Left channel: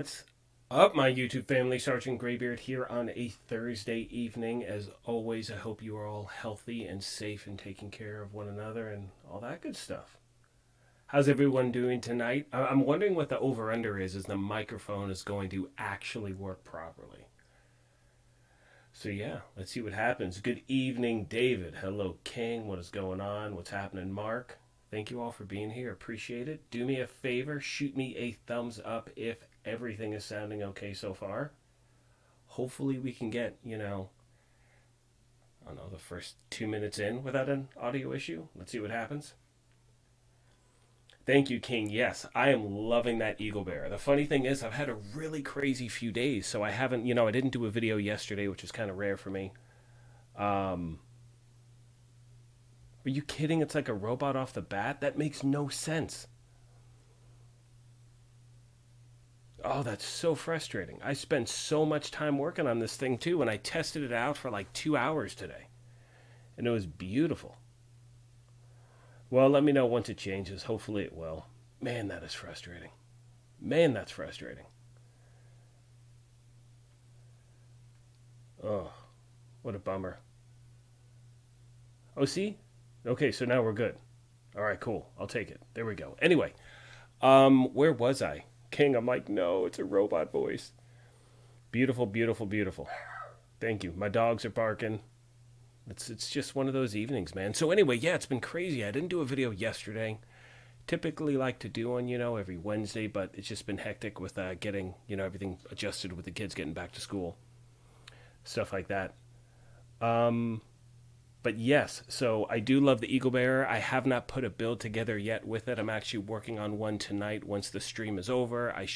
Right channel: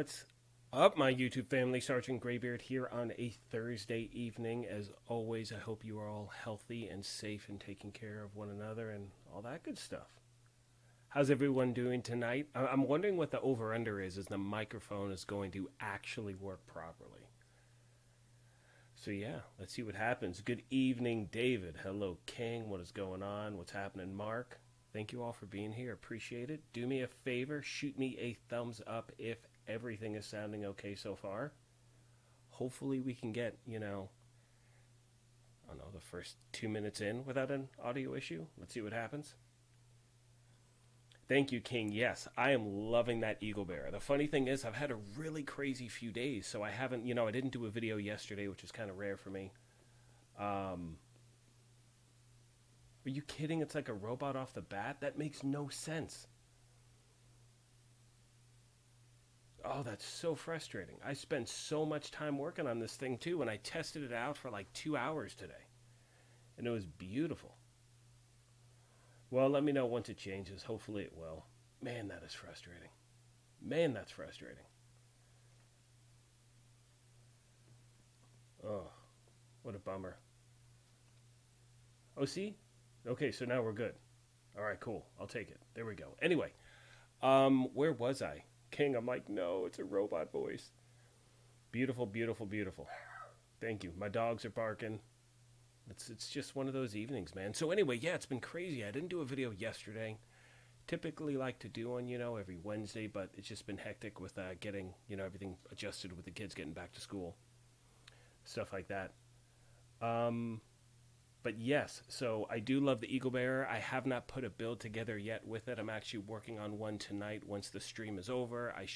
What's up, my YouTube family? Sergeant Graybeard here on a Thursday evening. As always, I hope you are all healthy and safe and taking care of one another and all that good stuff. How's everyone doing tonight? I'm wondering what the over-under is the microphone is going to actually work properly. So yeah, let's see what happens. Good evening, David. Hello, King. What is going on? What's happening, Mark? Thank you all for being here. Appreciate it. Do me a favor. Shoot me a thumbs up if everything is sounding okay so far. Hopefully we can get, I don't know, the first 2 minutes in without an audio issue. Let's see what happens. Thank you, King. Yes, I am loving that Eagle Bear. The funny thing is I've had a really crazy few days, so I haven't, I didn't do a video yesterday, which is kind of rare for me. Are you kidding? It's like a robot off the bat? That makes no sense. Oh, that's so frustrating. I spent so much time working on this thing too, and I tested it out for like 2 hours today. And it was beautiful. Well, let me know once it changes. Hopefully it will. Man, that is frustrating. Man, that's frustrating. Oh, what a bummer. Oh, see? Okay, so now we're good. All right, cool. I'll take it. There we go. Anyway, where was I? King, I'm like, no, it's a robot voice. Beautiful, beautiful, beautiful. Thank you. My dogs are barking. It's just one of those evenings, man. So anyway, yeah, it's been crazy. I didn't do a video yesterday. Typically like to do one, every Wednesday, but it's just been hectic with getting, everything adjusted with the kids getting back to school. Stuff like that. But yes, so I do love the Eagle Bearer. I have not put a build together yet with it. I'm actually working on one tonight. Once the stream is over, I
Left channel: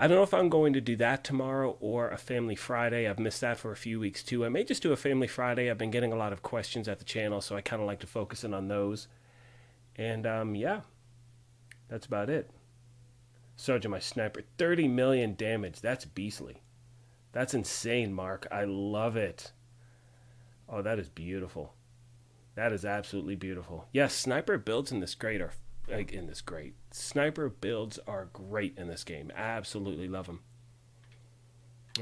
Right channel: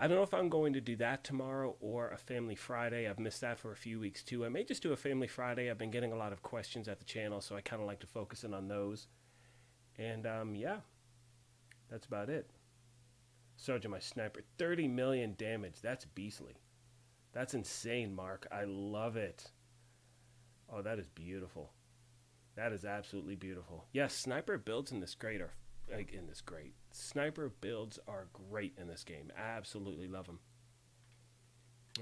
don't know if I'm going to do that tomorrow or a Family Friday. I've missed that for a few weeks too. I may just do a Family Friday. I've been getting a lot of questions at the channel, so I kind of like to focus in on those. And yeah, that's about it. Sergeant, my sniper, 30 million damage. That's beastly. That's insane, Mark. I love it. Oh, that is beautiful. That is absolutely beautiful. Yes, sniper builds in this Sniper builds are great in this game. Absolutely love them.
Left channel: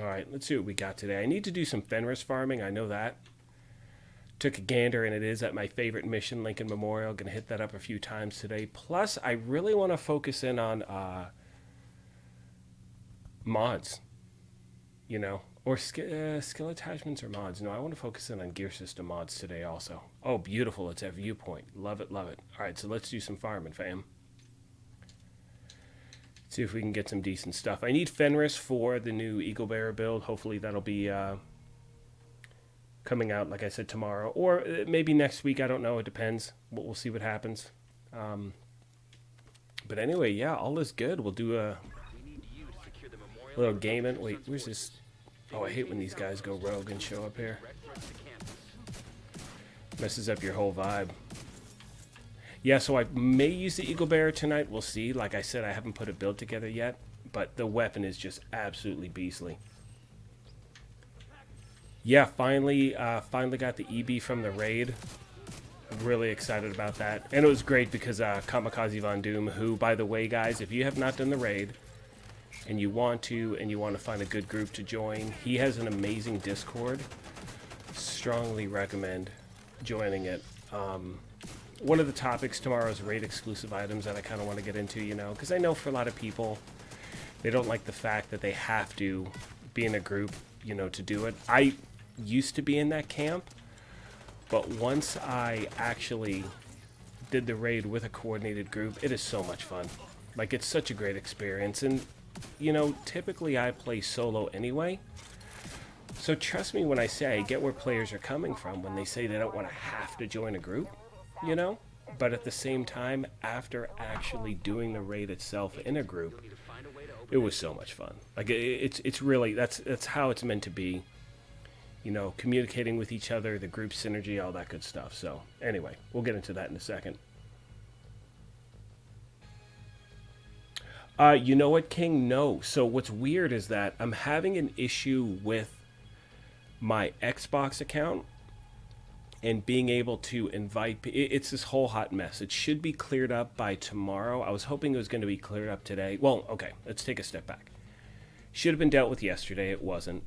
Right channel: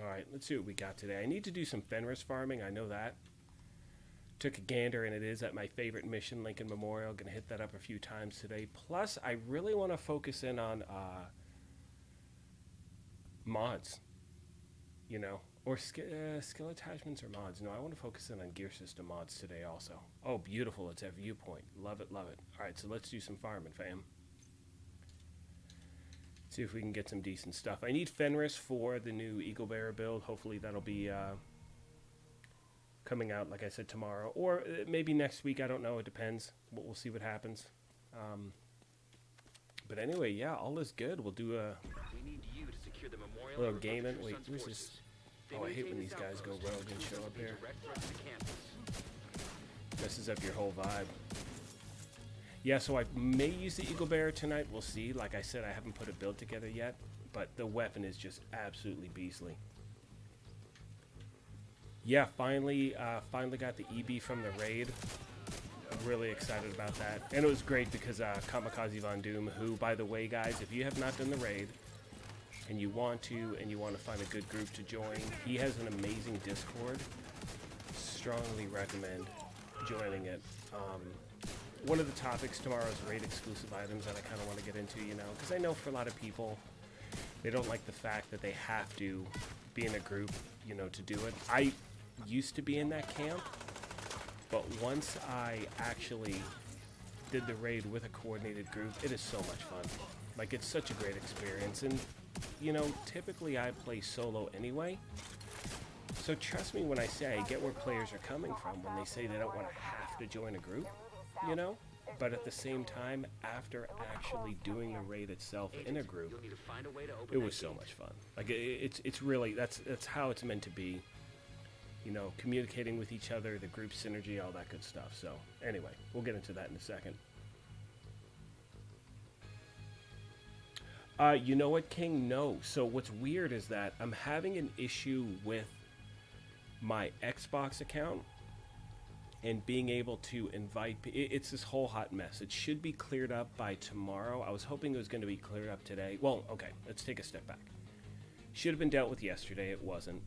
All right, let's see what we got today. I need to do some Fenris farming. I know that. Took a gander, and it is at my favorite mission, Lincoln Memorial. Going to hit that up a few times today. Plus, I really want to focus in on mods. Or skill attachments or mods. No, I want to focus in on gear system mods today also. Oh, beautiful. It's at viewpoint. Love it, love it. All right, so let's do some farming, fam. See if we can get some decent stuff. I need Fenris for the new Eagle Bearer build. Hopefully that'll be coming out, like I said, tomorrow. Or maybe next week. I don't know. It depends. We'll see what happens. But anyway, yeah, all is good. We'll do a little gaming. Wait, where's this? Oh, I hate when these guys go rogue and show up here. Messes up your whole vibe. Yeah, so I may use the Eagle Bearer tonight. We'll see. Like I said, I haven't put a build together yet, but the weapon is just absolutely beastly. Yeah, finally got the EB from the raid. I'm really excited about that. And it was great because Kamikaze Von Doom, who, by the way, guys, if you have not done the raid, and you want to find a good group to join, he has an amazing Discord. Strongly recommend joining it. One of the topics tomorrow is raid exclusive items that I kind of want to get into, because I know for a lot of people, they don't like the fact that they have to be in a group, to do it. I used to be in that camp, but once I actually did the raid with a coordinated group, it is so much fun. Like, it's such a great experience, and typically I play solo anyway. So trust me when I say I get where players are coming from when they say they don't want to have to join a group, But at the same time, after actually doing the raid itself in a group, it was so much fun. Like, it's really, that's how it's meant to be. Communicating with each other, the group synergy, all that good stuff. So anyway, we'll get into that in a second. You know what, King? No. So what's weird is that I'm having an issue with my Xbox account, and being able to invite, it's this whole hot mess. It should be cleared up by tomorrow. I was hoping it was going to be cleared up today. Well, okay, let's take a step back. Should have been dealt with yesterday. It wasn't.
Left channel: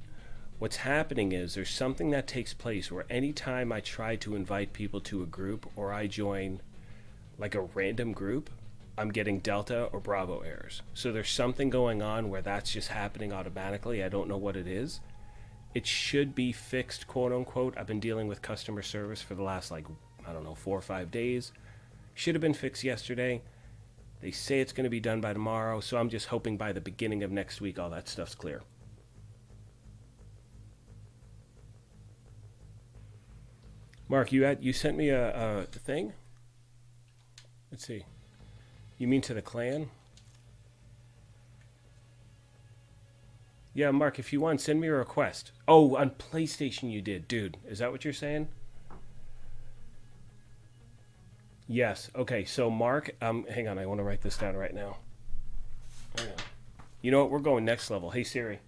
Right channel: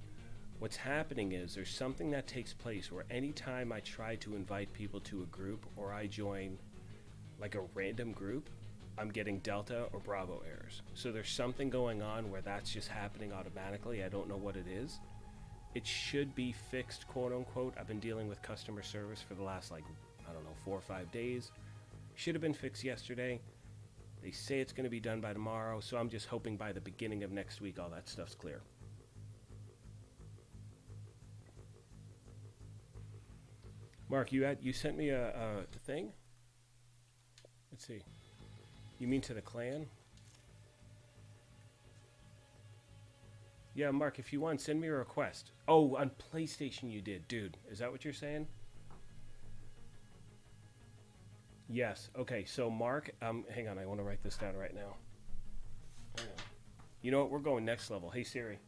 What's happening is there's something that takes place where anytime I try to invite people to a group or I join like a random group, I'm getting Delta or Bravo errors. So there's something going on where that's just happening automatically. I don't know what it is. It should be fixed, quote unquote. I've been dealing with customer service for the last, like, I don't know, 4 or 5 days. Should have been fixed yesterday. They say it's going to be done by tomorrow, so I'm just hoping by the beginning of next week all that stuff's clear. Mark, you sent me a thing? Let's see. You mean to the clan? Yeah, Mark, if you want, send me a request. Oh, on PlayStation you did. Dude, is that what you're saying? Yes. Okay, so Mark, hang on, I want to write this down right now. Hang on. You know what? We're going next level. Hey, Siri.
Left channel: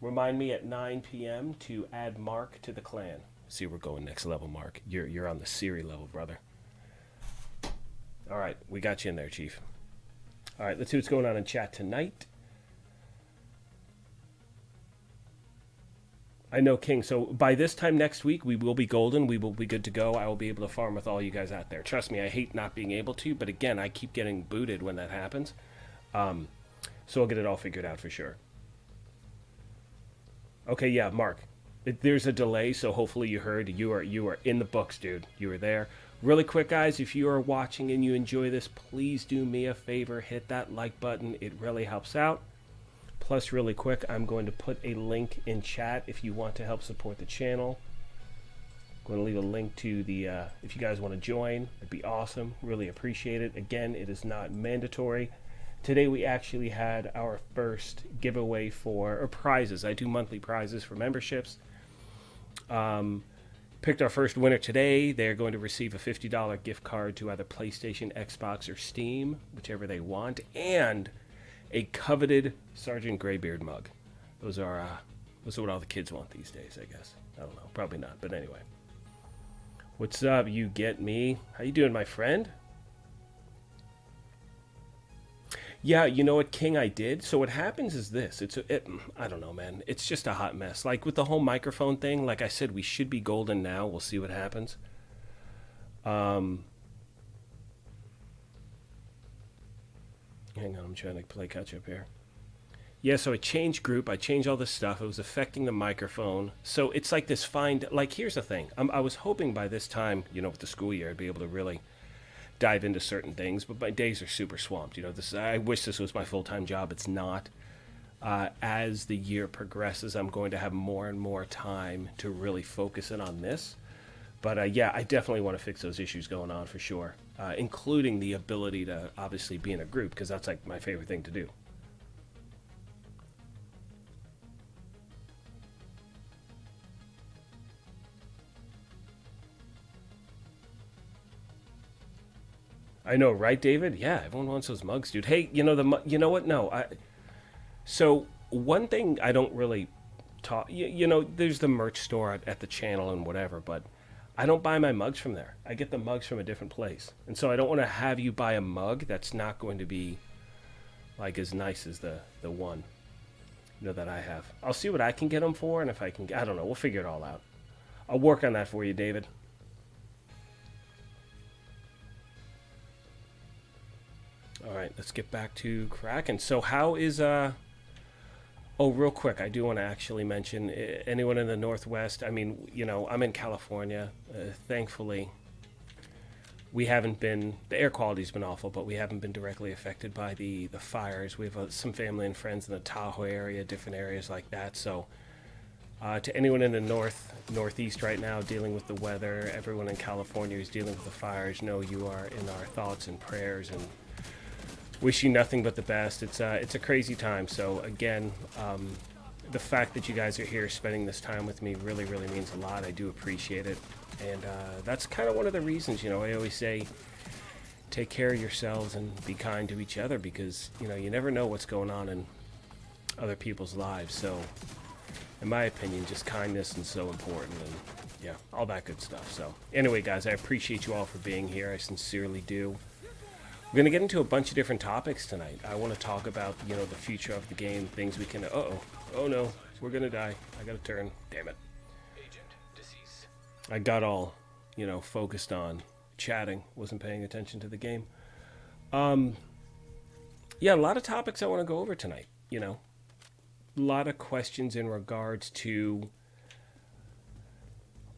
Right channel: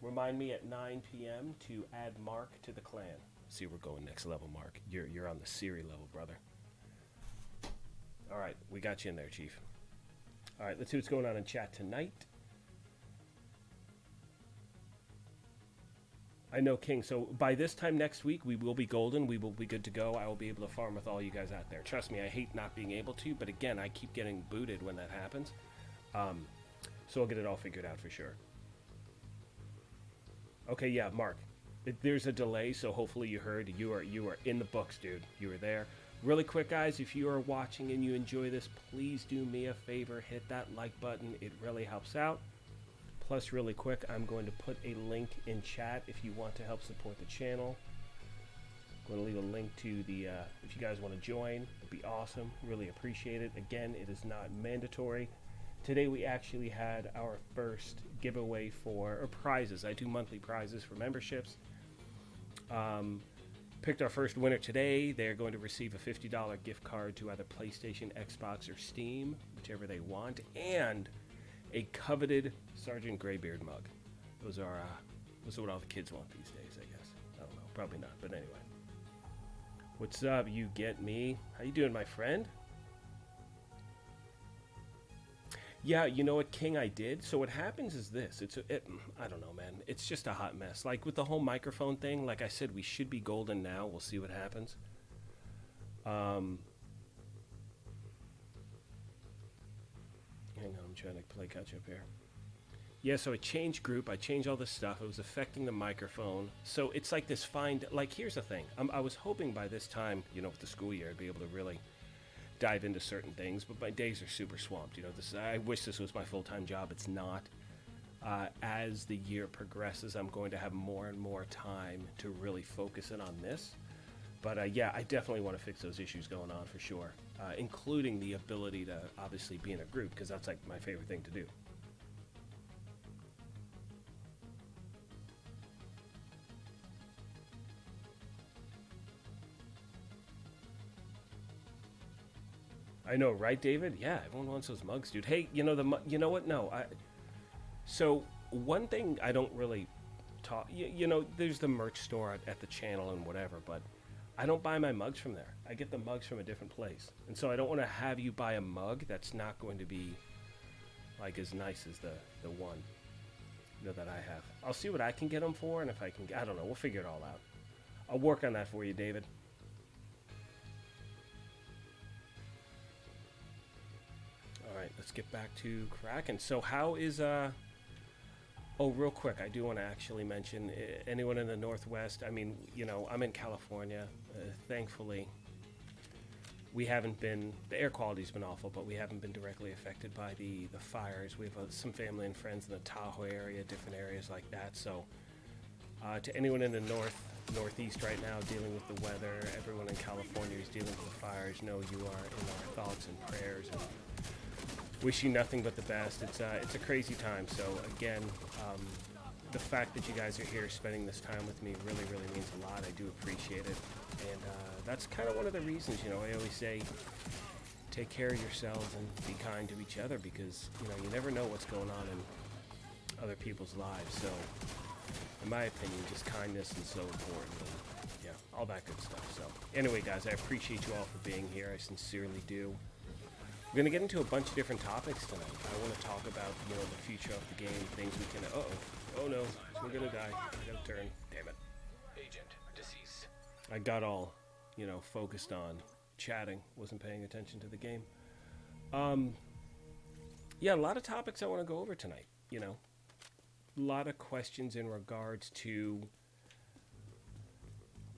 Remind me at 9 p.m. to add Mark to the clan. See, we're going next level, Mark. You're on the Siri level, brother. All right, we got you in there, Chief. All right, let's see what's going on in chat tonight. I know, King. So by this time next week, we will be golden. We will be good to go. I will be able to farm with all you guys out there. Trust me, I hate not being able to, but again, I keep getting booted when that happens. So I'll get it all figured out for sure. Okay, yeah, Mark. There's a delay, so hopefully you heard. You are in the books, dude. You were there. Really quick, guys, if you are watching and you enjoy this, please do me a favor. Hit that like button. It really helps out. Plus, really quick, I'm going to put a link in chat if you want to help support the channel. I'm going to leave a link to the, if you guys want to join, it'd be awesome. Really appreciate it. Again, it is not mandatory. Today we actually had our first giveaway or prizes. I do monthly prizes for memberships. Picked our first winner today. They're going to receive a $50 gift card to either PlayStation, Xbox, or Steam, whichever they want, and a coveted Sergeant Greybeard mug. Those are what all the kids want these days, I guess. I don't know, probably not, but anyway. What's up? You get me? How you doing, my friend? Yeah, you know what, King, I did. So what happens is this. I don't know, man. It's just a hot mess. Like with the whole microphone thing, like I said, we should be golden now. We'll see what happens. Hang on, I'm trying to play catch up here. Yeah, so I changed group. I changed all this stuff. It was affecting the microphone. So it's like this like, here's the thing. I was hoping by this time, you know, with the school year, I'd be able to really dive into certain things, but my days are super swamped. You know, I wish this was my full-time job. It's not. As the year progresses, I'm going to have more and more time to really focus in on this. But yeah, I definitely want to fix those issues going on for sure, including the ability to obviously be in a group, because that's like my favorite thing to do. I know, right, David? Yeah, everyone wants those mugs, dude. Hey, you know what? No, so one thing I don't really talk. You know, there's the merch store at the channel and whatever, but I don't buy my mugs from there. I get the mugs from a different place, and so I don't want to have you buy a mug that's not going to be like as nice as the one, you know, that I have. I'll see what I can get them for, and if I can, I don't know. We'll figure it all out. I'll work on that for you, David. All right, let's get back to Kraken. So how is, oh, real quick, I do want to actually mention anyone in the Northwest. I mean, you know, I'm in California. Thankfully, we haven't been, the air quality's been awful, but we haven't been directly affected by the fires. We have some family and friends in the Tahoe area, different areas like that. So to anyone in the Northeast right now dealing with the weather, everyone in California who's dealing with the fires, know you are in our thoughts and prayers, and wish you nothing but the best. It's a crazy time. So again, the fact that you guys are here spending this time with me really, really means a lot. I do appreciate it. And that's kind of one of the reasons, you know, I always say, take care of yourselves and be kind to each other, because, you know, you never know what's going on in other people's lives. So, in my opinion, just kindness and so important, and yeah, all that good stuff. So anyway, guys, I appreciate you all for being here. I sincerely do. We're going to get into a bunch of different topics tonight. I want to talk about, you know, the future of the game, things we can... Oh no, we're going to die. I got to turn. Damn it. Agent deceased. I got all, you know, focused on chatting. Wasn't paying attention to the game. Yeah, a lot of topics I want to go over tonight, you know. A lot of questions in regards to...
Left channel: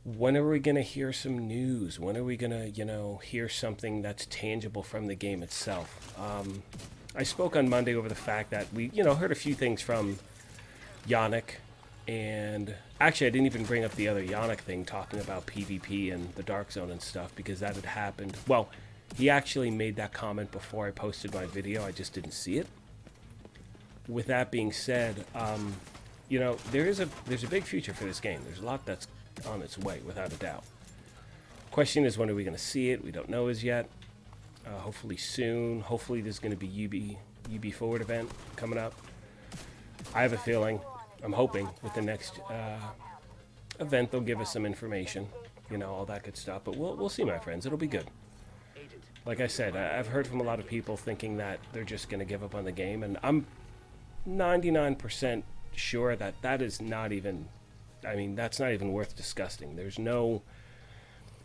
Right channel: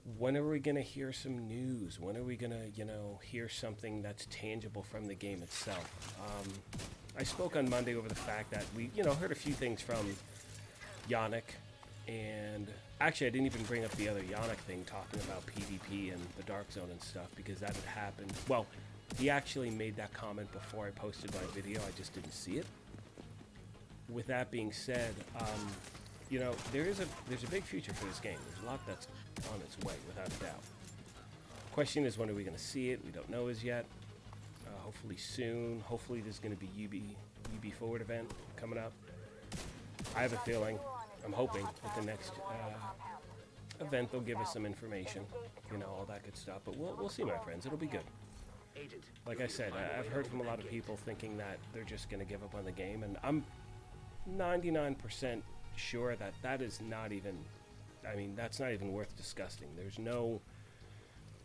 when are we going to hear some news? When are we going to, you know, hear something that's tangible from the game itself? I spoke on Monday over the fact that we, you know, heard a few things from Yannick. And actually, I didn't even bring up the other Yannick thing, talking about PvP and the Dark Zone and stuff, because that had happened. Well, he actually made that comment before I posted my video. I just didn't see it. With that being said, you know, there's a big future for this game. There's a lot that's on its way, without a doubt. Question is, when are we going to see it? We don't know as yet. Hopefully soon. Hopefully there's going to be UB Forward event coming up. I have a feeling, I'm hoping, with the next event they'll give us some information, you know, all that good stuff. But we'll see, my friends. It'll be good. Like I said, I've heard from a lot of people thinking that they're just going to give up on the game, and I'm 99% sure that that is not even... I mean, that's not even worth discussing. There's no...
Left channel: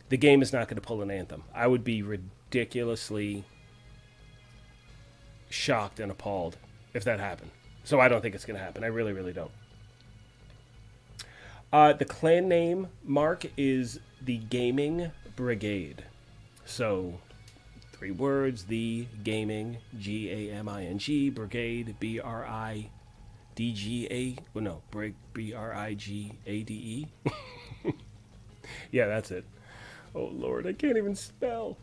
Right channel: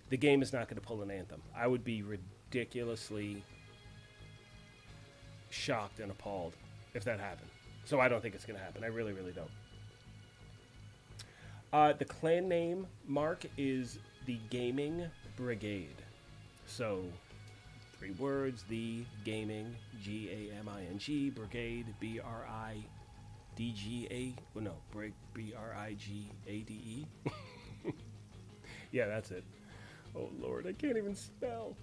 The game is not going to pull an Anthem. I would be ridiculously shocked and appalled if that happened. So I don't think it's going to happen. I really, really don't. The clan name, Mark, is the Gaming Brigade. So, 3 words, the Gaming, G-A-M-I-N-G, Brigade, B-R-I-D-G-A, well, no, B-R-I-G-A-D-E. Yeah, that's it. Oh, Lord, I can't even spell.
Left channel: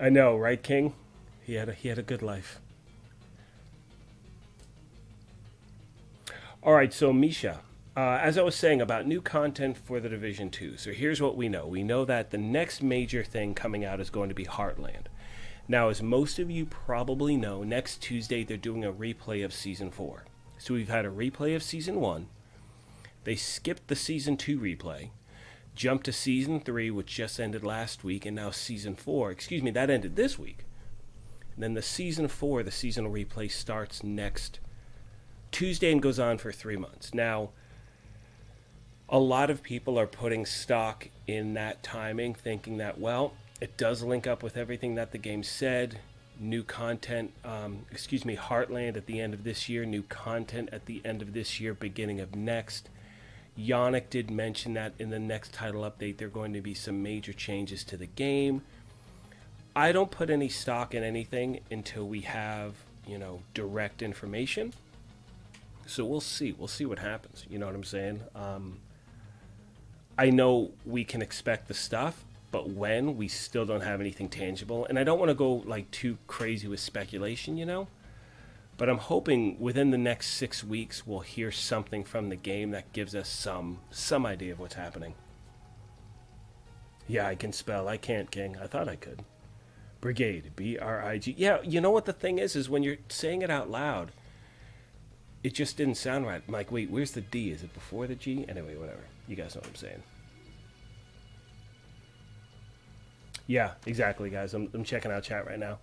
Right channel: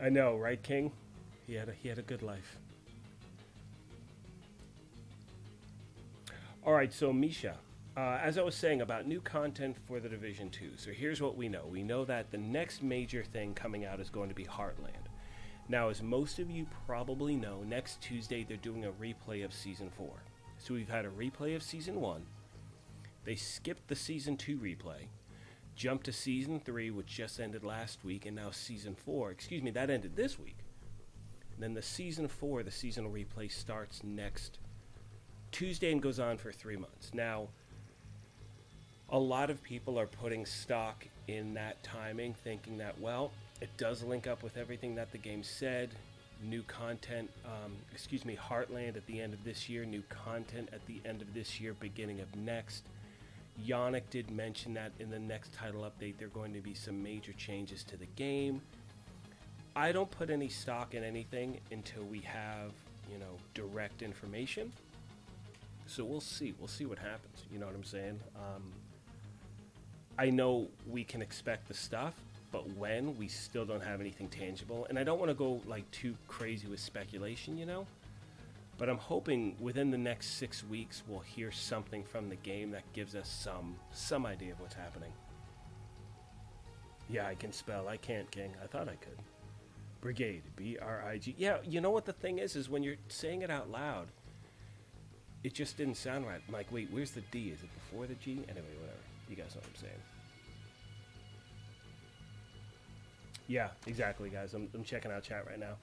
I know, right, King? He had a good life. All right, so Misha, as I was saying about new content for The Division 2, so here's what we know. We know that the next major thing coming out is going to be Heartland. Now, as most of you probably know, next Tuesday they're doing a replay of Season 4. So we've had a replay of Season 1. They skipped the Season 2 replay, jumped to Season 3, which just ended last week, and now Season 4, excuse me, that ended this week. And then the Season 4, the seasonal replay, starts next Tuesday and goes on for 3 months. Now, a lot of people are putting stock in that timing, thinking that, well, it does link up with everything that the game said. New content, Heartland at the end of this year, new content at the end of this year, beginning of next. Yannick did mention that in the next title update, there are going to be some major changes to the game. I don't put any stock in anything until we have, you know, direct information. So we'll see. We'll see what happens. You know what I'm saying? I know we can expect the stuff, but when, we still don't have anything tangible. And I don't want to go like too crazy with speculation, you know? But I'm hoping within the next 6 weeks we'll hear something from the game that gives us some idea of what's happening. Yeah, I can spell. I can't, King. I thought I could. Brigade, B-R-I-G. Yeah, you know what the thing is when you're saying it out loud, it just didn't sound right. I'm like, wait, where's the D? Is it before the G? Anyway, whatever. You guys know what I'm saying. Yeah, exactly, guys. I'm checking out chat right now.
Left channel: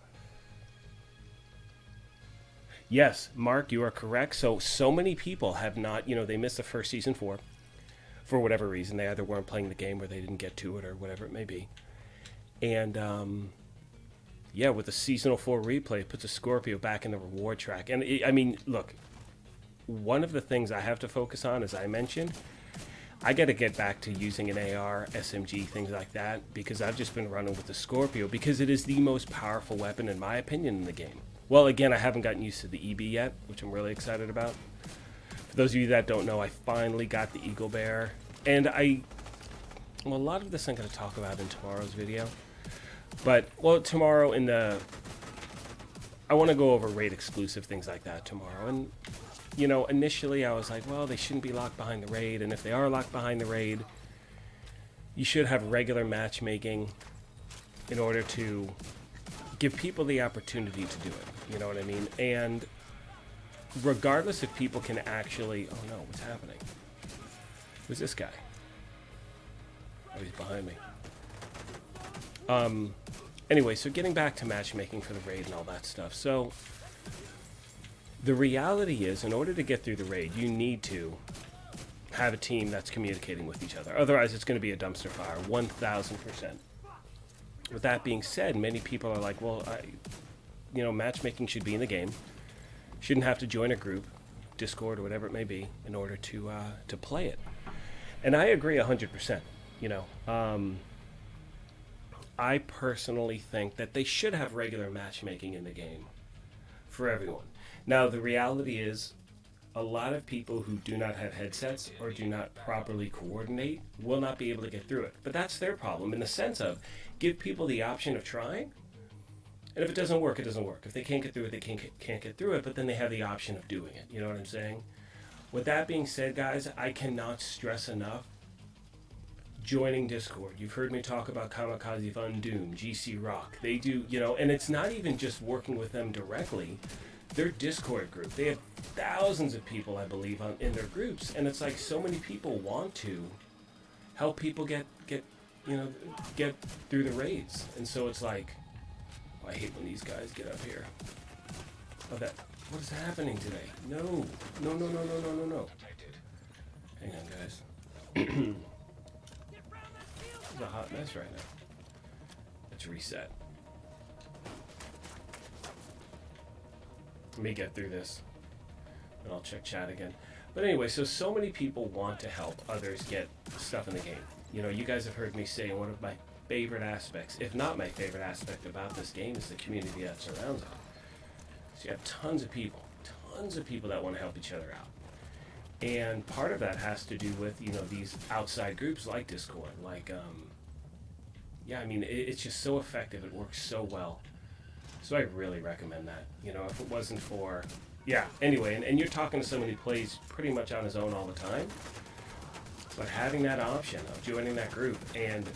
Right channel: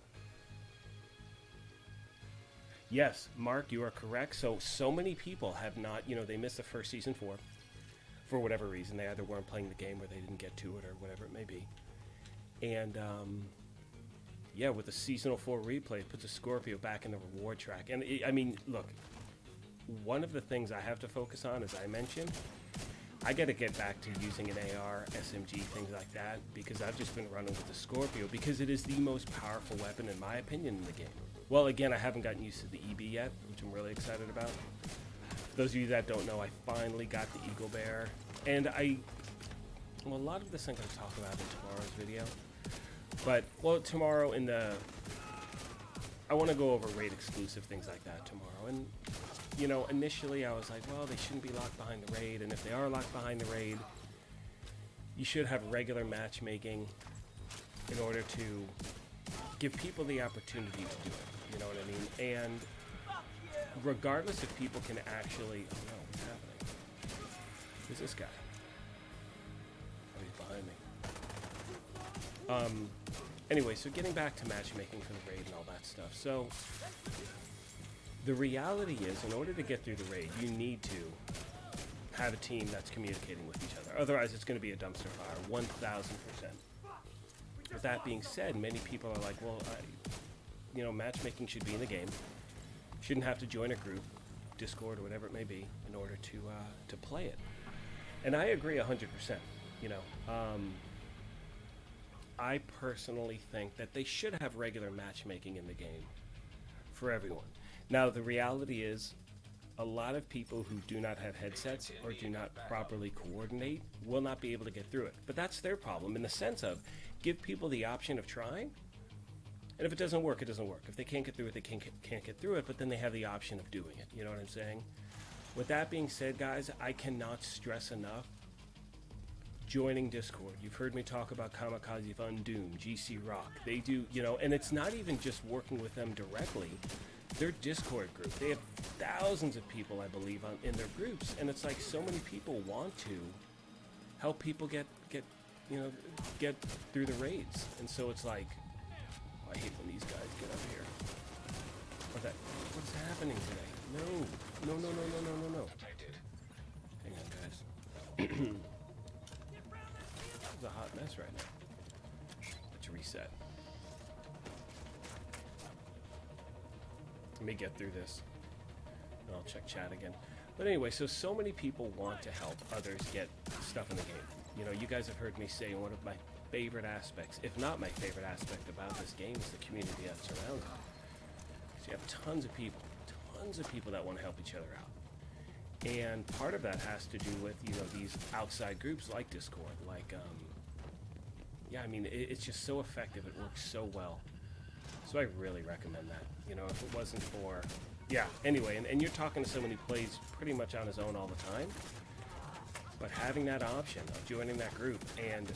Yes, Mark, you are correct. So many people have not, you know, they missed the first Season 4 for whatever reason. They either weren't playing the game or they didn't get to it or whatever it may be. And, yeah, with the Seasonal 4 replay, it puts a Scorpio back in the reward track. And, I mean, look, one of the things I have to focus on, as I mentioned, I got to get back to using an AR, SMG, things like that, because I've just been running with the Scorpio, because it is the most powerful weapon, in my opinion, in the game. Well, again, I haven't gotten used to the EB yet, which I'm really excited about. For those of you that don't know, I finally got the Eagle Bear, and well, a lot of this I'm going to talk about in tomorrow's video, but, well, tomorrow I want to go over raid exclusive, things like that tomorrow, and you know, initially I was like, well, they shouldn't be locked behind the raid, and if they are locked behind the raid, you should have regular matchmaking in order to give people the opportunity to do it, you know what I mean? And regardless if people can actually... Oh no, what's happening? Who's this guy? Oh, he's behind me. Anyway, so getting back to matchmaking for the raid and all that stuff. So, the reality is, in order to get through the raid, you need to have a team that's communicating with each other. Otherwise, it's going to be a dumpster fire, 1,000%. With that being said, many people are like, well, matchmaking should be in the game. Shouldn't have to join a group, Discord or whatever it may be, in order to play it. And I agree 100%. I personally think that they should have regular matchmaking in the game for everyone. Now, the reality is, a lot of people who do not have headsets or do not properly coordinate will not be able to get through it. But that's their problem, in the sense of, give people the option of trying, and if it doesn't work, it doesn't work. If they can't get through it, they can't get through it, but then they have the option of doing it. You know what I'm saying? With that being said, guys, I cannot stress enough joining Discord. You've heard me talk about Kamikaze Fun Doom, GC Rock. They do, and it's not even just working with them directly. Their Discord group, they have thousands of people, I believe, in their groups, and it's like so many people want to help people get through the raids. And so it's like, I hate when these guys get up here. What's happening today? No. Hang on, guys. It's a hot mess right now. Let's reset. Let me get through this, and I'll check chat again. But anyway, so many people want to help others get stuff in the game. You guys have heard me say one of my favorite aspects, if not my favorite aspect about this game, is the community that surrounds it. So you have tons of people that want to help each other out. And part of that has to do with, these outside groups like Discord, it's just so effective, it works so well. So I really recommend that. If it wasn't for, anyway, and you're talking to someone who plays pretty much on his own all the time, but having that option of joining that group and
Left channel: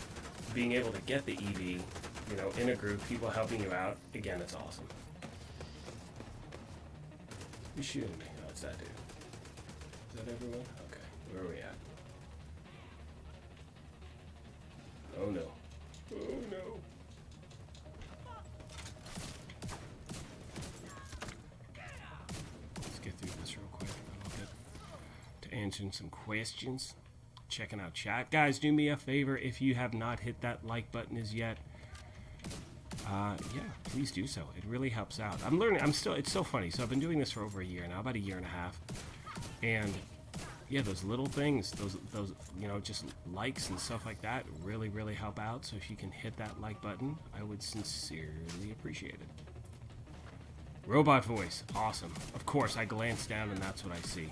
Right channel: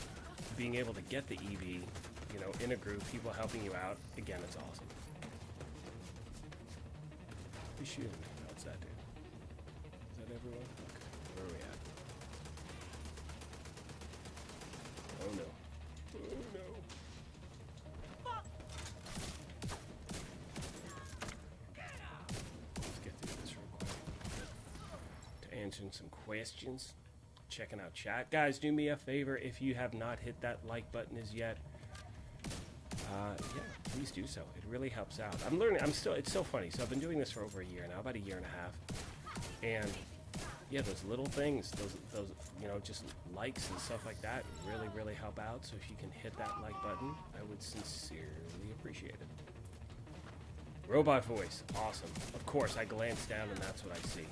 being able to get the EV, in a group, people helping you out, again, it's awesome. Who's shooting me? No, it's that dude. Is that everyone? Okay, where are we at? Oh no. Oh no. Let's get through this real quick. To answering some questions. Checking out chat. Guys, do me a favor, if you have not hit that like button as yet, please do so. It really helps out. I'm learning. It's so funny. So I've been doing this for over a year now, about a year and a half. And those little things, those just likes and stuff like that really, really help out. So if you can hit that like button, I would sincerely appreciate it. Robot voice. Awesome. Of course, I glance down and that's what I see.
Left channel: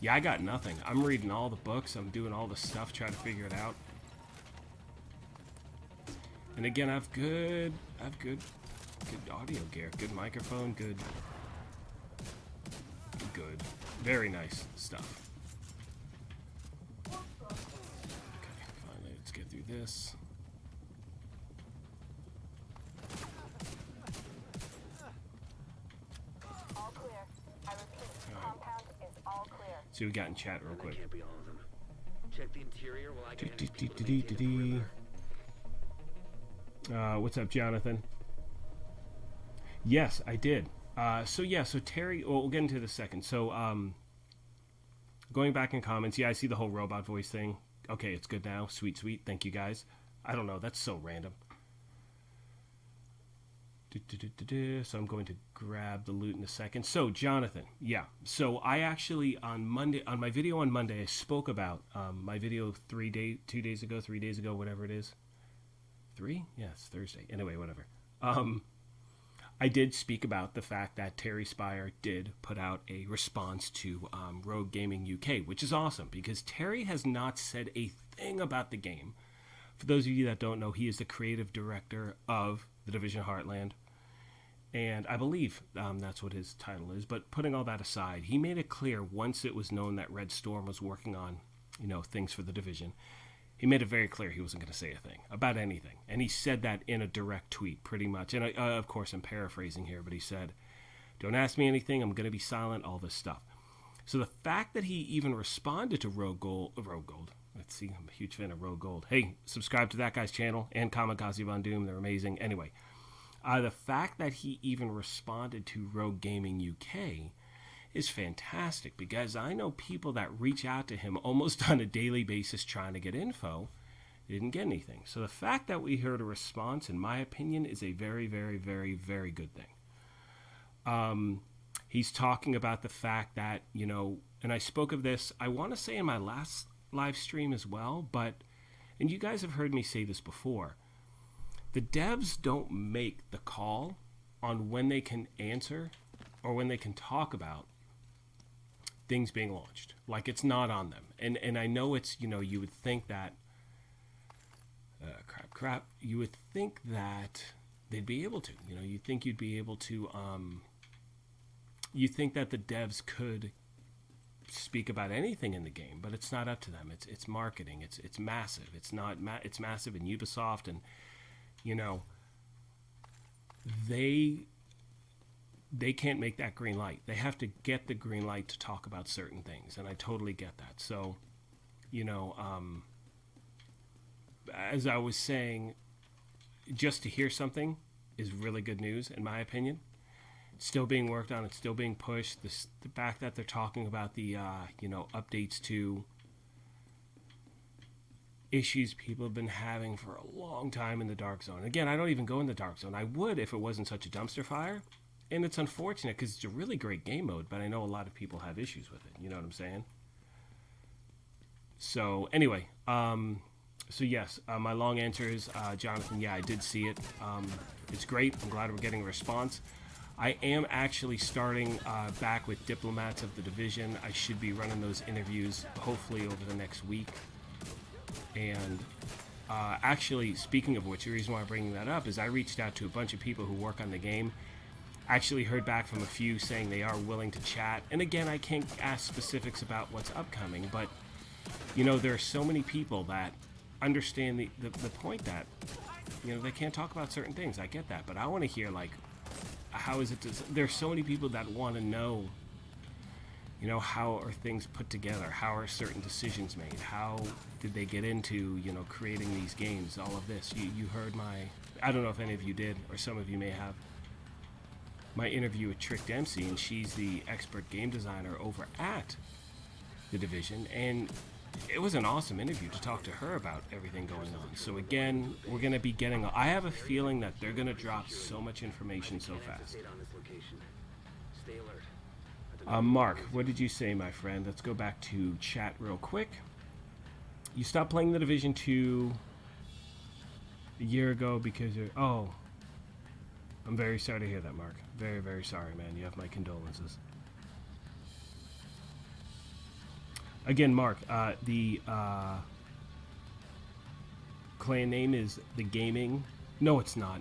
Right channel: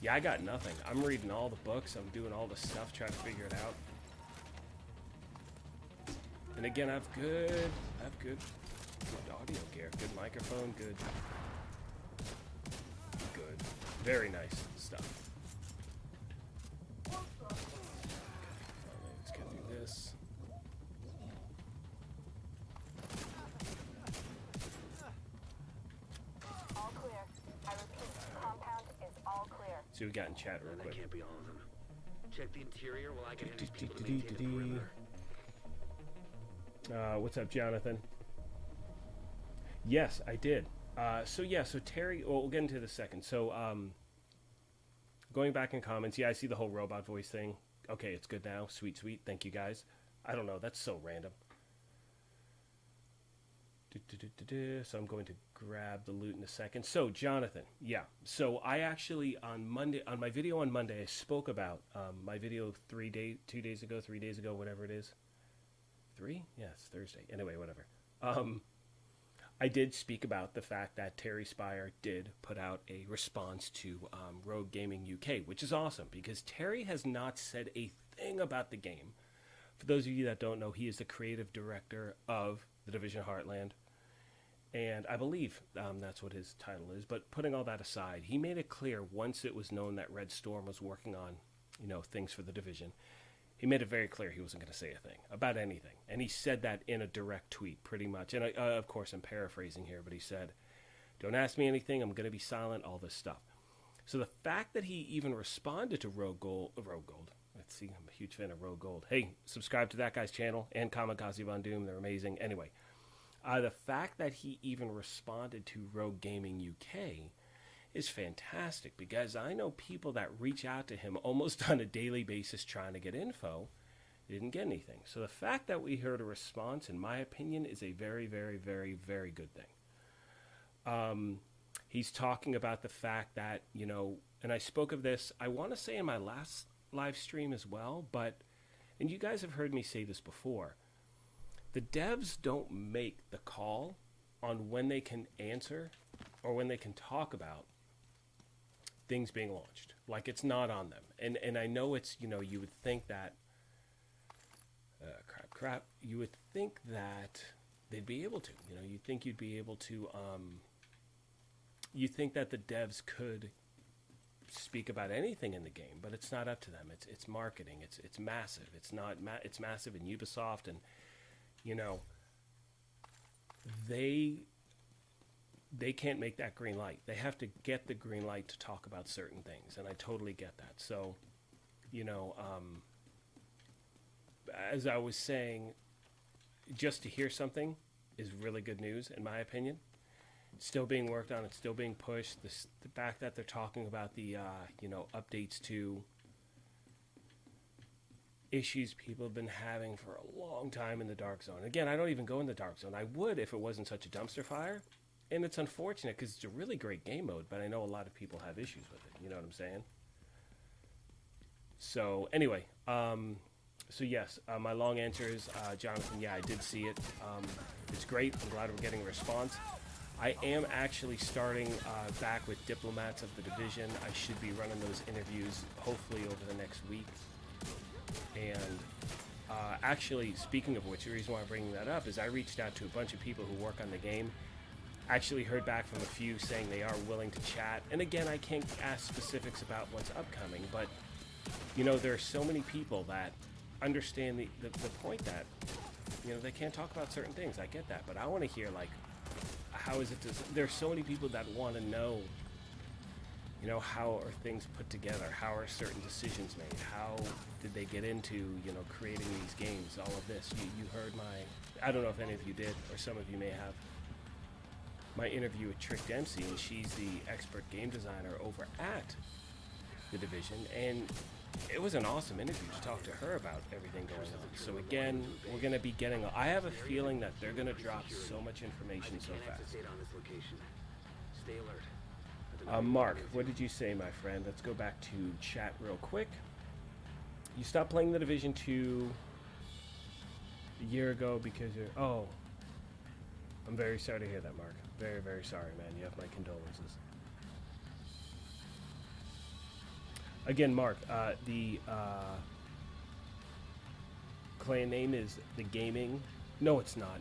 Yeah, I got nothing. I'm reading all the books. I'm doing all the stuff, trying to figure it out. And again, I have good audio gear, good microphone, good, very nice stuff. Okay, finally, let's get through this. All clear. I repeat, compound is all clear. See what we got in chat real That quick. can't be all of them. Check the interior while I get these people to maintain the perimeter. What's up, Jonathan? Yes, I did. So Terry, we'll get into this second. So, going back in comments, I see the whole robot voice thing. Okay, it's good now. Sweet. Thank you, guys. I don't know. That's so random. So I'm going to grab the loot in a second. So, Jonathan, So I actually, on my video on Monday, I spoke about my video 3 days ago, whatever it is. 3? Yeah, it's Thursday. Anyway, whatever. I did speak about the fact that Terry Spire did put out a response to Rogue Gaming UK, which is awesome because Terry has not said a thing about the game. For those of you that don't know, he is the creative director of The Division Heartland, and I believe that's what his title is. But putting all that aside, he made it clear once it was known that Red Storm was working on, things for The Division. He made it very clear he wasn't going to say a thing about anything. And he said that in a direct tweet, pretty much. And of course, I'm paraphrasing here, but he said, Don't ask me anything. I'm going to be silent, all this stuff. So the fact that he even responded to Rogue Gold, let's see, I'm a huge fan of Rogue Gold. Hey, subscribe to that guy's channel and Kamikaze Von Doom. They're amazing. Anyway, the fact that he even responded to Rogue Gaming UK is fantastic, because I know people that reach out to him almost on a daily basis trying to get info. Didn't get anything. So the fact that we heard a response, in my opinion, is a very, very, very, very good thing. He's talking about the fact that, you know, and I spoke of this, I want to say in my last live stream as well, but, and you guys have heard me say this before, the devs don't make the call on when they can answer or when they can talk about things being launched. Like, it's not on them. And I know it's, you know, you would think that, you would think that they'd be able to, you know, you'd think you'd be able to, you think that the devs could speak about anything in the game, but it's not up to them. It's marketing. It's massive. It's massive in Ubisoft, and you know, they can't make that green light. They have to get the green light to talk about certain things, and I totally get that. So, you know, as I was saying, just to hear something is really good news, in my opinion. It's still being worked on. It's still being pushed. The fact that they're talking about the, you know, updates to issues people have been having for a long time in the Dark Zone. Again, I don't even go in the Dark Zone. I would if it wasn't such a dumpster fire. And it's unfortunate because it's a really great game mode, but I know a lot of people have issues with it. You know what I'm saying? So, anyway, so yes, my long answer is, Jonathan, yeah, I did see it. It's great. I'm glad we're getting a response. I am actually starting back with Diplomats of the Division. I should be running those interviews hopefully over the next week. And actually, speaking of which, the reason why I'm bringing that up is I reached out to a bunch of people who work on the game. Actually heard back from a few saying they are willing to chat. And again, I can't ask specifics about what's upcoming, but, you know, there are so many people that understand the point that, you know, they can't talk about certain things. I get that, but I want to hear, like, how is it there's so many people that want to know, you know, how are things put together? How are certain decisions made? How did they get into, you know, creating these games? All of this. You heard I don't know if any of you did, or some of you may have, my interview with Trick Dempsey, and she's the expert game designer over at The Division, and it was an awesome interview to talk to her about everything going on. So again, we're going to be getting, I have a feeling that they're going to drop so much information so fast. Stay alert. Mark, what did you say, my friend? Let's go back to chat real quick. You stopped playing The Division 2 a year ago because you're, oh, I'm very sorry to hear that, Mark. Very, very sorry, man. You have my condolences. Again, Mark, the clan name is The Gaming. No, it's not.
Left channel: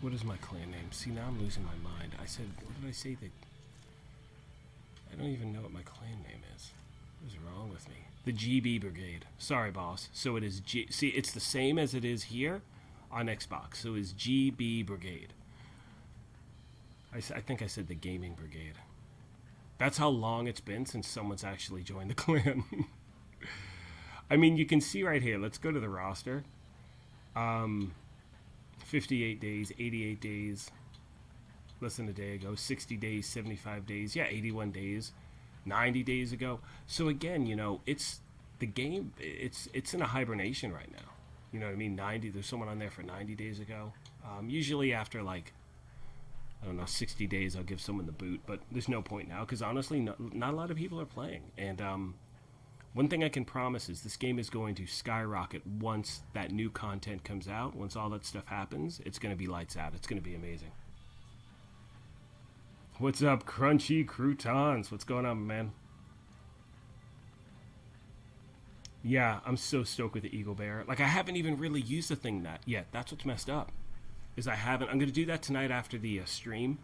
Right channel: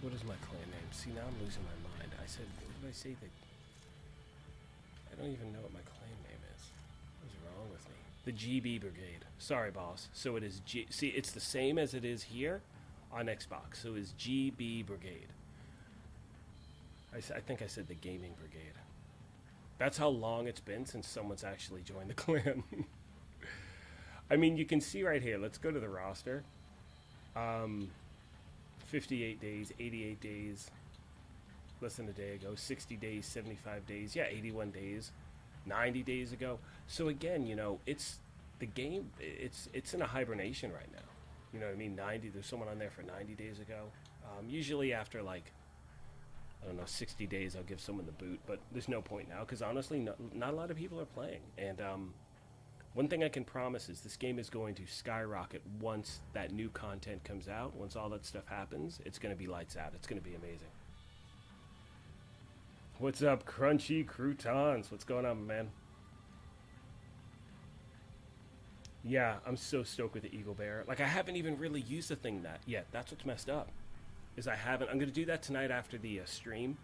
What is my clan name? See, now I'm losing my mind. I said, what did I say? That I don't even know what my clan name is. What is wrong with me? The GB Brigade. Sorry, boss. So it is G. See, it's the same as it is here on Xbox. So it's GB Brigade. I think I said the Gaming Brigade. That's how long it's been since someone's actually joined the clan. I mean, you can see right here. Let's go to the roster. 58 days, 88 days, less than a day ago, 60 days, 75 days, yeah, 81 days, 90 days ago. So again, you know, it's the game, it's in a hibernation right now. You know what I mean? There's someone on there for 90 days ago. Usually after, like, I don't know, 60 days, I'll give someone the boot, but there's no point now, because honestly, not a lot of people are playing. And one thing I can promise is this game is going to skyrocket once that new content comes out. Once all that stuff happens, it's going to be lights out. It's going to be amazing. What's up, Crunchy Croutons? What's going on, man? Yeah, I'm so stoked with the Eagle Bear. Like, I haven't even really used the thing yet. That's what's messed up. Is I haven't. I'm going to do that tonight after the stream.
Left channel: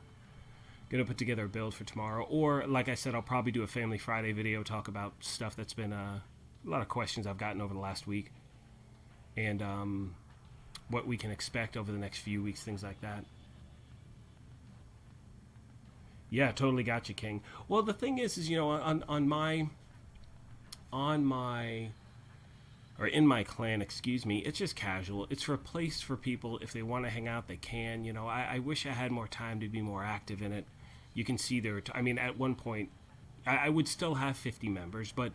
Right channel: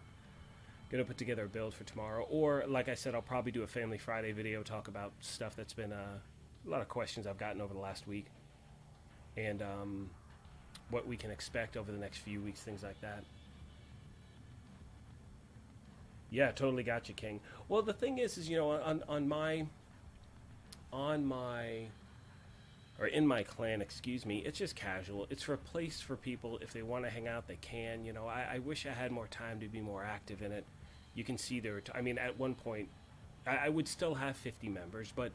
Going to put together a build for tomorrow. Or, like I said, I'll probably do a Family Friday video, talk about stuff that's been a lot of questions I've gotten over the last week. And what we can expect over the next few weeks, things like that. Yeah, totally got you, King. Well, the thing is you know, on my or in my clan, excuse me, it's just casual. It's for a place for people if they want to hang out, they can. You know, I wish I had more time to be more active in it. You can see there. I mean, at one point, I would still have 50 members, but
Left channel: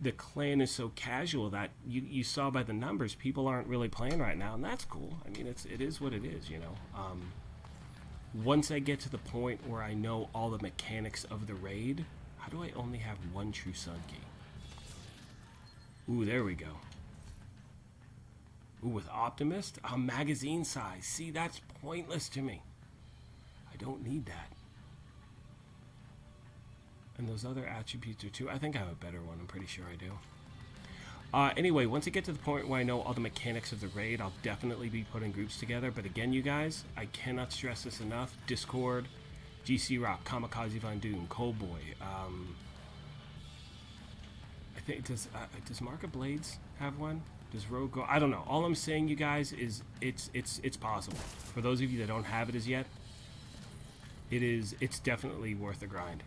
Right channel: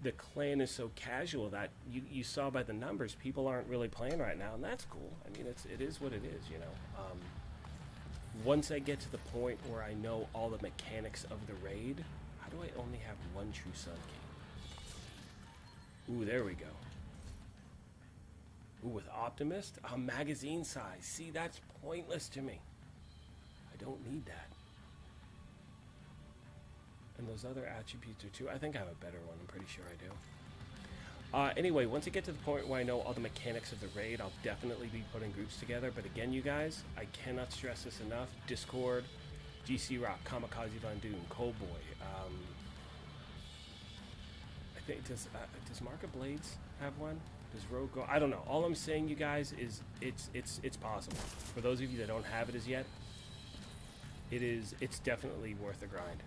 the clan is so casual that you saw by the numbers, people aren't really playing right now, and that's cool. I mean, it is what it is, you know. Once I get to the point where I know all the mechanics of the raid, how do I only have one true Sun King? Ooh, there we go. Ooh, with Optimist? Magazine size. See, that's pointless to me. I don't need that. And those other attributes are too. I think I have a better one. I'm pretty sure I do. Anyway, once I get to the point where I know all the mechanics of the raid, I'll definitely be putting groups together. But again, you guys, I cannot stress this enough. Discord, GC Rock, Kamikaze Von Doom, Coldboy. I think does Market Blades have one? Does Rogue go? I don't know. All I'm saying, you guys, is it's possible. For those of you that don't have it as yet, it's definitely worth the grind.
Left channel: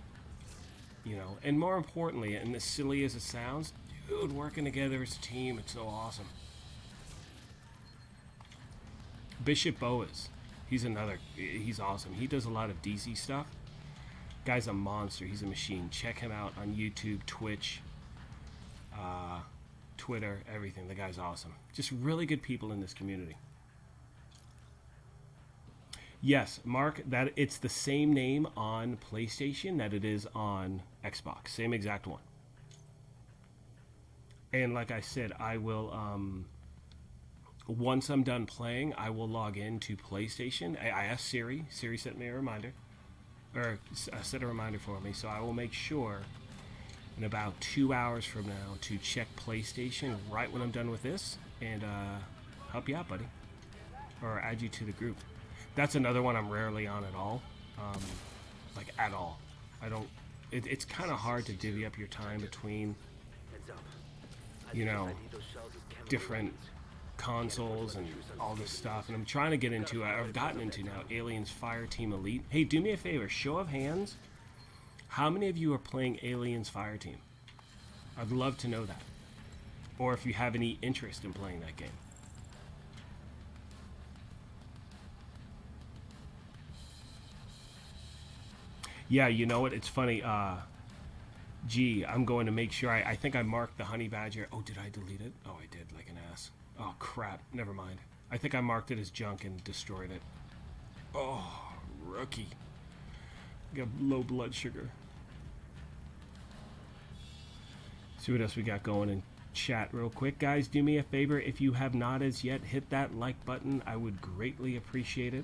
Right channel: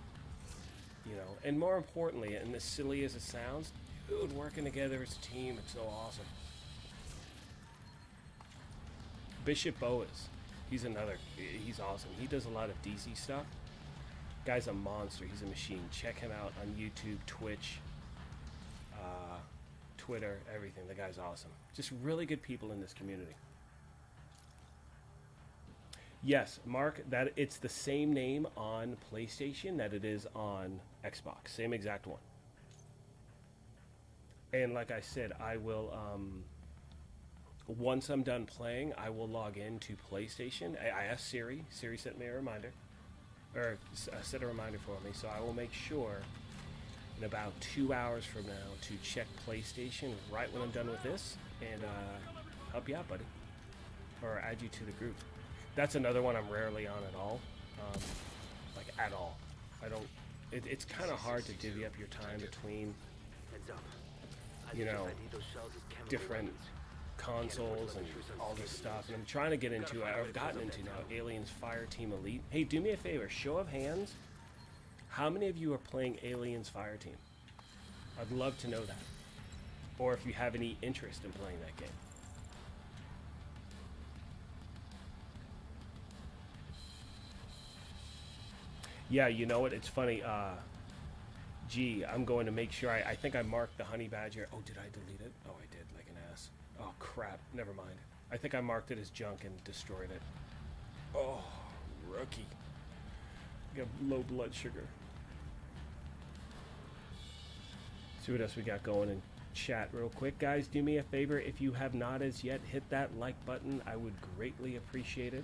You know, and more importantly, and as silly as it sounds, dude, working together as a team, it's so awesome. Bishop Boas, he's awesome. He does a lot of DC stuff. Guy's a monster. He's a machine. Check him out on YouTube, Twitch, Twitter, everything. The guy's awesome. Just really good people in this community. Yes, Mark, that it's the same name on PlayStation that it is on Xbox. Same exact one. And like I said, I will, once I'm done playing, I will log into PlayStation. I asked Siri. Siri sent me a reminder. Or set a reminder for me. So I will make sure in about 2 hours from now to check PlayStation right when I'm done with this. And help you out, buddy. Or add you to the group. That's another one I'm rarely on at all. Like, at all. I don't... It's kind of hard to divvy up your time between, you know, different consoles and all this stuff. And I'm trying to get into... I've gotten into now Aliens Fireteam Elite. Hey, do me a favor. Show of hands. How many of you are playing Aliens Fireteam? I'd love to know that. Or if you have any interest in playing that game. Yeah, you know what? It's funny. Gee, I'm going to make sure. I think I marked the honey badger. Oh, did I delete it? Oh, I did, like an ass. Oh, crap. Never mind. I think I marked it as junk and destroyed it. Oh, rookie. Got low blood sugar. See what else we got going in chat real quick. Guys, do me a favor. If you have not as yet, hit that like button. I would greatly appreciate it.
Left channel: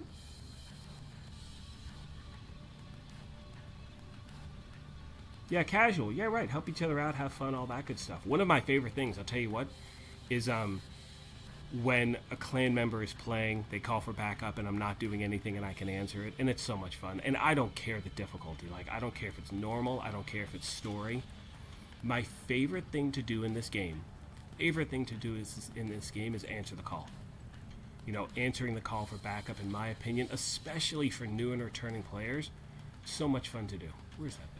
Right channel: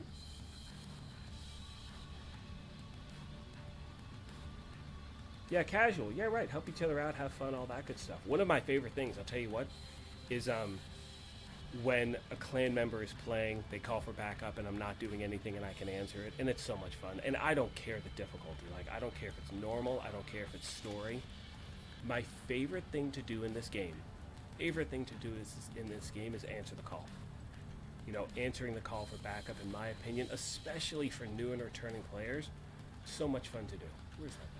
Yeah, casual. Yeah, right. Help each other out, have fun, all that good stuff. One of my favorite things, I'll tell you what, is when a clan member is playing, they call for backup, and I'm not doing anything, and I can answer it, and it's so much fun. And I don't care the difficulty. Like, I don't care if it's normal. I don't care if it's story. My favorite thing to do in this game, is answer the call. You know, answering the call for backup, in my opinion, especially for new and returning players, so much fun to do. Where's that thing?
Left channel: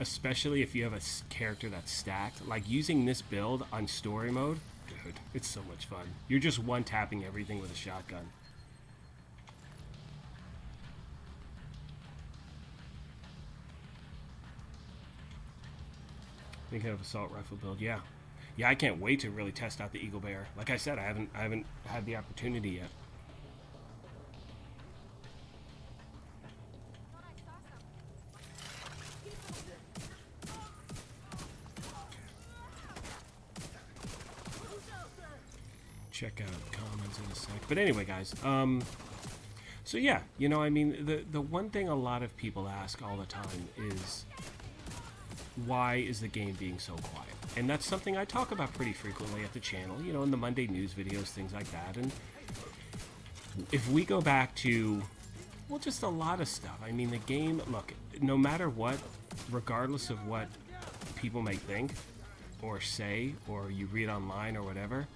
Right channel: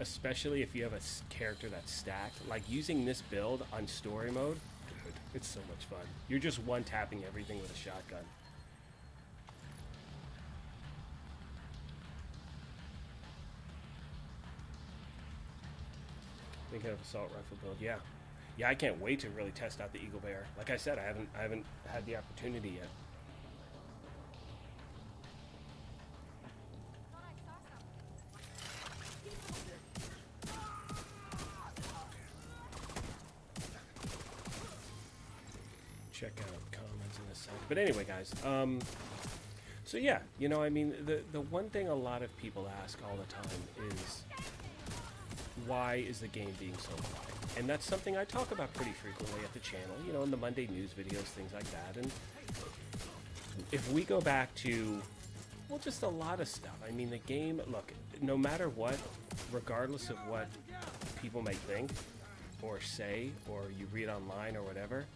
Especially if you have a character that's stacked. Like, using this build on story mode, dude, it's so much fun. You're just one-tapping everything with a shotgun. Thinking of assault rifle build, yeah. Yeah, I can't wait to really test out the Eagle Bear. Like I said, I haven't had the opportunity yet. Check out comments in a sec. But anyway, guys, so yeah, you know, I mean, the one thing a lot of people ask all the time is, why is the game being so quiet? And that's something I talk about pretty frequently at the channel, you know, in the Monday news videos, things like that. And if we go back to, well, just a lot of stuff. I mean, the game, look, no matter what, regardless of what people may think or say, or you read online or whatever,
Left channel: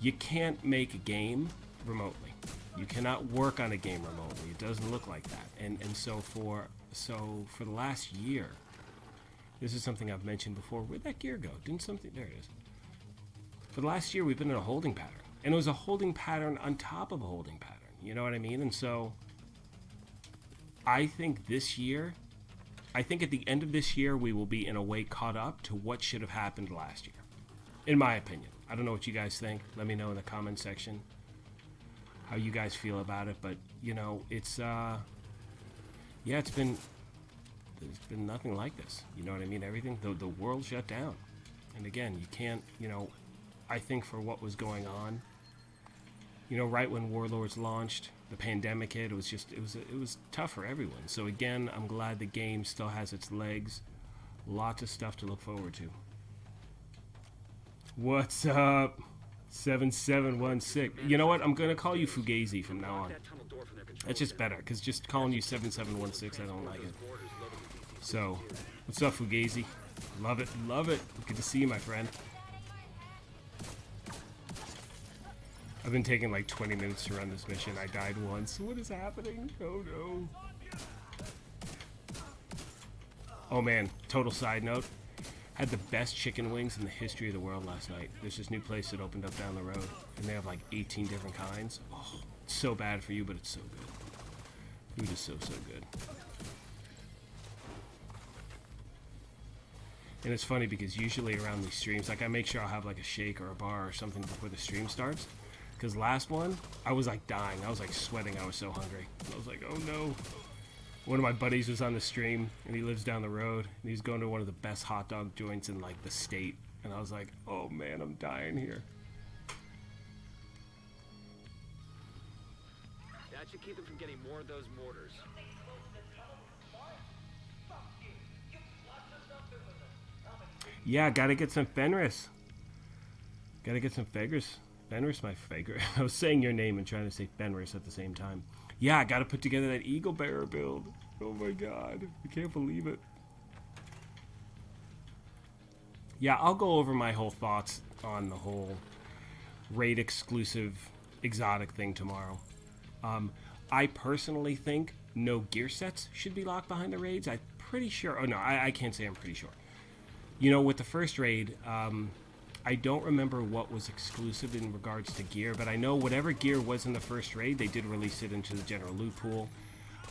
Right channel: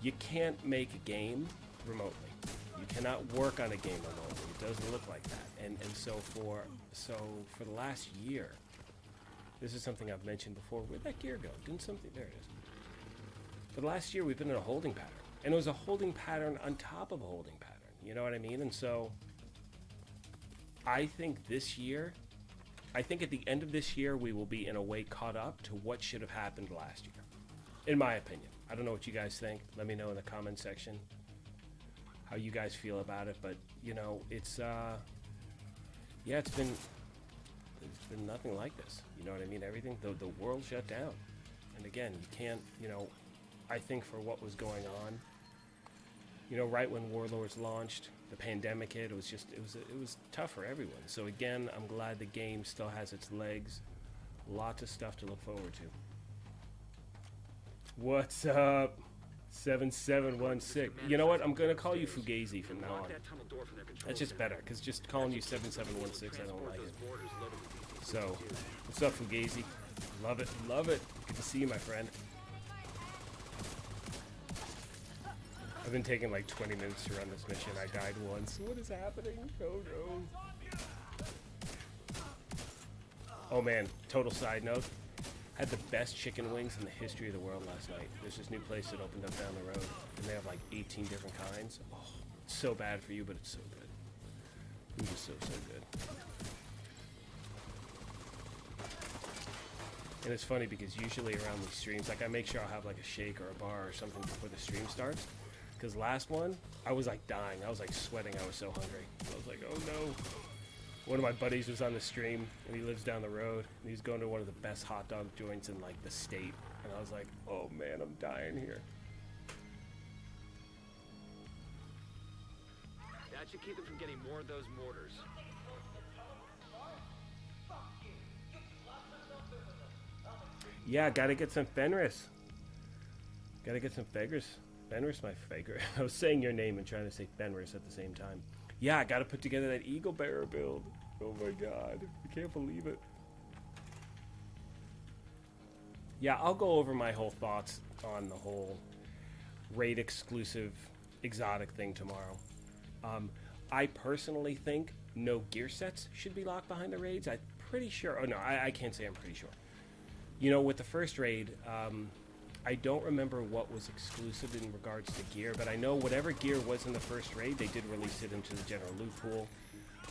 you can't make a game remotely. You cannot work on a game remotely. It doesn't look like that. And so for the last year, this is something I've mentioned before. Where'd that gear go? Didn't something? There it is. For the last year, we've been in a holding pattern, and it was a holding pattern on top of a holding pattern. You know what I mean? And so I think this year, I think at the end of this year, we will be in a way caught up to what should have happened last year, in my opinion. I don't know what you guys think. Let me know in the comment section how you guys feel about it. But you know, it's yeah, there's been nothing like this. You know what I mean? Everything, the world shut down, and again, you can't. You know, I think for what was going on, you know, right when Warlords launched, the pandemic hit. It was tough for everyone. So again, I'm glad the game still has its legs. Lots of stuff to look forward to. What's up? 7716. You know what? I'm gonna call you Fugazi from now on. It's just better, because just calling you 7716, I don't like it. So, what's up, Fugazi? Love it, love it. Good to see you, my friend. I've been taking like 20 minutes to run this mission. I died once. What is happening? Oh no. Oh man, total side note. Had the best chicken wings in the history of the world last night. There's this new place that opened up down the road, and they have like 18 different kinds. Oh, it's so bad for you, but it's so good. Food is so good. And it's funny because usually around these streams, like I make sure I'll have like a shake or a bar or something before the stream starts. Because last one, I was like dying. I was like sweating. I was so hungry. I was like, oh no. One of my buddies was on the stream, and he lives down the road, and he's going to one of the best hot dog joints in like the state. And I was like, oh man, I'm dying here. That should keep them from getting more of those mortars. Yeah, gotta get some Fenris. Gotta get some Fenris. Fenris, my favorite. I was saying your name and trying to say Fenris at the same time. Yeah, I gotta put together that Eagle Bearer build. Oh my god, I can't believe it. Yeah, I'll go over my whole thoughts on the whole raid exclusive exotic thing tomorrow. I personally think no gear sets should be locked behind the raids. I'm pretty sure. Oh no, I can't say I'm pretty sure. You know, with the first raid, I don't remember what was exclusive in regards to gear, but I know whatever gear was in the first raid, they did release it into the general loot pool.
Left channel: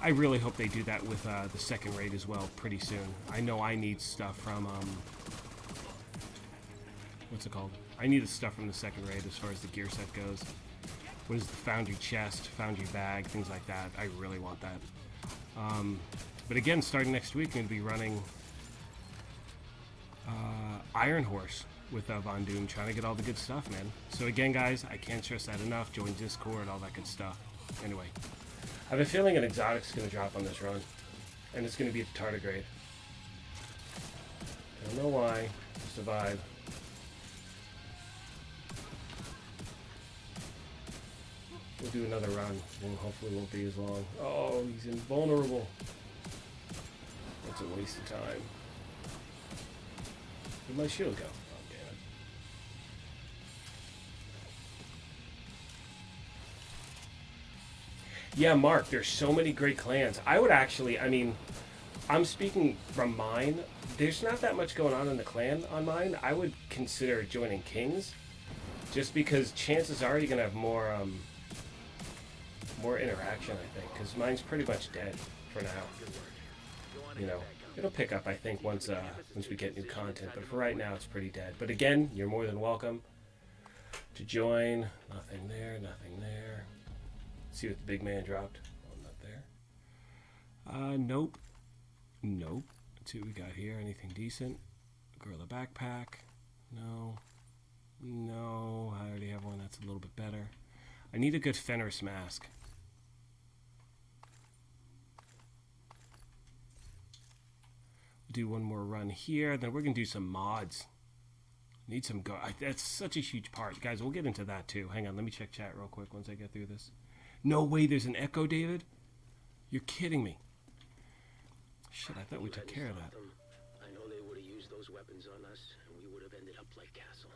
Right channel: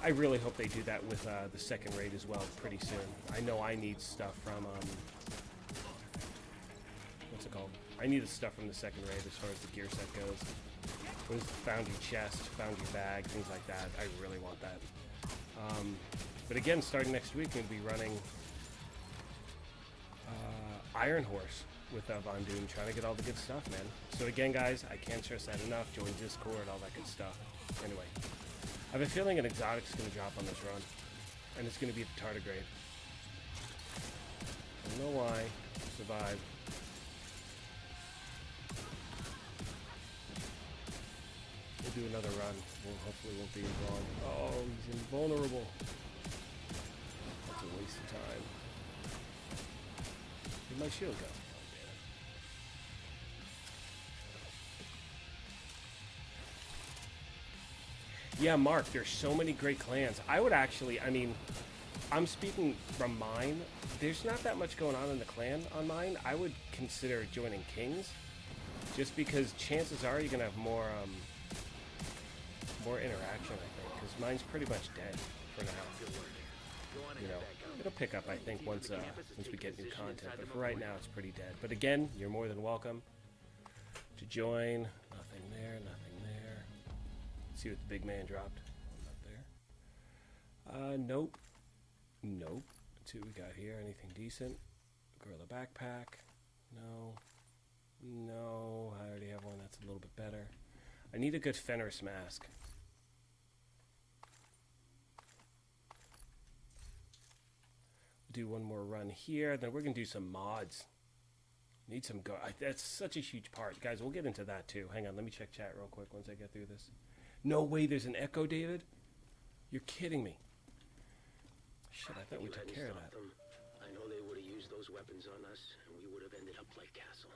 I really hope they do that with the second raid as well pretty soon. I know I need stuff from, what's it called? I need the stuff from the second raid as far as the gear set goes. What is the Foundry chest, Foundry bag, things like that. I really want that. But again, starting next week, I'm going to be running Iron Horse with Von Doom, trying to get all the good stuff, man. So again, guys, I can't stress that enough. Join Discord, all that good stuff. Anyway. I have a feeling an exotic's going to drop on this run. And it's going to be a tardigrade. I don't know why. Survive. We'll do another run, and hopefully it won't be as long. Oh, he's invulnerable. That's a waste of time. Where'd my shield go? Yeah, Mark, there's so many great clans. I would actually, I mean, I'm speaking from mine. There's not that much going on in the clan on mine. I would consider joining Kings, just because chances are you're going to have more interaction, I think, because mine's pretty much dead for now. You know, it'll pick up, I think, once we get new content, but for right now, it's pretty dead. But again, you're more than welcome to join. Nothing there, nothing there. See what the big man dropped. Oh, not there. Nope. Nope. Let's see what we got here. Anything decent? Gorilla backpack. No. No. I already have one that's a little bit better. I need a good Fenris mask. Do one more run here. Then we're going to do some mods. Need some go. That's such a huge part. Guys, we'll get into that too. Hang on. Let me check chat real quick once I get through this. No way, there's an echo, David? You're kidding me. Shit, I thought we took care of that. I know they would have used those weapons on us, and we would have ended up like Castle.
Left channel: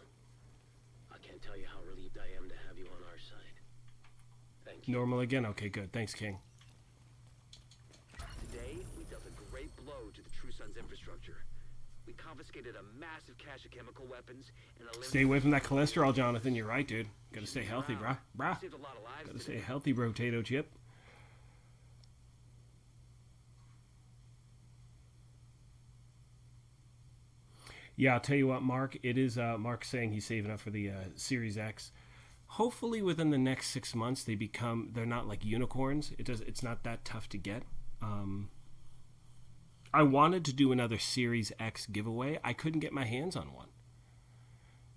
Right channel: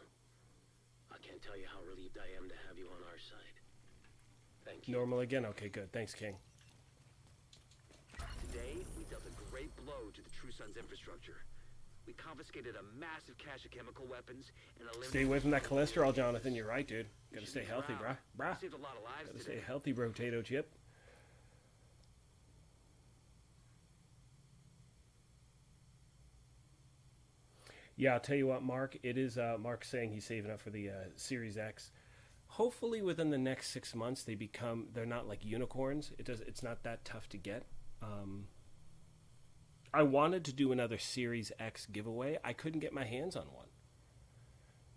I can't tell you how relieved I am to have you on our side. Thank you. Normal again? Okay, good. Thanks, King. Today, we dealt a great blow to the True Sun's infrastructure. We confiscated a massive cache of chemical weapons and Stay away from that cholesterol, Jonathan. You're right, dude. Gotta stay healthy, brah. Brah. Saved a lot of lives Gotta today. stay healthy, potato chip. Yeah, I'll tell you what, Mark. It is Mark saying he's saving up for the Series X. Hopefully, within the next 6 months, they're not like unicorns. It's not that tough to get. I wanted to do another Series X giveaway. I couldn't get my hands on one.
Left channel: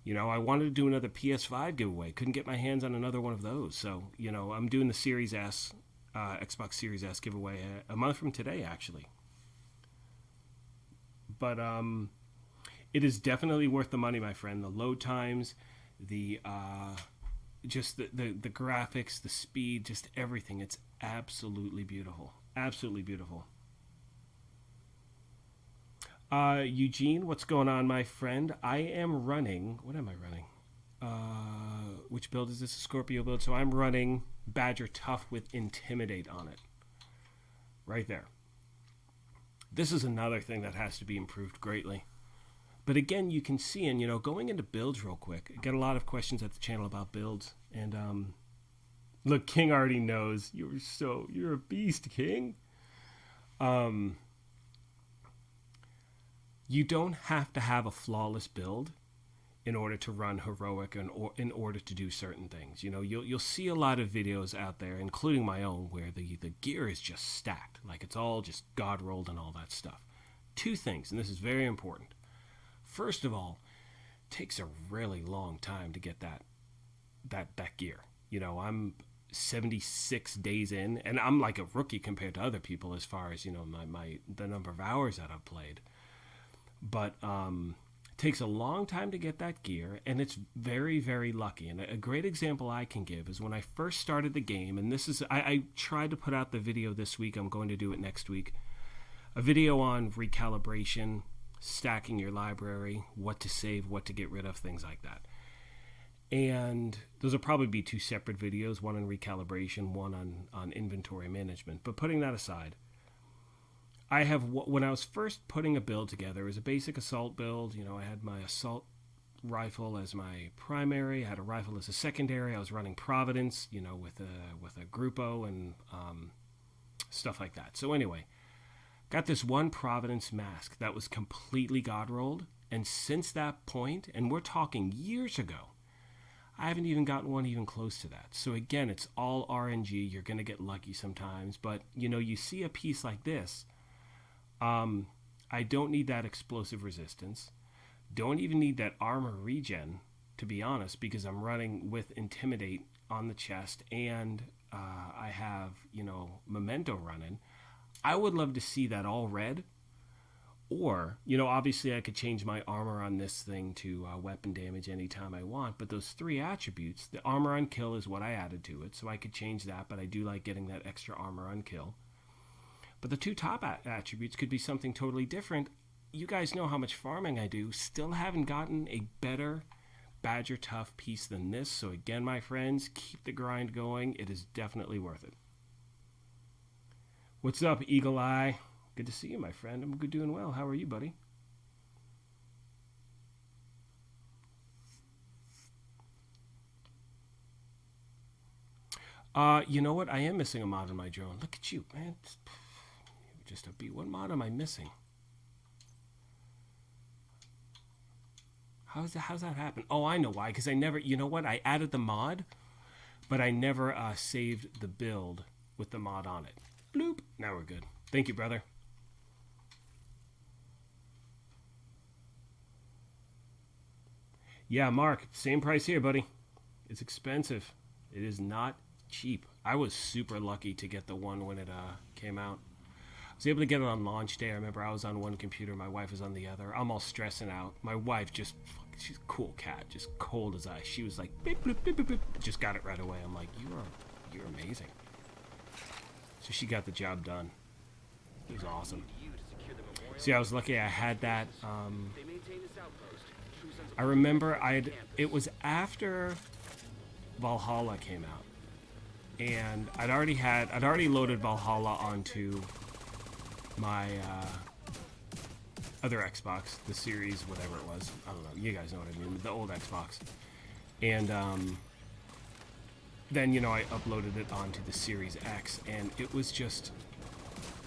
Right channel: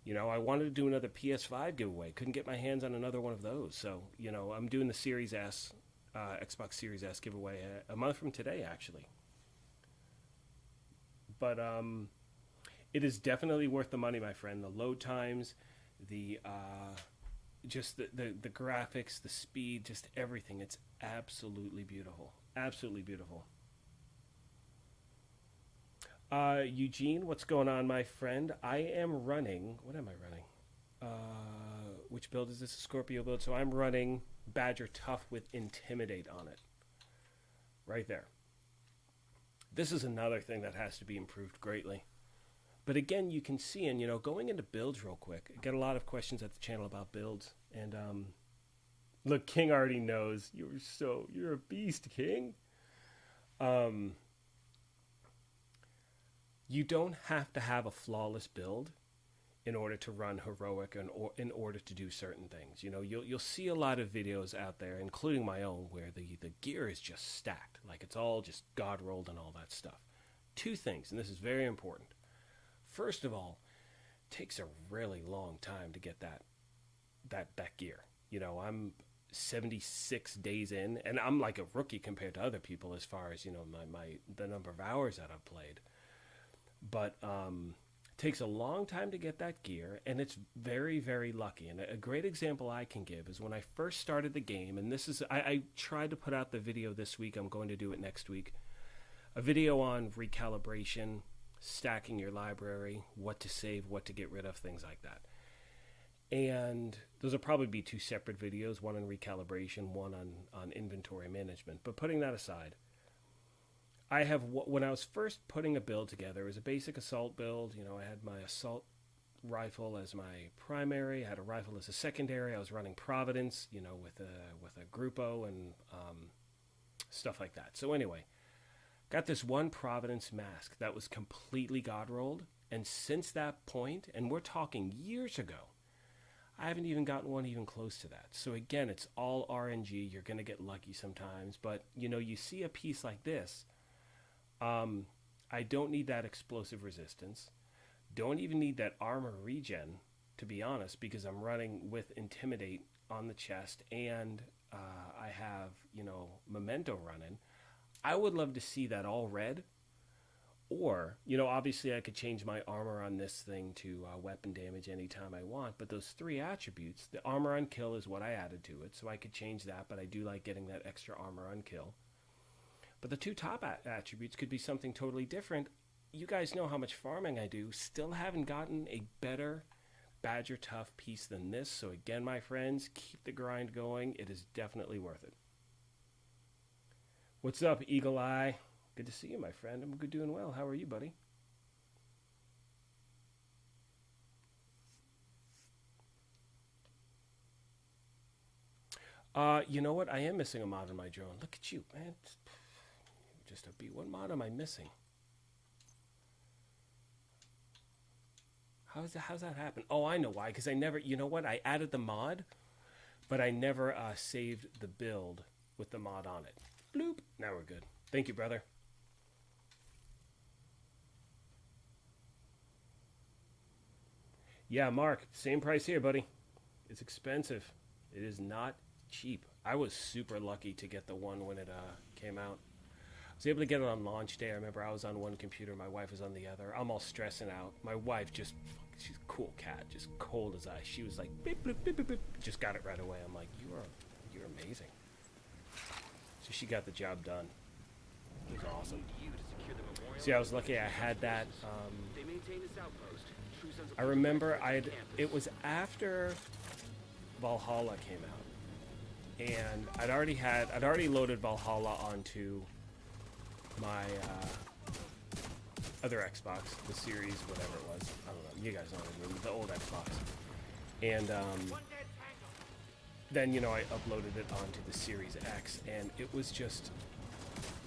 You know, I wanted to do another PS5 giveaway. Couldn't get my hands on another one of those. So, you know, I'm doing the Series S, Xbox Series S giveaway a month from today, actually. But it is definitely worth the money, my friend. The load times, the just the graphics, the speed, just everything. It's absolutely beautiful. Absolutely beautiful. Eugene, what's going on, my friend? I am running. What am I running? Which build is this? A Scorpio build. So I'm running Badger Tough with Intimidate on it. Right there. This is another thing that has to be improved greatly. But again, you can see, and you know, going into builds real quick, I get a lot of questions at the channel about builds. And look, King already knows. You're a beast, King. You don't have to have a flawless build in order to run heroic and in order to do certain things. You know, you'll see a lot of videos out there, including my own, where the gear is just stacked, like it's all just God rolled and all that stuff. Two things, and this is very important. First of all, it takes a really long time to get that gear. You know, I'm 76 days in, and I'm like a rookie compared to other people as far as, you know, the number of hours that I've played. But it takes a long time to get that gear, and it's very, very lucky. And a great example I can give is when I first started the game, and this is, I tried to put out the video this week. I'm going to do it next week. A video on recalibration, stacking your library, what to save, what to get rid of, things like that. And those will probably be two separate videos, one on recalibration, one on inventory management. But putting that aside, I have, when I was first putting a build together, it was a basic assault build. You know, I had my assault rifle as my primary. I had a rifle as a secondary. I was running Providence, you know, with a Gruppo and stuff like that. So anyway, got this one Providence mask that was completely God rolled. And since that point, and we're talking years ago, I haven't even gotten one even close to that. So again, it's all RNG. You're going to get lucky sometimes. But, you know, you see a piece like this. I don't need that explosive resistance. Don't even need that armor regen, to be honest, because I'm running with Intimidate on the chest, and I have, you know, Memento running. I would love to see that all red. Or, you know, obviously I could change my armor on this thing to weapon damage anytime I want, but those three attributes, the armor on kill is what I added to it, so I could change that, but I do like getting that extra armor on kill. But the two top attributes could be something totally different. You guys know how much farming I do. Still haven't gotten a better Badger Tough piece than this. So again, my friends, keep the grind going. It is definitely worth it. What's up, Eagle Eye? Good to see you, my friend. I'm good, doing well. How are you, buddy? You know what? I am missing a mod on my drone. Look at you, man. Just a beat. What mod am I missing? How's that happen? Oh, I know why. Because I never, you know what? I added the mod, but I never saved the build with the mod on it. Bloop. Now we're good. Thank you, brother. Yeah, Mark. Same price here, buddy. It's expensive. It is not cheap. I was super lucky to get the one when it came out. I was able to get it on launch day. I remember I was on one computer, my wife was on the other. I'm all stressing out. My wife just, she's a cool cat, just cold as ice. She was like, beep, beep, beep, beep, beep. Just got it right away. I'm like, you're amazing. So she got the job done. It was awesome. See, I was lucky I had that. I remember it was after Valhalla came out. and I'd already loaded Valhalla onto my other Xbox, the series, whatever it was. I don't know. You guys know what I mean, the old Xbox. And then, you know, I uploaded it onto the Series X, and it was just,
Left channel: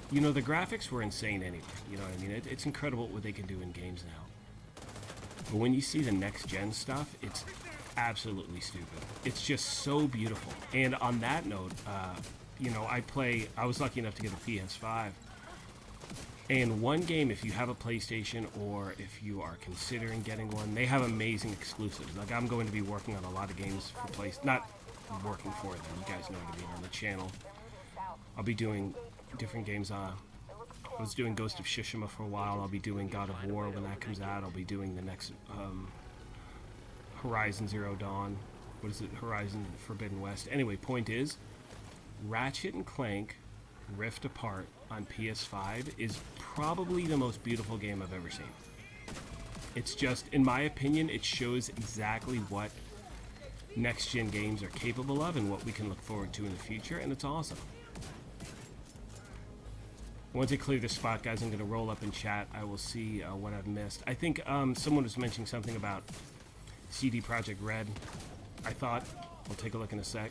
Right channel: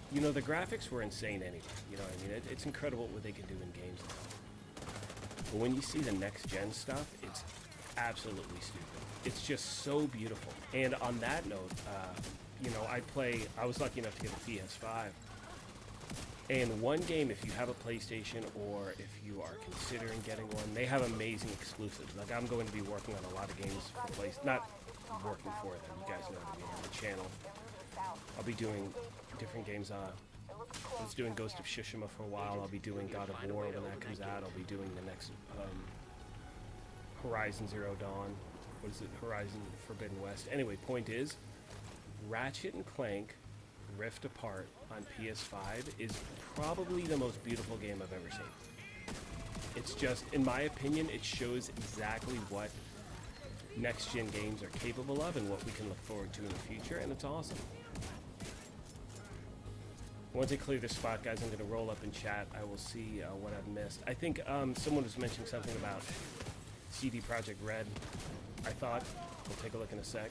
you know, the graphics were insane anyway. You know what I mean? It's incredible what they can do in games now. But when you see the next-gen stuff, it's absolutely stupid. It's just so beautiful. And on that note, you know, I was lucky enough to get a PS5. And one game, if you have a PlayStation or if you are considering getting one, they have amazing exclusives. Like, I'm going to be working on a lot of games for PlayStation. Not working for them, you guys know what I mean, on the channel. I'll be doing different games. I was doing Ghost of Tsushima for a while. I'll be doing God of War when that comes out. I'll be doing the next Horizon Zero Dawn. What is it? Horizon Forbidden West. Anyway, point is, Ratchet and Clank Rift Apart on PS5 is probably the most beautiful game I've ever seen. It's just, in my opinion, it shows exactly what next-gen games are capable of and what we can look forward to in the future, and it's awesome. Once I clear this spot, guys, I'm going to roll up in chat. I will see what I've missed. I think someone was mentioning something about CD Projekt Red. I thought. I'll take a look in a sec.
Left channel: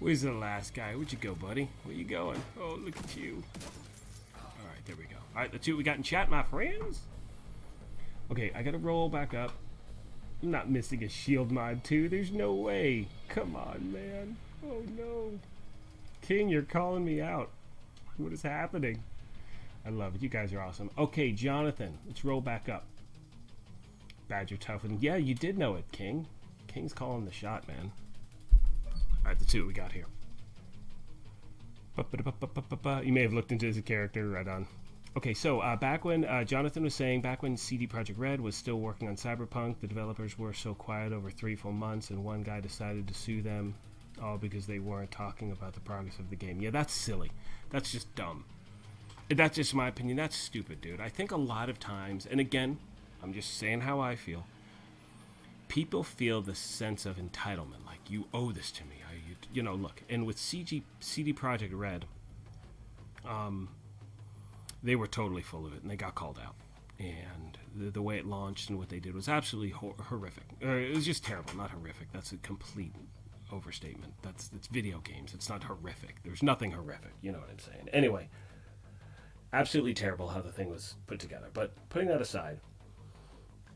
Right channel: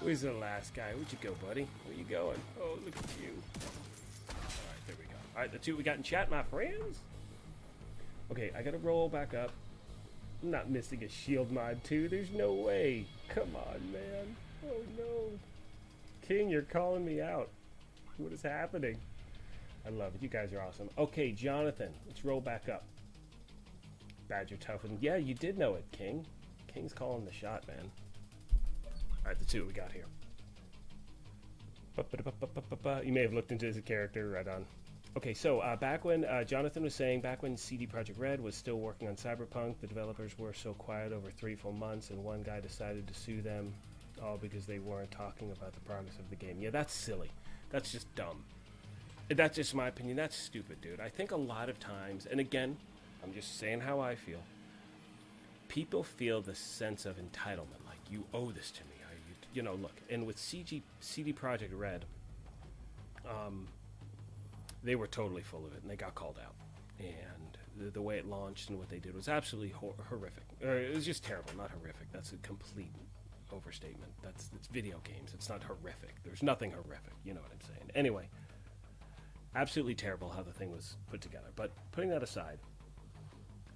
Where's the last guy? Where'd you go, buddy? Where you going? Oh, look at you. Alright, there we go. Alright, that's what we got in chat, my friends. Okay, I gotta roll back up. I'm not missing a shield mod, too. There's no way. Come on, man. Oh, no. King, you're calling me out. What is happening? I love it. You guys are awesome. Okay, Jonathan, let's roll back up. Badger Toughen. Yeah, you did know it, King. King's calling the shot, man. Alright, let's see what we got here. You may have looked into his character, right on. Okay, so back when Jonathan was saying, back when CD Projekt Red was still working on Cyberpunk, the developers were so quiet over 3 full months, and one guy decided to sue them, all because they weren't talking about the progress of the game. Yeah, that's silly. That's just dumb. That's just my opinion. That's stupid, dude. I think a lot of times, and again, I'm just saying how I feel, people feel the sense of entitlement, like, you owe this to me. You know, look, and with CD Projekt Red, they were totally full of it, and they got called out. And the way it launched and what they did was absolutely horrific. It was just terrible, not horrific. That's a complete overstatement. It's video games. It's not horrific. There's nothing horrific. You know what I'm saying? Anyway, absolutely terrible how the thing was put together. But putting that aside,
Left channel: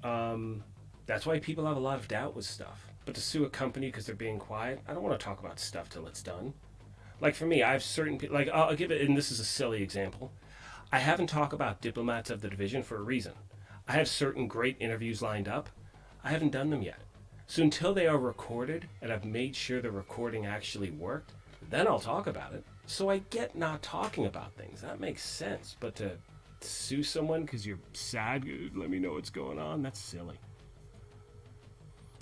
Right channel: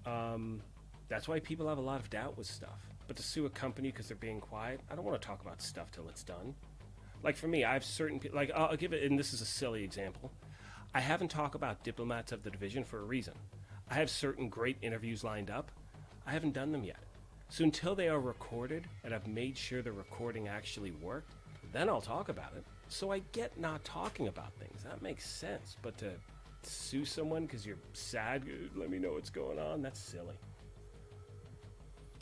that's why people have a lot of doubt with stuff. But to sue a company because they're being quiet, I don't want to talk about stuff till it's done. Like for me, I have certain people, like I'll give it, and this is a silly example. I haven't talked about Diplomats of the Division for a reason. I have certain great interviews lined up. I haven't done them yet. So until they are recorded and I've made sure the recording actually worked, then I'll talk about it. So I get not talking about things. That makes sense. But to sue someone because you're sad, let me know what's going on, that's silly.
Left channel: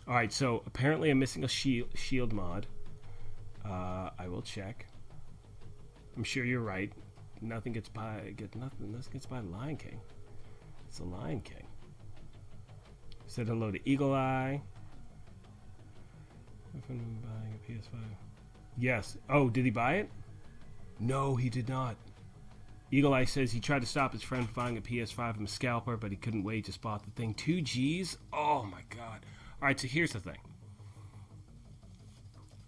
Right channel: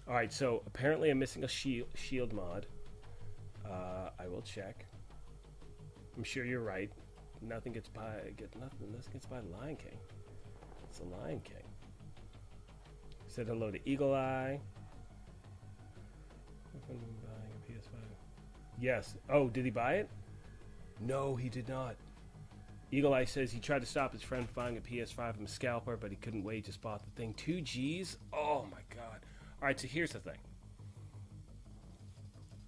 Alright, so apparently I'm missing a shield mod. I will check. I'm sure you're right. Nothing gets by Lion King. It's the Lion King. Said hello to Eagle Eye. Buying a PS5. Yes. Oh, did he buy it? No, he did not. Eagle Eye says he tried to stop his friend from buying a PS5 from a scalper, but he couldn't wait to spot the thing. 2 G's? Oh my god. Alright, so here's the thing.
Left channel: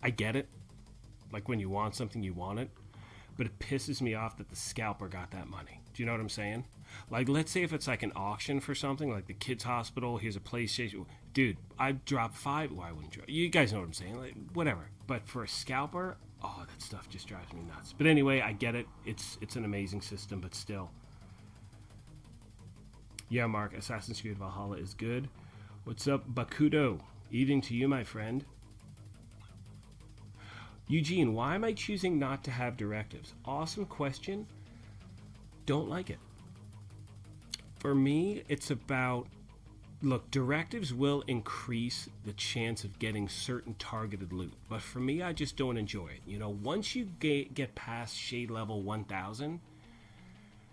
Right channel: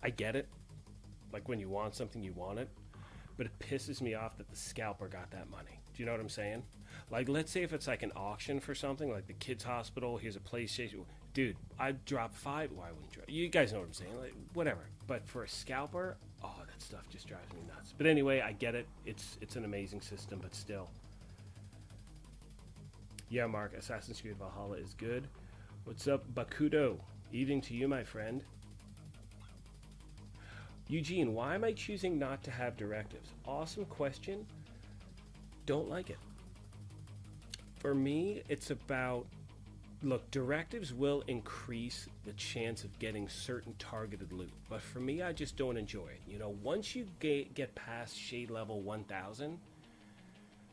I get it. Like when you want something, you want it. But it pisses me off that the scalper got that money. Do you know what I'm saying? Like, let's say if it's like an auction for something, like the kids' hospital, here's a PlayStation. Dude, I'd drop 5. Why wouldn't you? You guys know what I'm saying. Like, whatever. But for a scalper, oh, that stuff just drives me nuts. But anyway, I get it. It's an amazing system, but still. Yeah, Mark, Assassin's Creed Valhalla is good. What's up, Bakudo? Evening to you, my friend. Eugene, why am I choosing not to have directives? Awesome question. don't like it. For me, it's about, look, directives will increase the chance of getting certain targeted loot, but for me, I just don't enjoy it. You know, once you get past shade level 1000,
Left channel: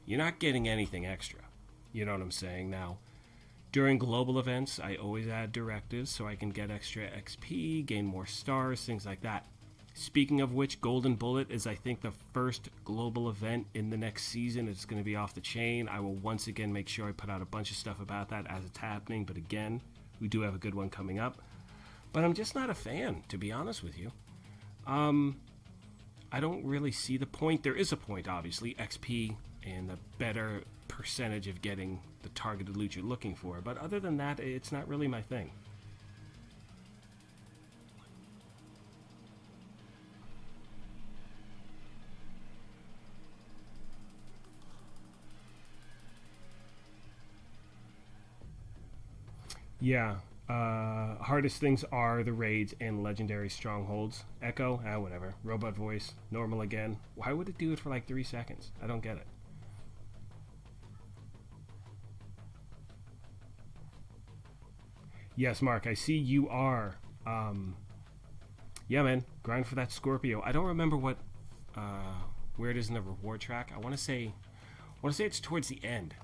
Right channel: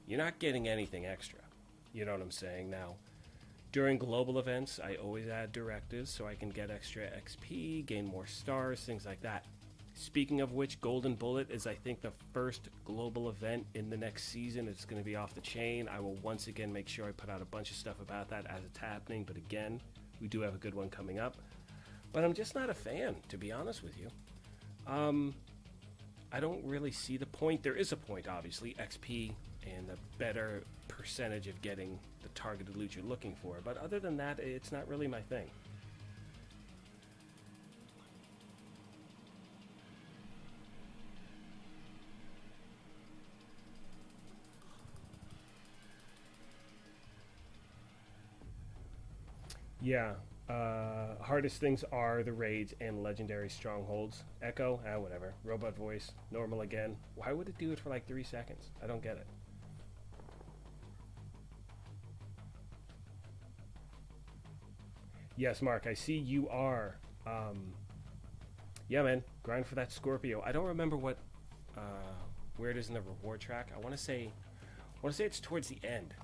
you're not getting anything extra. You know what I'm saying? Now, during global events, I always add directives so I can get extra XP, gain more stars, things like that. Speaking of which, Golden Bullet is, I think, the first global event in the next season. It's going to be off the chain. I will once again make sure I put out a bunch of stuff about that as it's happening. But again, we do have a good one coming up. But I'm just not a fan, to be honest with you. I don't really see the point. There is a point, obviously, XP and the better percentage of getting the targeted loot you're looking for. But other than that, it's not really my thing. Yeah, hardest things are the raids and legendary strongholds. Echo, whatever. Robot voice, normal again. Why would it do it for like 3 seconds? I don't get it. Yes, Mark, I see you are. Yeah, man, grind for that Scorpio. I don't remember what, where it is in the reward track. I want to say it's towards the end.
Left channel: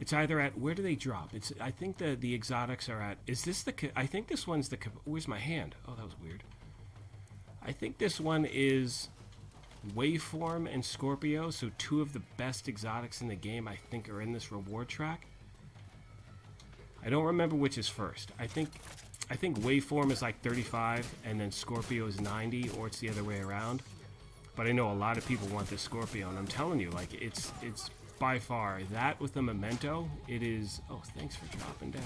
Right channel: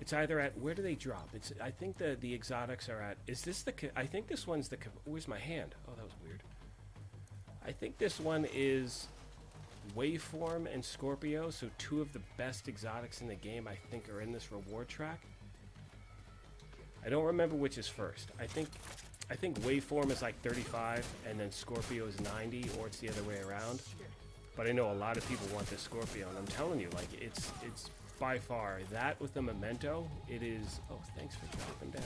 It's either at, where do they drop? It's, I think the exotics are at, is this the, I think this one's the, where's my hand? Oh, that was weird. I think this one is Waveform and Scorpio, so two of the best exotics in the game, I think, are in this reward track. I don't remember which is first. I think Waveform is like 35, and then Scorpio is 90, or it's the other way around. But I know a lot of people want this Scorpio, and I'm telling you, like, it's by far, that with the memento, it is... Oh, thanks for dropping down,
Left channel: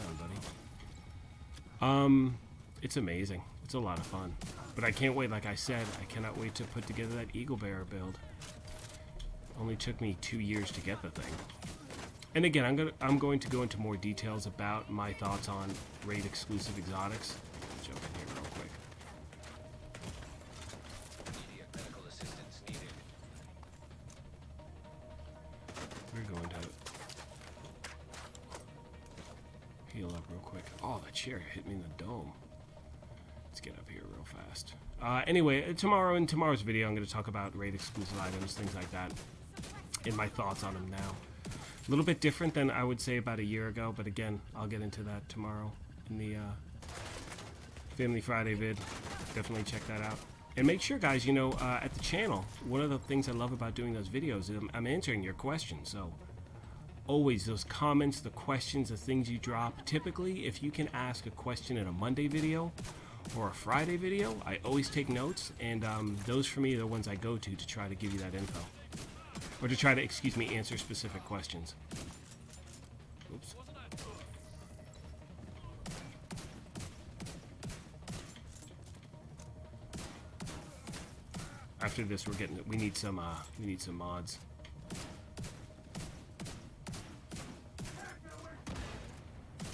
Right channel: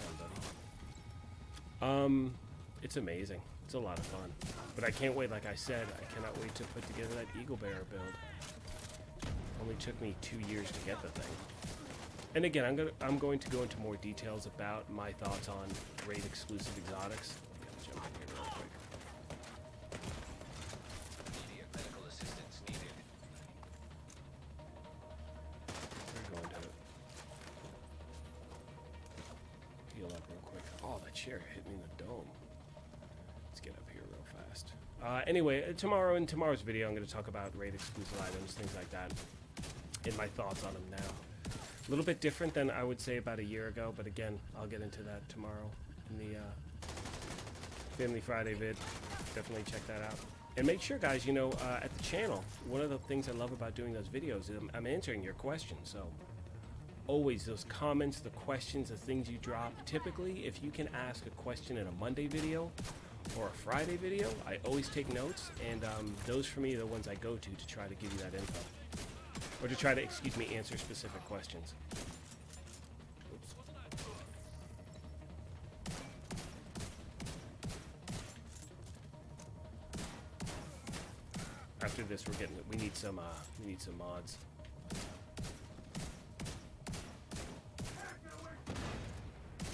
buddy. It's amazing. It's a lot of fun. But I can't wait, like I said, I cannot wait to put together that Eagle Bearer build. Only took me 2 years to get the thing. And again, I'm going to go into more details about my thoughts on raid exclusive exotics. So, real quick. Immediate medical assistance needed. We're going to heal up real quick. Oh, that chair hit me in the dome. Let's get up here real fast. Anyway, in tomorrow's video, I'm going to talk about raid exclusive items, things like that, and my thoughts on them now. A little bit different than I would say about a year ago, but again, I'll get into that tomorrow in the Family Friday vid. Definitely check that out. And make sure, guys, you know, at the channel, one of the things I love about doing those videos is I'm answering your questions. So always those comments, the questions, the things you drop. Typically, if you can ask a question in a Monday video or a Friday video, I always take notes, and those for me are the ones I go to try to give you that info. Or to try to, excuse me, answer specific questions. Oops. After this, we need some mods.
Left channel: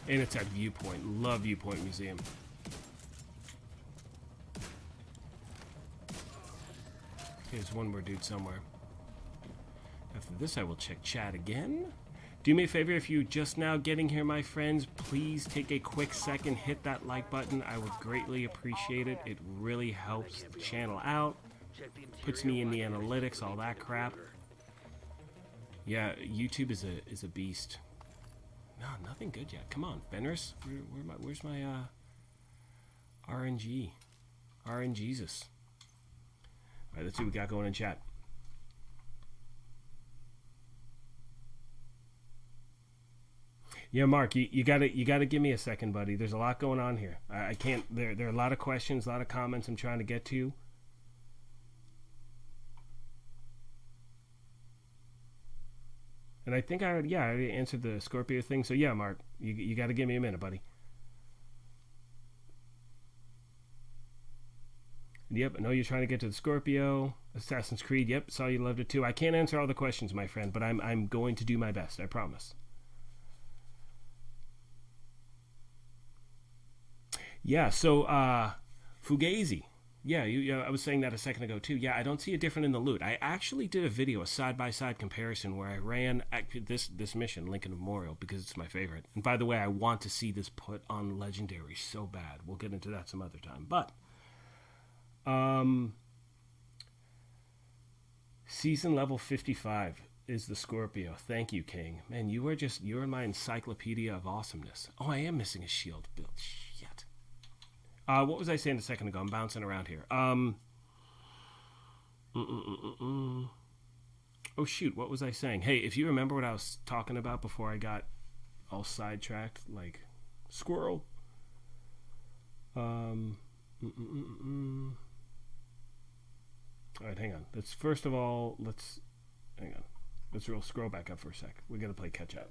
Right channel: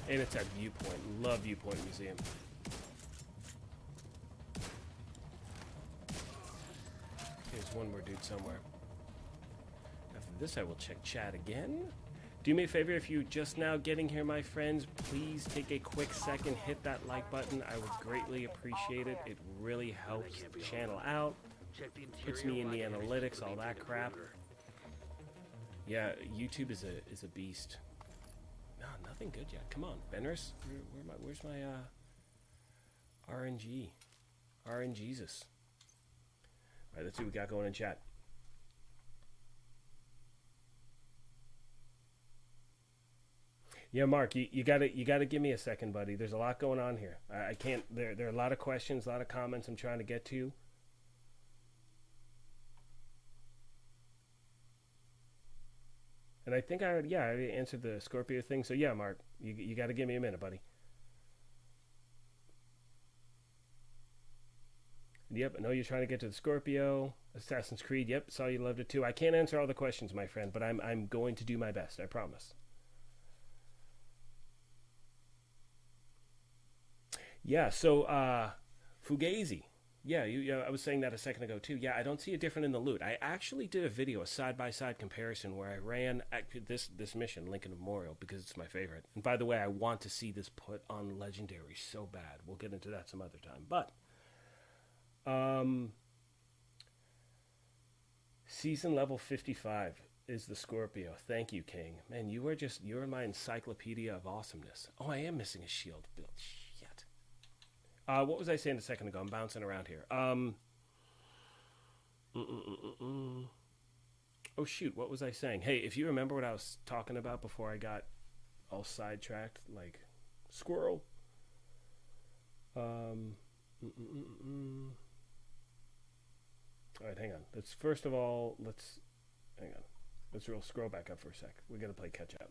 And it's at Viewpoint. Love Viewpoint Museum. There's one more dude somewhere. After this, I will check chat again. Do me a favor, if you're just now getting here, my friends, please take a quick second, hit that like button. I would greatly appreciate it. It really helps the channel out. Puts me in the analytics, all that crap. Yeah, YouTube is a beast. No, nothing good yet. Come on, Fenris. Where's my RNG? RNGesus. Alright, let's see what we got going in chat. Yeah, Mark, you gotta give me a second, buddy. There's a lot going on here. I can't. There are a lot of questions, a lot of comments I'm trying to get to. And I think I already answered the Scorpio thing. So yeah, Mark, you got to give me a minute, buddy. Yep, I know you're trying to get to the Scorpio. Assassin's Creed. Yep, saw you loved it too. I can't answer all the questions, my friend, but I'm going to do my best. I promise. Yeah, so Fugazi. Yeah, I was saying that a second ago too. Yeah, I don't see it different in the loot. I actually did a video, a side-by-side comparison, where I ran this mission, Lincoln Memorial, because it's my favorite. And by the way, I want to see this put on Legendary so bad. We'll get into that some other time. But, season level 55 is the Scorpio. Thank you, King. Man, you're my encyclopedia of awesomeness. Oh, I am missing a shield build. Shit. What was I saying a second ago? I'm bouncing around here. Oh, shoot. What was I saying? Hey, if you remember what I was talking about before I got all sidetracked, like squirrel. All right, hang on. First of all, hang on. Let's scroll back up for a sec. We got to play catch up.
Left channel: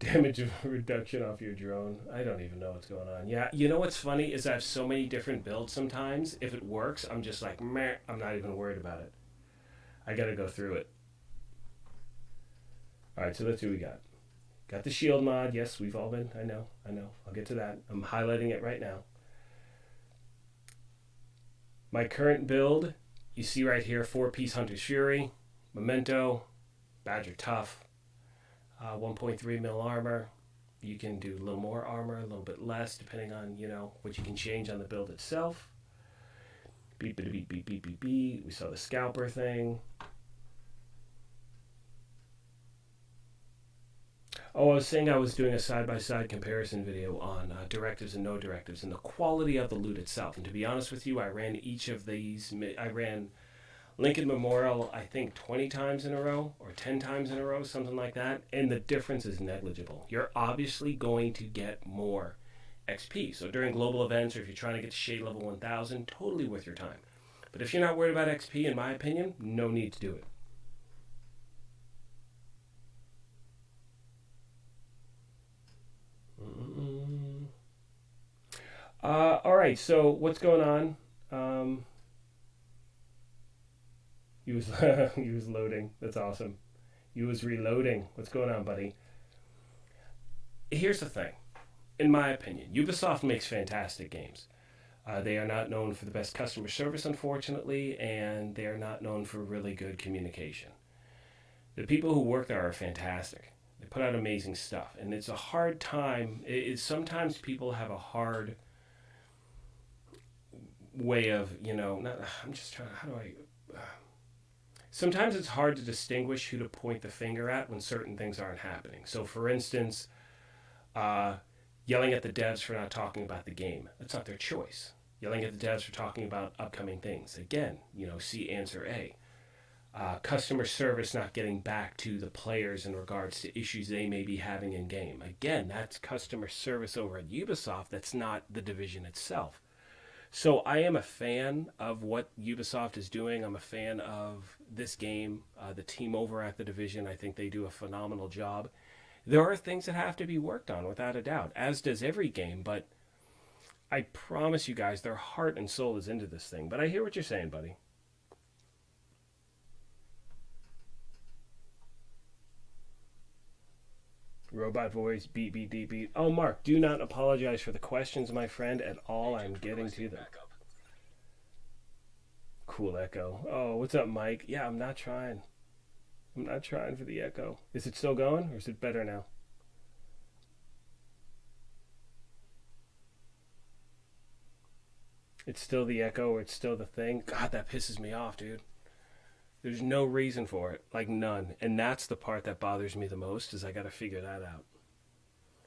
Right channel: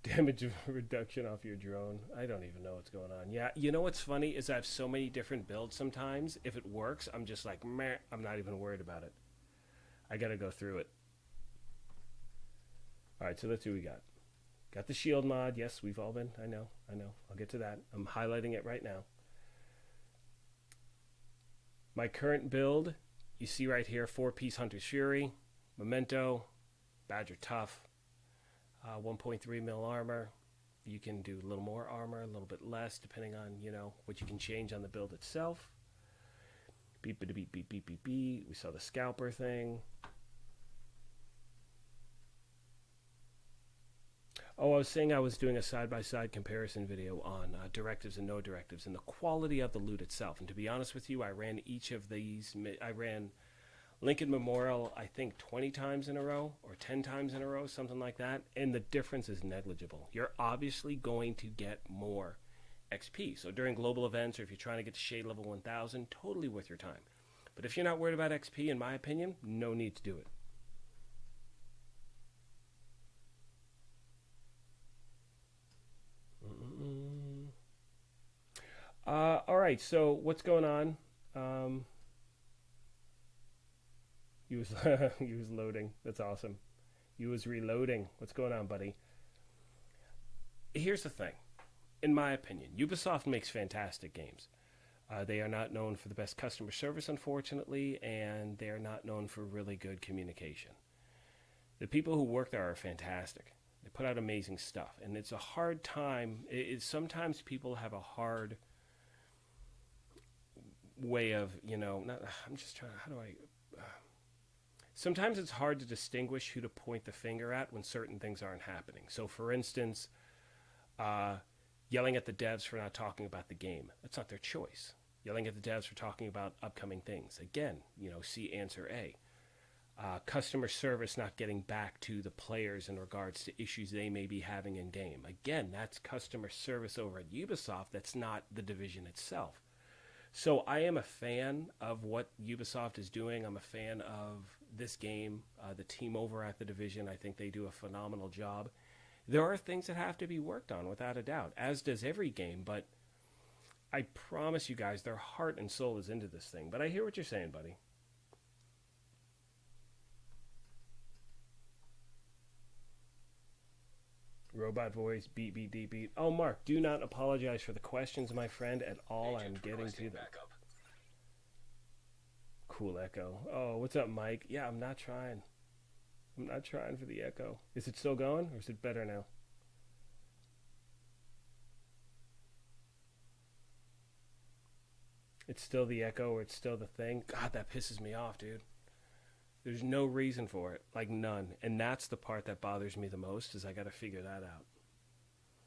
Damage reduction off your drone. I don't even know what's going on. Yeah, you know what's funny is I have so many different builds sometimes. If it works, I'm just like, meh, I'm not even worried about it. I gotta go through it. Alright, so that's who we got. Got the shield mod. Yes, we've all been. I know. I'll get to that. I'm highlighting it right now. My current build, you see right here, 4-piece Hunter's Fury, Memento, Badger Tough, 1.3 mil armor. You can do a little more armor, a little bit less, depending on, what you can change on the build itself. Beep, beep, beep, beep, beep, beep, beep. We saw the scalper thing. Oh, I was saying I was doing a side-by-side comparison video on directives and no directives and the quality of the loot itself. And to be honest with you, I ran each of these. I ran Lincoln Memorial, I think, 20 times in a row or 10 times in a row, something like that. And the difference is negligible. You're obviously going to get more XP. So during global events, or if you're trying to get to shade level 1000, totally worth your time. But if you're not worried about XP, in my opinion, no need to do it. All right, so what's going on? You was loading. That's awesome. You was reloading. What's going on, buddy? Here's the thing. In my opinion, Ubisoft makes fantastic games. They are not known for the best customer service, unfortunately, and they're not known for really good communication. The people who work there are fantastic. They put out amazing stuff, and it's a hard time. Sometimes people have a hard way of, I'm just trying, sometimes it's hard to distinguish who to point the finger at when certain things aren't happening. So, for instance, yelling at the devs for not talking about the game. That's not their choice. Yelling at the devs for talking about upcoming things. Again, see answer A. Customer service not getting back to the players in regards to issues they may be having in game. Again, that's customer service over at Ubisoft. That's not the division itself. So I am a fan of what Ubisoft is doing. I'm a fan of this game. The team over at the division, I think they do a phenomenal job. There are things that have to be worked on, without a doubt, as does every game. But I promise you guys, their heart and soul is into this thing. But I hear what you're saying, buddy. Robot voice, beep, beep, beep, beep. Oh, Mark, do not apologize for the questions, my friend, at all. I'm getting to them. Cool echo. Oh, what's up, Mike? Yeah, I'm not trying. I'm not trying for the echo. Is it still going, or is it better now? It's still the echo, or it's still the thing? God, that pisses me off, dude. There's no reason for it, like none. And that's the part that bothers me the most, is I got to figure that out.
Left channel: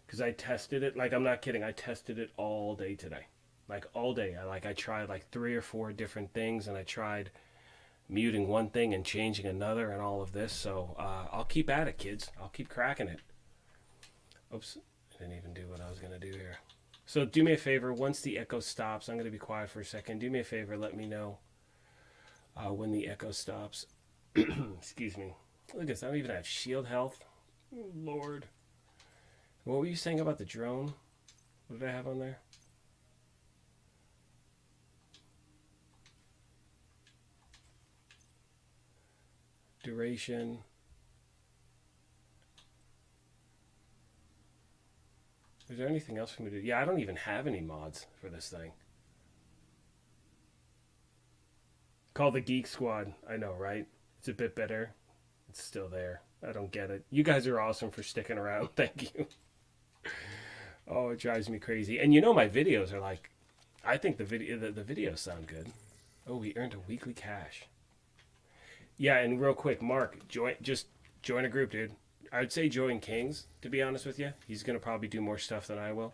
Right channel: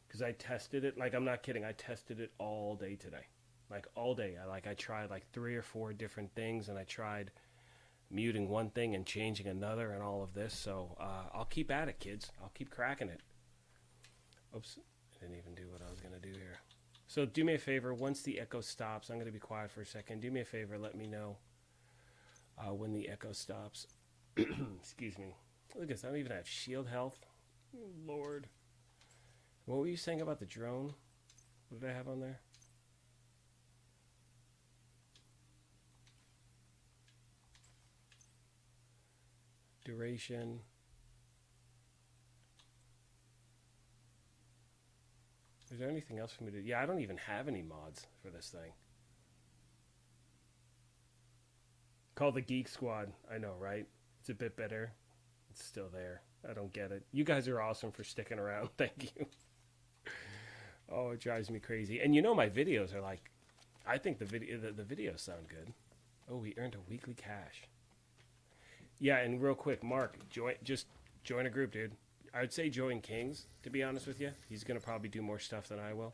Because I tested it, like I'm not kidding, I tested it all day today. Like all day. I tried like 3 or 4 different things, and I tried muting one thing and changing another and all of this. So I'll keep at it, kids. I'll keep cracking it. Oops, I didn't even do what I was going to do here. So do me a favor, once the echo stops, I'm going to be quiet for a second. Do me a favor, let me know when the echo stops. Excuse me. Look at this. I don't even have shield health. Oh, Lord. What were you saying about the drone? What did I have on there? Duration. Is there anything else for me to do? Yeah, I don't even have any mods for this thing. Call the Geek Squad. I know, right? It's a bit better. It's still there. I don't get it. You guys are awesome for sticking around. Thank you. Oh, it drives me crazy. And you know my videos are like, I think the videos sound good. Oh, we earned a weekly cash. Yeah, and real quick, Mark, just join a group, dude. I would say join King's, to be honest with you. He's going to probably do more stuff than I will.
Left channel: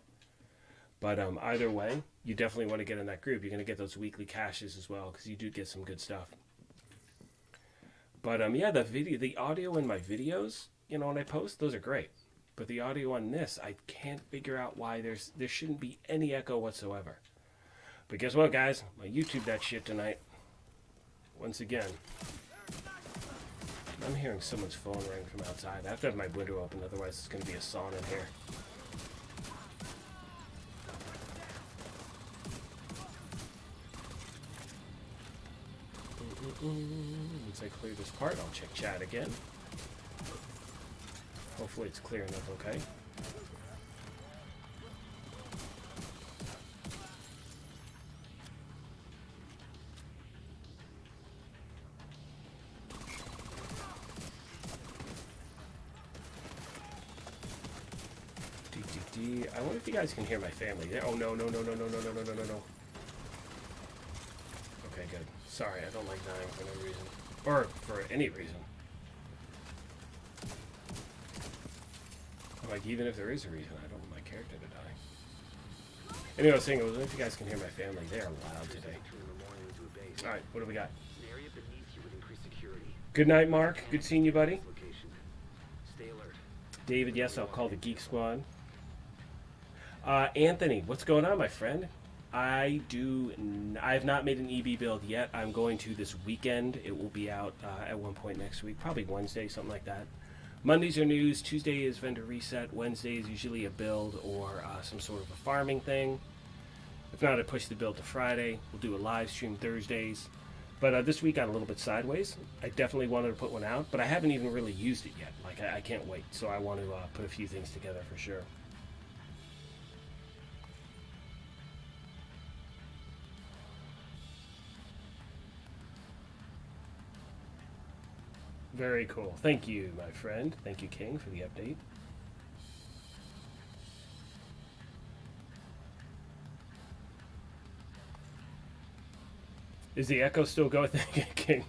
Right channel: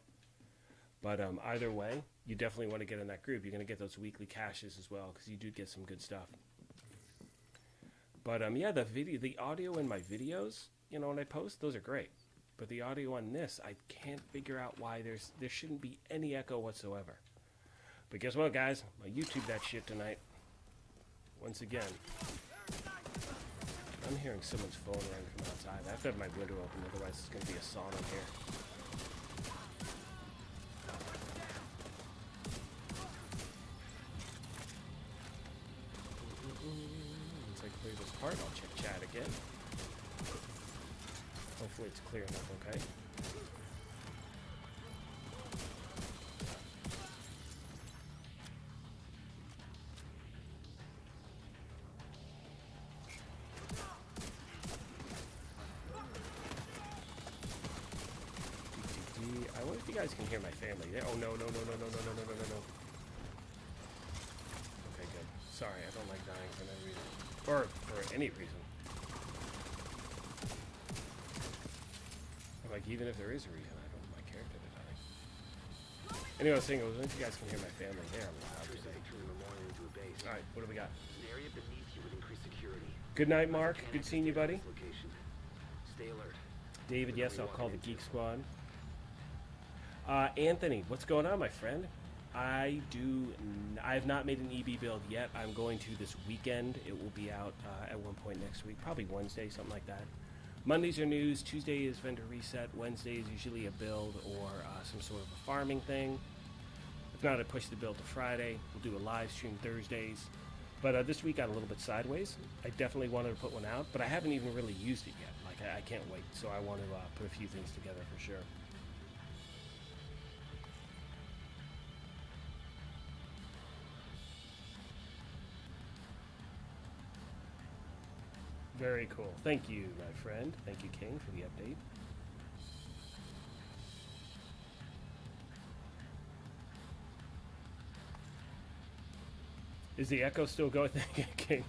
But either way, you definitely want to get in that group. You're going to get those weekly caches as well, because you do get some good stuff. But yeah, the audio in my videos, you know, when I post, those are great. But the audio on this, I can't figure out why there shouldn't be any echo whatsoever. But guess what, guys? I YouTube that shit tonight. Once again. I'm hearing someone's phone ring from outside. I have to have my window open, otherwise it's going to be a sauna in here. Once I clear this part, I'll check chat again. Hopefully it's clear enough, okay? I wonder if you guys can hear my family. Oh, no. Okay, good. Sorry, I don't like dying for no reason. Or for any reason. Like, even if there is a reason, I don't want my character to die. Anyway, I was saying, I wonder if you guys can hear my family. They are loud today. Alright, what do we got? An area beneath you would increase security. Good night, Mark. Good seeing you, buddy. Location. Stay alert. David, yes, I'll call the Geek Squad. Anthony, what's going on, my friend? I have not made an EB build yet. I'm going to this weekend. It will be out at one point next week, probably Wednesday, something like that. Mondays are news, Tuesday is vendor reset, Wednesday is usually a build or some sort of a farming thing. If not, I push the build to Friday. We'll do a live stream Thursdays. But this week got a little bit sideways. I definitely wanted to put one out, but I haven't even really used it yet. Like, I can't wait. So I want to put a few things together for sure. Very cool. Thank you, my friend. Thank you, King, for the update. Is the echo still going? Thank you, King.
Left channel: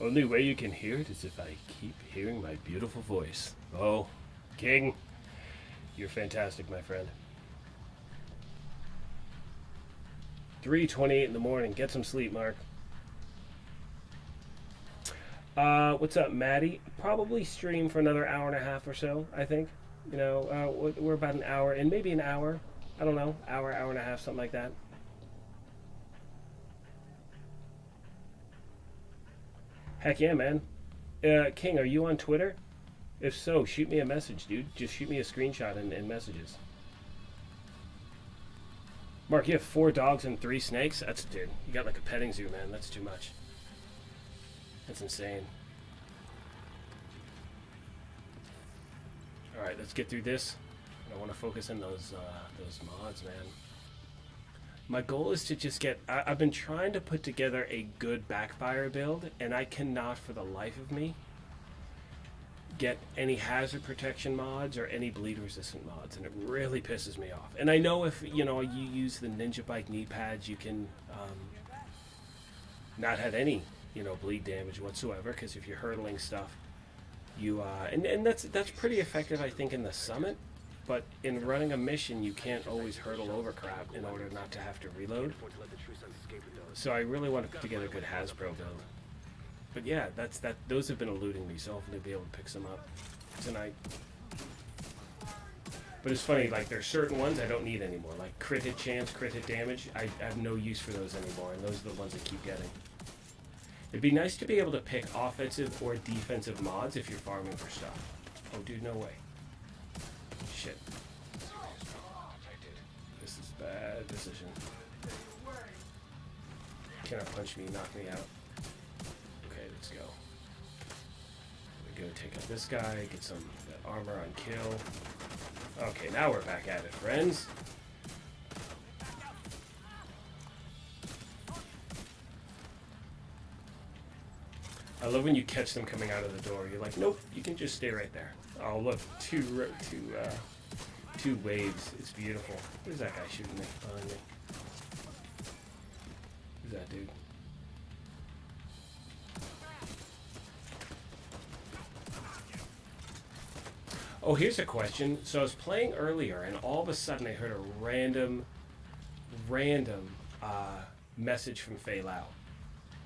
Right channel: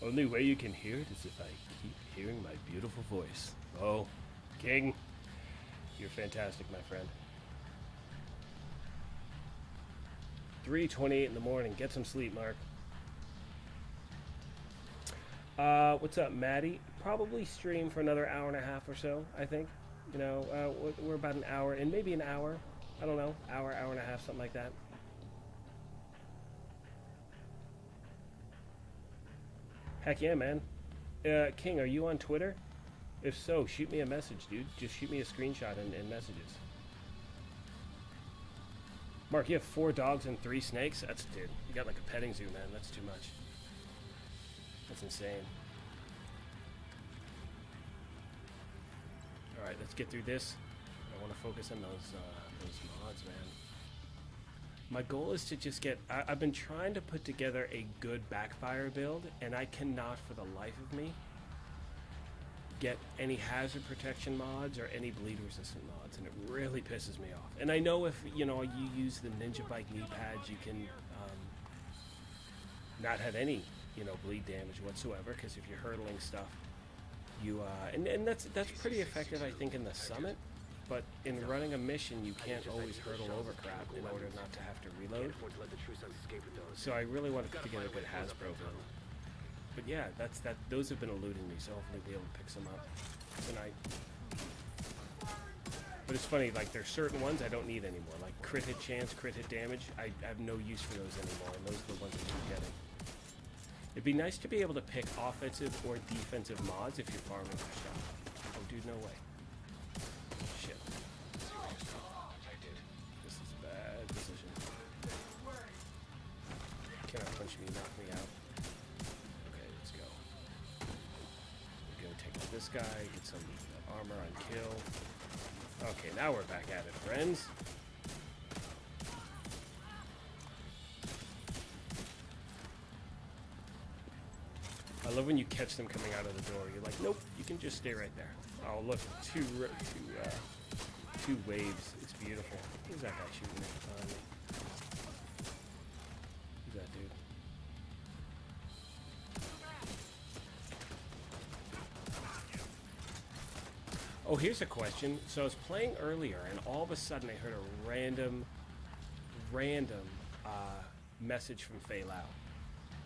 Only way you can hear it is if I keep hearing my beautiful voice. Oh, King, you're fantastic, my friend. 3:28 in the morning. Get some sleep, Mark. What's up, Maddie? Probably stream for another hour and a half or so, I think. You know, we're about an hour, and maybe an hour. I don't know, hour and a half, something like that. Heck yeah, man. King, are you on Twitter? If so, shoot me a message, dude. Just shoot me a screenshot in messages. Mark, you have 4 dogs and 3 snakes? That's, dude, you got like a petting zoo, man. That's too much. That's insane. Alright, let's get through this. I want to focus on those mods, man. My goal is to just get... I've been trying to put together a good backfire build, and I cannot for the life of me get any hazard protection mods or any bleed resistant mods, and it really pisses me off. And I know if, you know, you use the Ninja Bike knee pads, you can not have any, you know, bleed damage whatsoever, because if you're hurdling stuff, you and that's pretty effective, I think, in the summit. But in running a mission, you can't always hurdle over crap in order not to have to reload. So I really want to put together a good Hasbro build. But yeah, those have been eluding me, so hopefully I'll be able to pick some up tonight. But it's funny, like, there's certain ones I don't need anymore. Like crit hit chance, crit hit damage, I have no use for those anymore, and those are the ones I keep getting. It'd be nice to be able to pick offensive or defensive mods if you're farming for stuff. Oh, dude, no way. Shit. This is a bad decision. Cannot punch me, knock me out. Okay, let's go. We're gonna take out this this guy, get some armor on kill. Okay, now we're back at it, friends. I love when you catch them coming out of the door. You're like, nope, you can just stay right there. Oh, look, two waves. It's beautiful. Who's that guy shooting me? Behind me? Who's that dude? Oh, here's a question. So I was playing earlier, and all of a sudden I heard a random message from Fei Lao.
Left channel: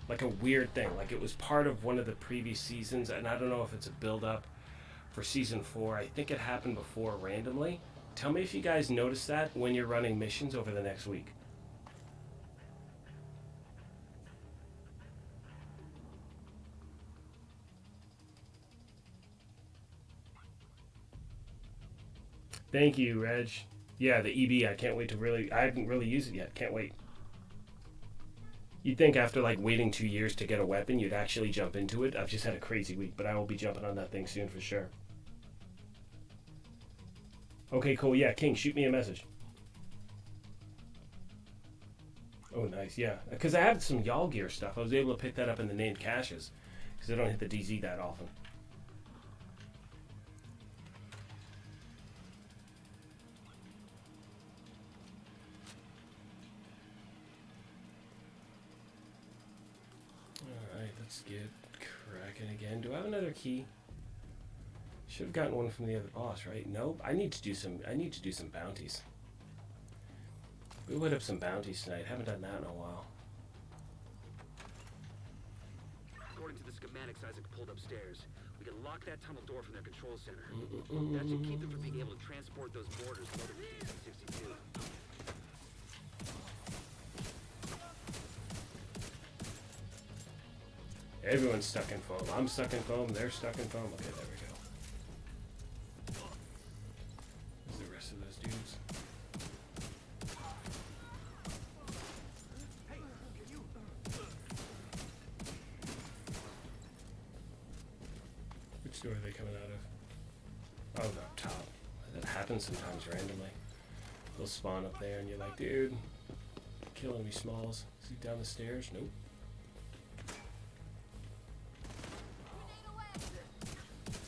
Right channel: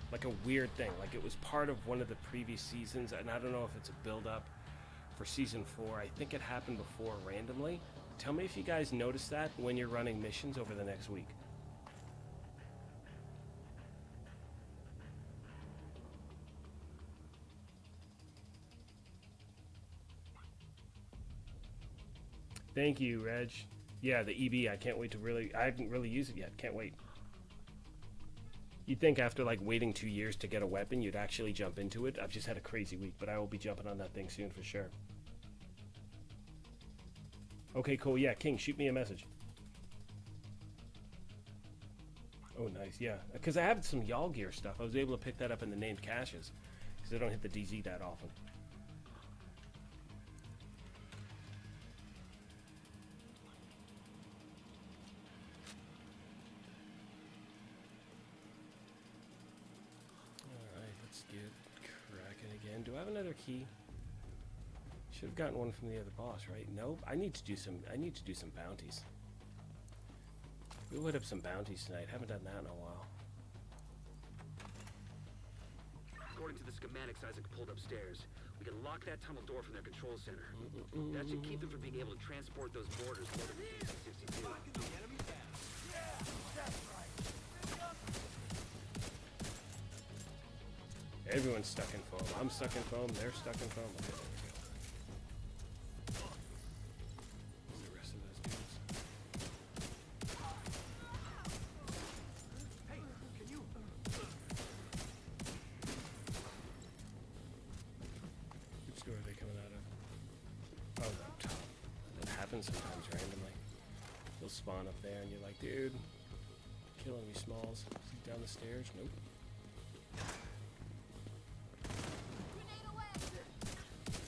Like a weird thing. Like it was part of one of the previous seasons, and I don't know if it's a build-up for season 4. I think it happened before randomly. Tell me if you guys notice that when you're running missions over the next week. Thank you, Reg. Yeah, the EB, I can't wait to I haven't really used it yet. Can't wait. You'd think after like waiting 2 years to get a weapon, you'd actually jump into it. I've just had a crazy week, but I will be jumping on that thing soon for sure. Okay, cool. Yeah, King, shoot me a message. Oh, nice. Yeah, because I have some Y'all Gear stuff. I was able to pick that up in the named caches because I don't hit the DZ that often. Let's get cracking again. Do I have another key? Should have gotten one from the other boss, right? Nope. I need to do some bounties. We would have some bounties tonight. Haven't done that in a while. According to the schematics Isaac pulled upstairs, we can lock that tunnel door from their control center. That should keep them from being able to transport those mortars loaded with DC-62. Everyone's stuck in foam. I'm stuck in foam. They're stuck in foam. Okay, there we go. Where's the rest of those dudes? Hey, can you? Which door are they coming out of? Oh, no, top. That happens sometimes randomly. They'll spawn up there, and you're like, dude, killing me, Smalls. Is he down the stairs? Nope.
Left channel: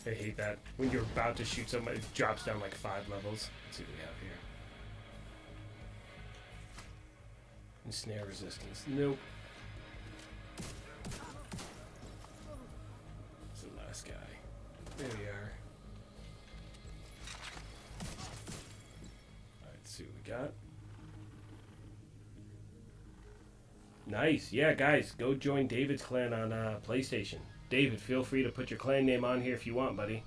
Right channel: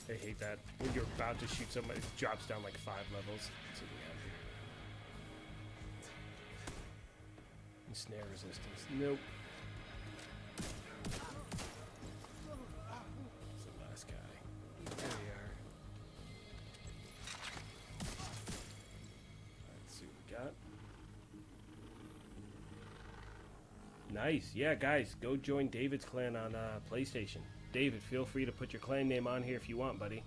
I hate that. When you're about to shoot somebody, it drops down like 5 levels. Let's see what we have here. And snare resistance. Nope. It's the last guy. There we are. Alright, let's see what we got. Nice. Yeah, guys, go join David's clan on PlayStation. David, feel free to put your clan name on here if you want, buddy.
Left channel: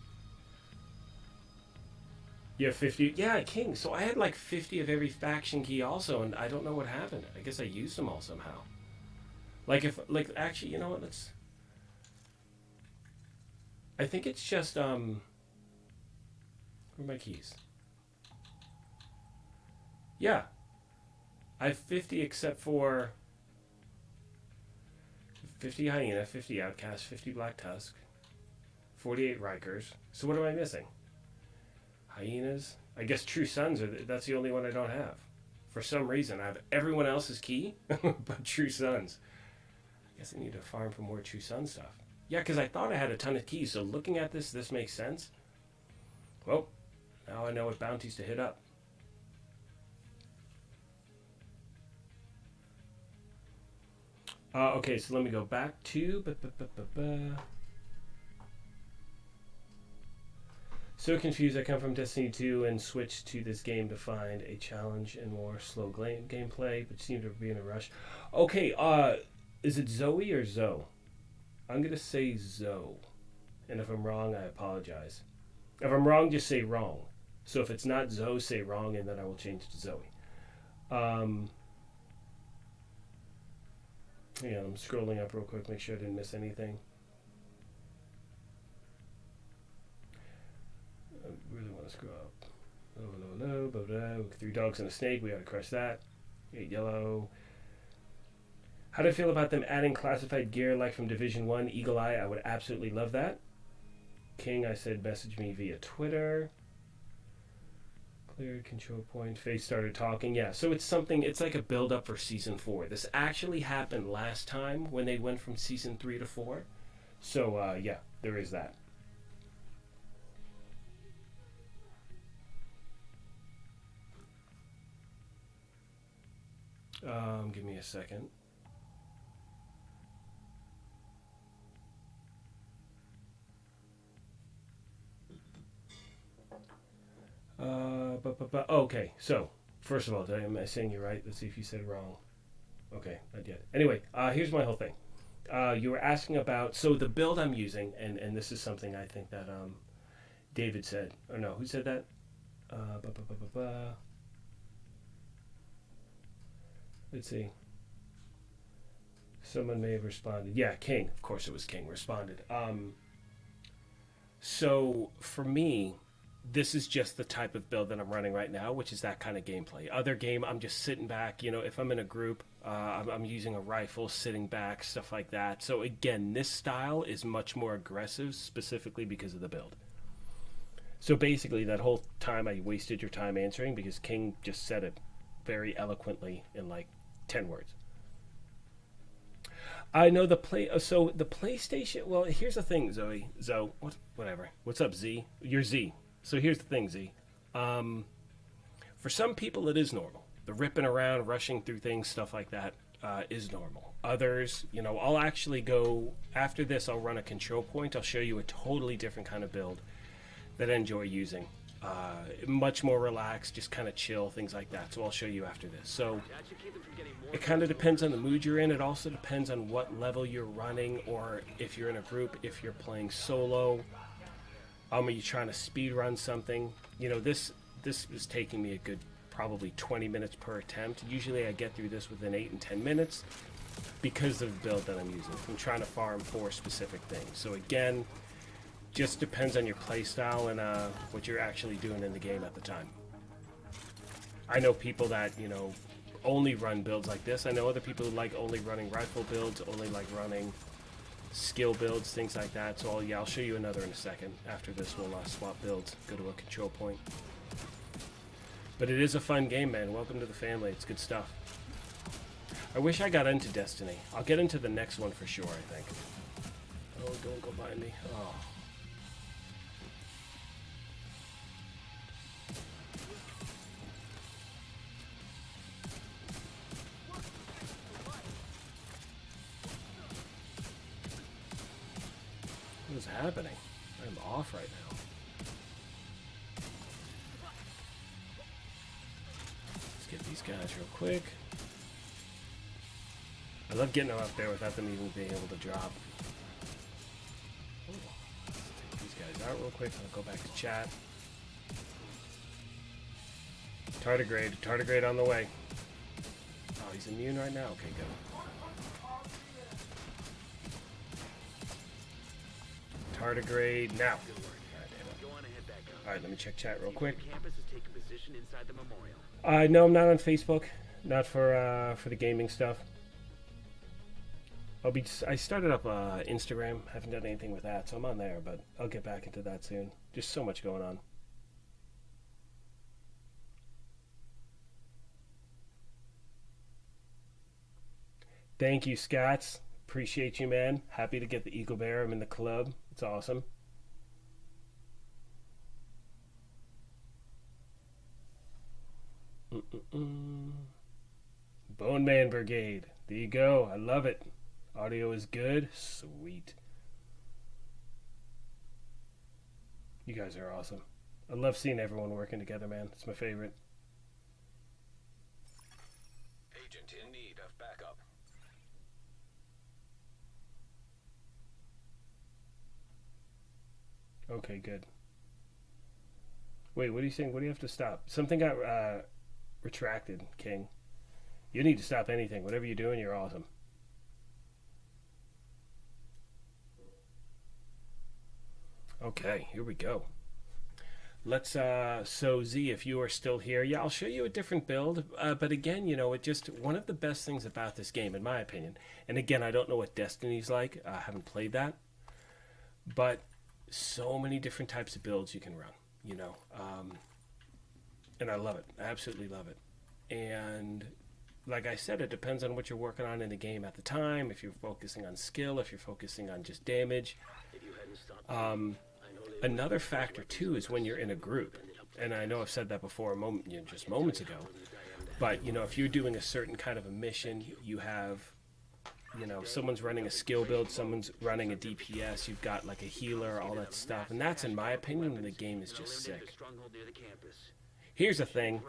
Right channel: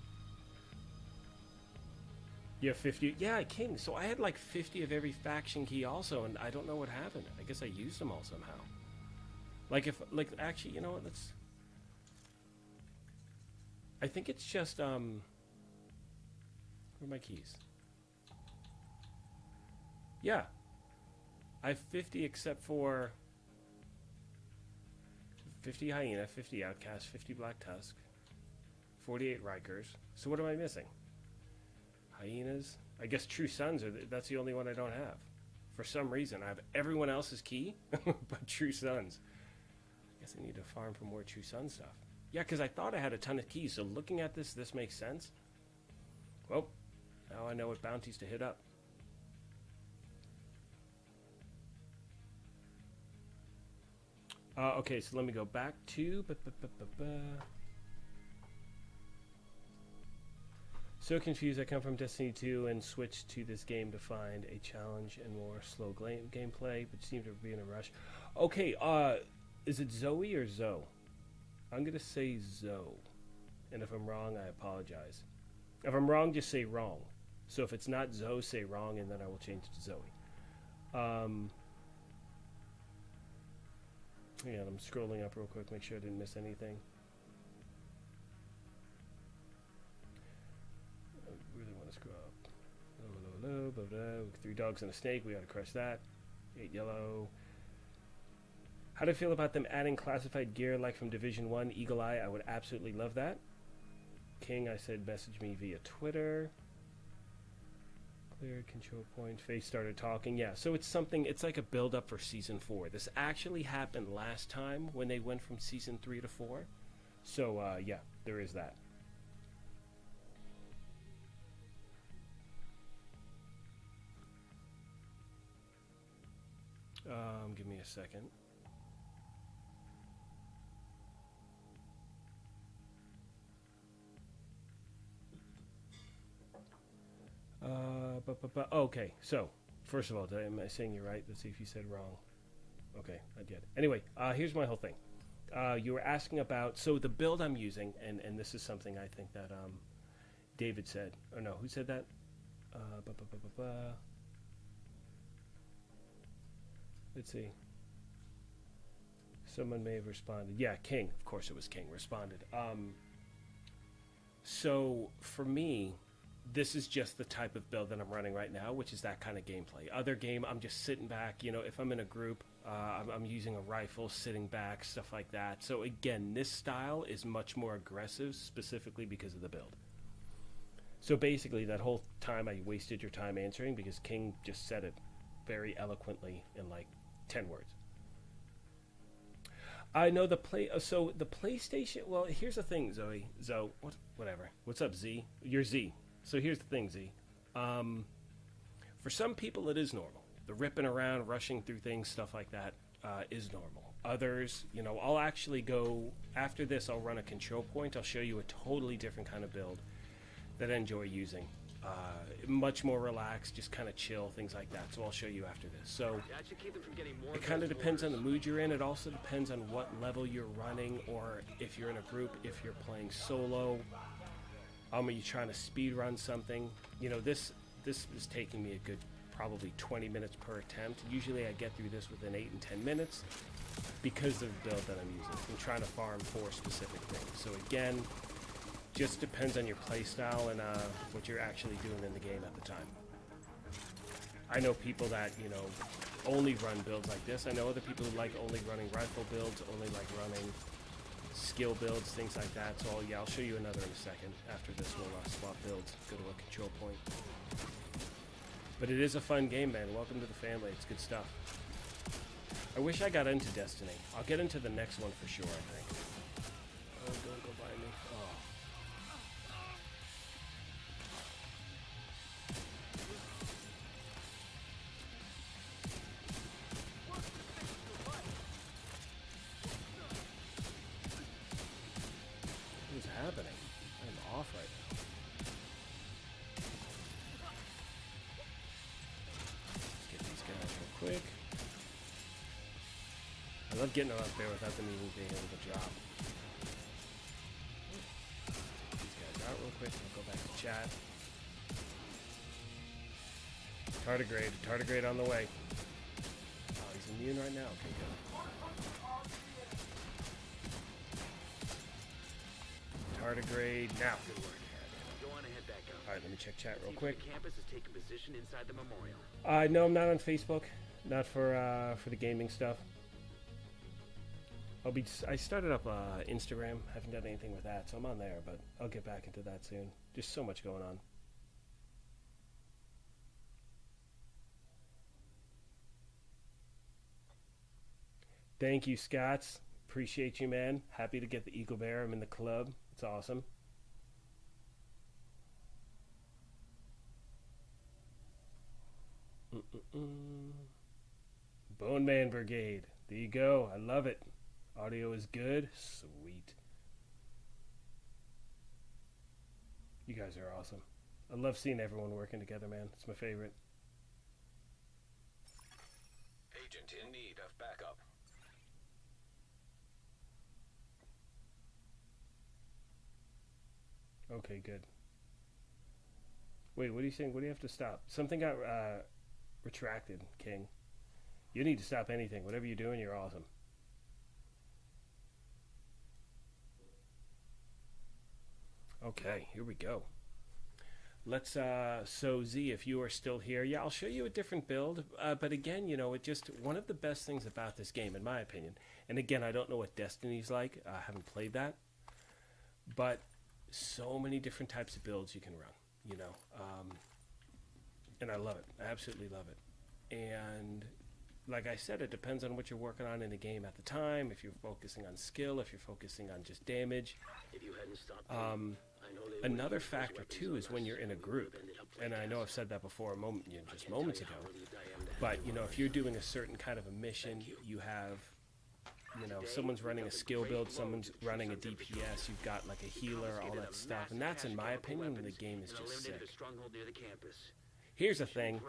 You have 50? Yeah, King. So I had like 50 of every faction key also, and I don't know what happened. I guess I used them all somehow. Actually, you know what, I think it's just, where are my keys? Yeah. I have 50 except for 50 Hyena, 50 Outcast, 50 Black Tusk, 48 Rikers. So what am I missing? Hyenas? I guess True Sons, that's the only one I don't have. For some reason, I have everyone else's key, but True Sons. I guess I need to farm for more True Sun stuff. Yeah, because I thought I had a ton of keys, so looking at this makes sense. Well, now I know what bounties to hit up. Okay, so let me go back to... So confused, I come from Destiny 2 and switched to this game to find a challenge and more slow gameplay, but seem to be in a rush. Okay, is it Zoe or Zoe? I'm going to say Zoe. And if I'm wrong, I apologize. If I'm wrong, just say wrong. So if it's not Zoe, say wrong, and then I will change to Zoe. Yeah, I'm scrolling up real quick, make sure I didn't miss anything. I really want to scroll up. 3 dogs and a snake, we gotta crush that. 8 yellow. How do I feel about them adding classified gear like from Division 1, Eagle Eye? I would absolutely love that. King, I said message me via Twitter. Cleared control point. Face started talking. Yeah, so it's something, it's like a build up for season 4. This actually happened last time when they went from season 3 to 4. So, yeah, there is that. Give me a second. Okay, so first of all, am I saying you right? Let's see if you said it wrong. Okay, I did. Anyway, here's my whole thing. You were asking about, so the build I'm using, and this is something I think that David said, or no, who said that? Let's see. Someone may have responded. Yeah, King. Of course it was King responded. So for me, this is just the type of build that I'm running right now, which is that kind of gameplay. Other game, I'm just sitting back. You know, if I'm in a group, I'm using a rifle, sitting back, stuff like that. So again, this style is much more aggressive, specifically because of the build. So basically, that whole time I wasted your time answering because King just said it very eloquently in like 10 words. I know the so the PlayStation. Well, here's the thing, Zoe. Whatever. What's up, Z? You're Z. So here's the thing, Z. For some people, it is normal. The ripping around, rushing through things, stuff like that, is normal. Others, you know, I'll actually go after this. I'll run a control point. I'll show you a totally different kind of build that I enjoy using. Much more relaxed, just kind of chill, things like that. So I'll show you after this. So it kind of depends on the mood you're in. It also depends on what level you're running, or if you're in a group, if you're playing solo. Are you trying to speed run something? You know, this is taking me a good probably 20 minutes per attempt. Usually I get through this within 8 and 10 minutes because of the build that I'm using. I'm trying to farm for specific things. So again, just depends on your play style and what you're actually doing in the game at the time. I know people that, you know, only run builds like this. I know other people who like only running rifle builds, only like running skill builds, things like that. So I'll show you another in a second. After this, we'll swap builds, go to a control point. But it is a fun game, man. Welcome to the family. It's good stuff. I wish I got into Destiny. I'll get into the next one for sure, I think. Oh, don't go by me. Oh. What's happening? I'm off right now. Let's get these guys real quick. I love getting them up there without them even being able to drop. Let's take these guys out real quick. I'll go back to chat. Tardigrade on the way. Oh, he's immune right now? Okay, good. Tardigrade now. Good work. Go on ahead back up. Alright, let me check chat real quick. Campus has taken position inside the memorial. No, I'm not on Facebook. Not for the gaming stuff. I started up Instagram. Haven't done anything with that, so I'm on there, but I'll get back into that soon. Just so much going on. Thank you, Scats. Appreciate you, man. Happy to get the Eagle Bear. I'm in the club. It's awesome. Bone Man Brigade. There you go. I love it. Audio is good. Sweet. You guys are awesome. I love seeing everyone working together, man. It's my favorite. Agent in need of backup. Okay, good. Wait, what are you saying? What do you have to stop? Something got retracted, King. You need to stop anything. Whatever you're doing, you're awesome. Okay, here we go. Let's, so Z, if you are still here, yeah, I'll show you a different build. But again, you know, it just, one of the best things about this game, in my opinion, and again, I don't know what Destiny's like. I haven't played that. But so many different types of builds you can run, you know. And I love it. I absolutely love it. And like I said, it depends on what you're working on in the game at the time. If you're focusing on skill, if you're focusing on just damage. If you hadn't stopped me, I know they Another factor too is when you're in a group. And I know I've said that before just moments ago. But, you know, if you're doing a certain kind of a mission, you have, you know, someone's running a skill build, someone's running a DPS, you've got like a healer, all that stuff. And that's, in my opinion, when the game is just sick. Here's the thing.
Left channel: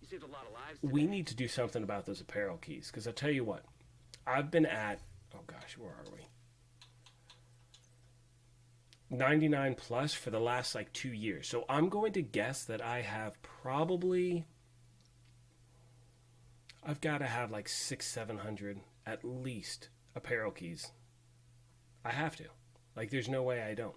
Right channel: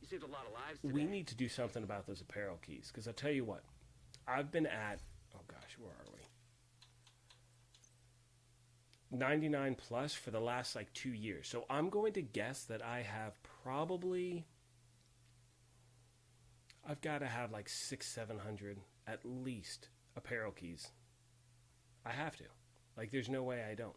You saved a lot of lives We today. need to do something about those apparel keys. Because I'll tell you what, I've been at, oh gosh, where are we? 99 plus for the last like 2 years. So I'm going to guess that I have probably, I've got to have like 600-700 at least apparel keys. I have to. Like, there's no way I don't.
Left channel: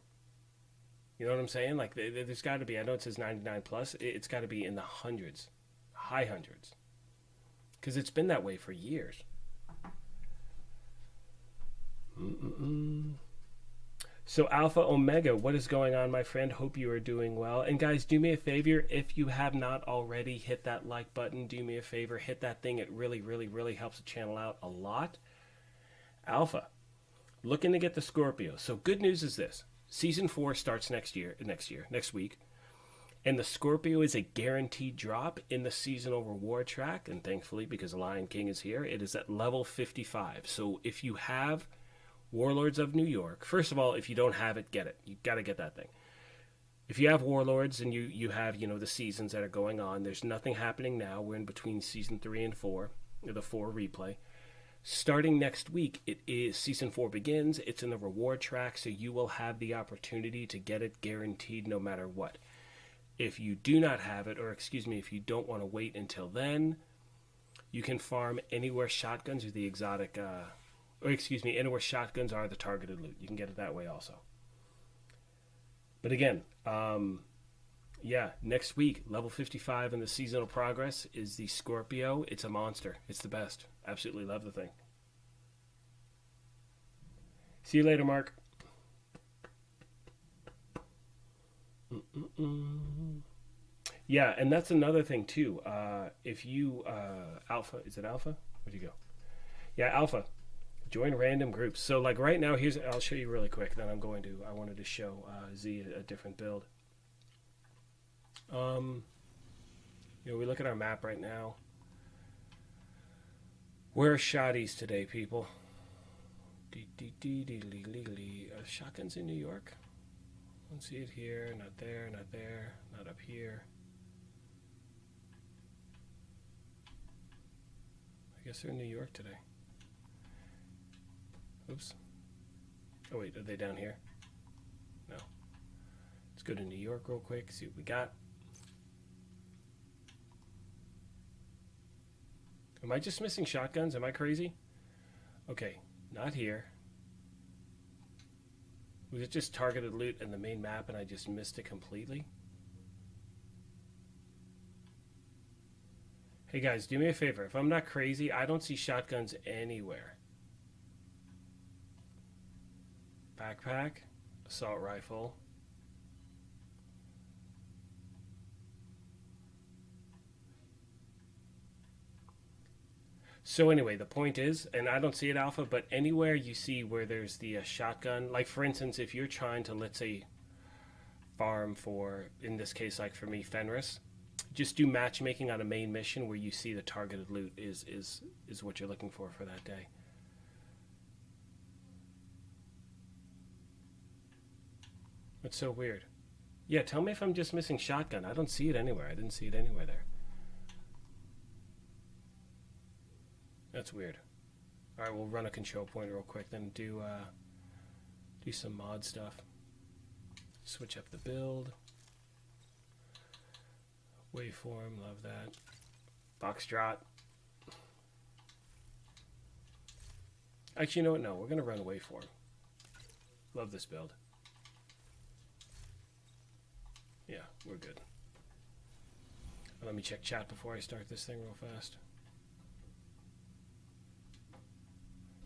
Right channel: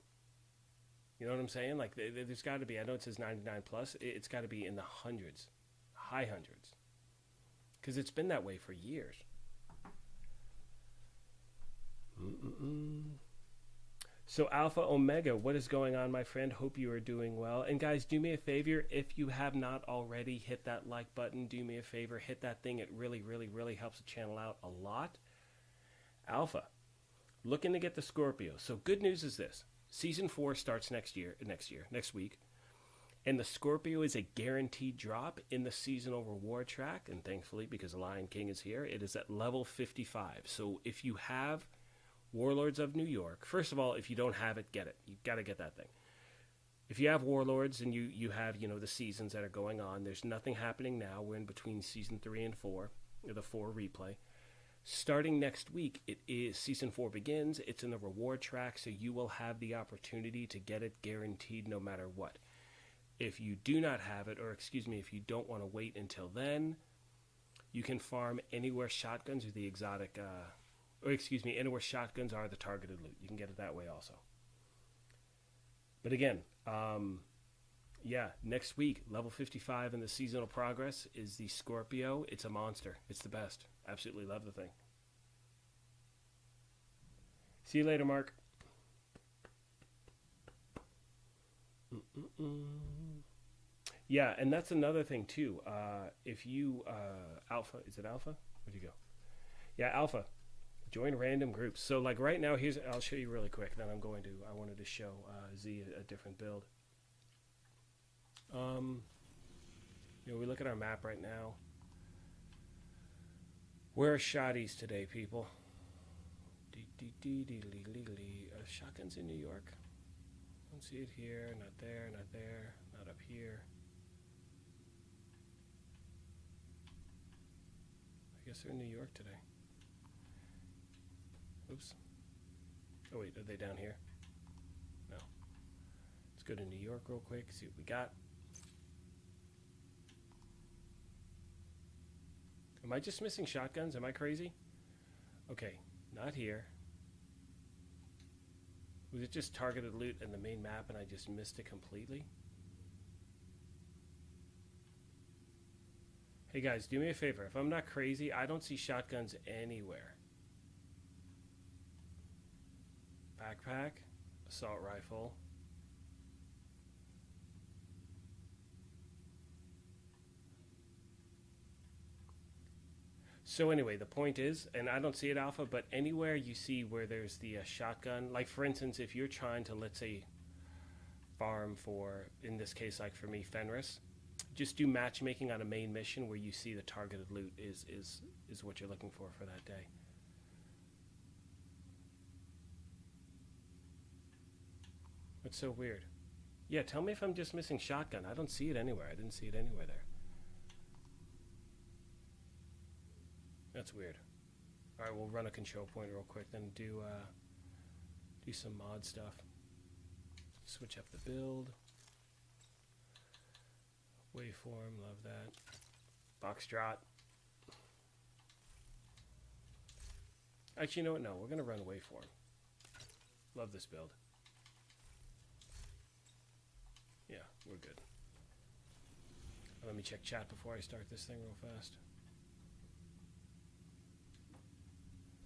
You know what I'm saying? Like, there's got to be, I know it says 99 plus, it's got to be in the hundreds, high hundreds. Because it's been that way for years. So Alpha Omega, what is going on, my friend? Hope you are doing well. And guys, do me a favor, if you have not already, hit that like button. Do me a favor, hit that thing. It really, really, really helps the channel out a lot. Alpha, looking to get the Scorpio. So good news is this. Season 4 starts next week. And the Scorpio is a guaranteed drop in the seasonal reward track. And thankfully, because Lion King is here, it is at level 55. So if you have Warlords of New York, first of all, if you don't have it, get it. You got to get that thing. If you have Warlords and you have, you know, the seasons that are going on, there's nothing happening now. We're in between season 3 and 4, the 4 replay. Starting next week, it is season 4 begins. It's in the reward track, so you will have the opportunity to get it guaranteed no matter what. If you do not have it, or excuse me, if you don't want to wait until then, you can farm anywhere shotguns are the exotic, anywhere shotguns are the targeted loot. You can get it that way also. But again, yeah, next week, level 55 in the seasonal progress is the Scorpio. It's a monster. It's the best. Absolutely love the thing. See you later, Mark. Yeah, and that's another thing too. If you Alpha, is it Alpha? Where'd you go? Yeah, Alpha. Join random groups. So like right now, I'll show you really quick. Then I wanted to show Z a different build. You know, we look at our map right now. Where are shotties today, people? Shotguns in New York. Don't see it here. Not there. Not there. Not up here. I guess they're in New York today. Oops. Oh wait, are they down here? No. Let's go to New York real quick, see what we got. Am I just missing shotguns? Am I crazy? Okay, not here. Was it just targeted loot in the main map and I just missed it completely? Hey guys, do me a favor. If I'm not crazy, I don't see shotguns anywhere. Backpack, assault rifle. So anyway, the point is, and I don't see it Alpha, but anywhere you see where there's the shotgun, like for instance, if you're trying to, let's say, farm for, in this case, like for me, Fenris, just do matchmaking on a main mission where you see the targeted loot is what you're looking for that day. It's so weird. Yeah, tell me if I'm just missing shotgun. I don't see it anywhere. I didn't see it anywhere there. That's weird. All right, we'll run a control point real quick, then do some mod stuff. Switch up the build. Waveform, love that. Foxtrot. Actually, you know what? No, we're gonna run waveform. Love this build. Yeah, we're good. Let me check chat before I start this thing real fast.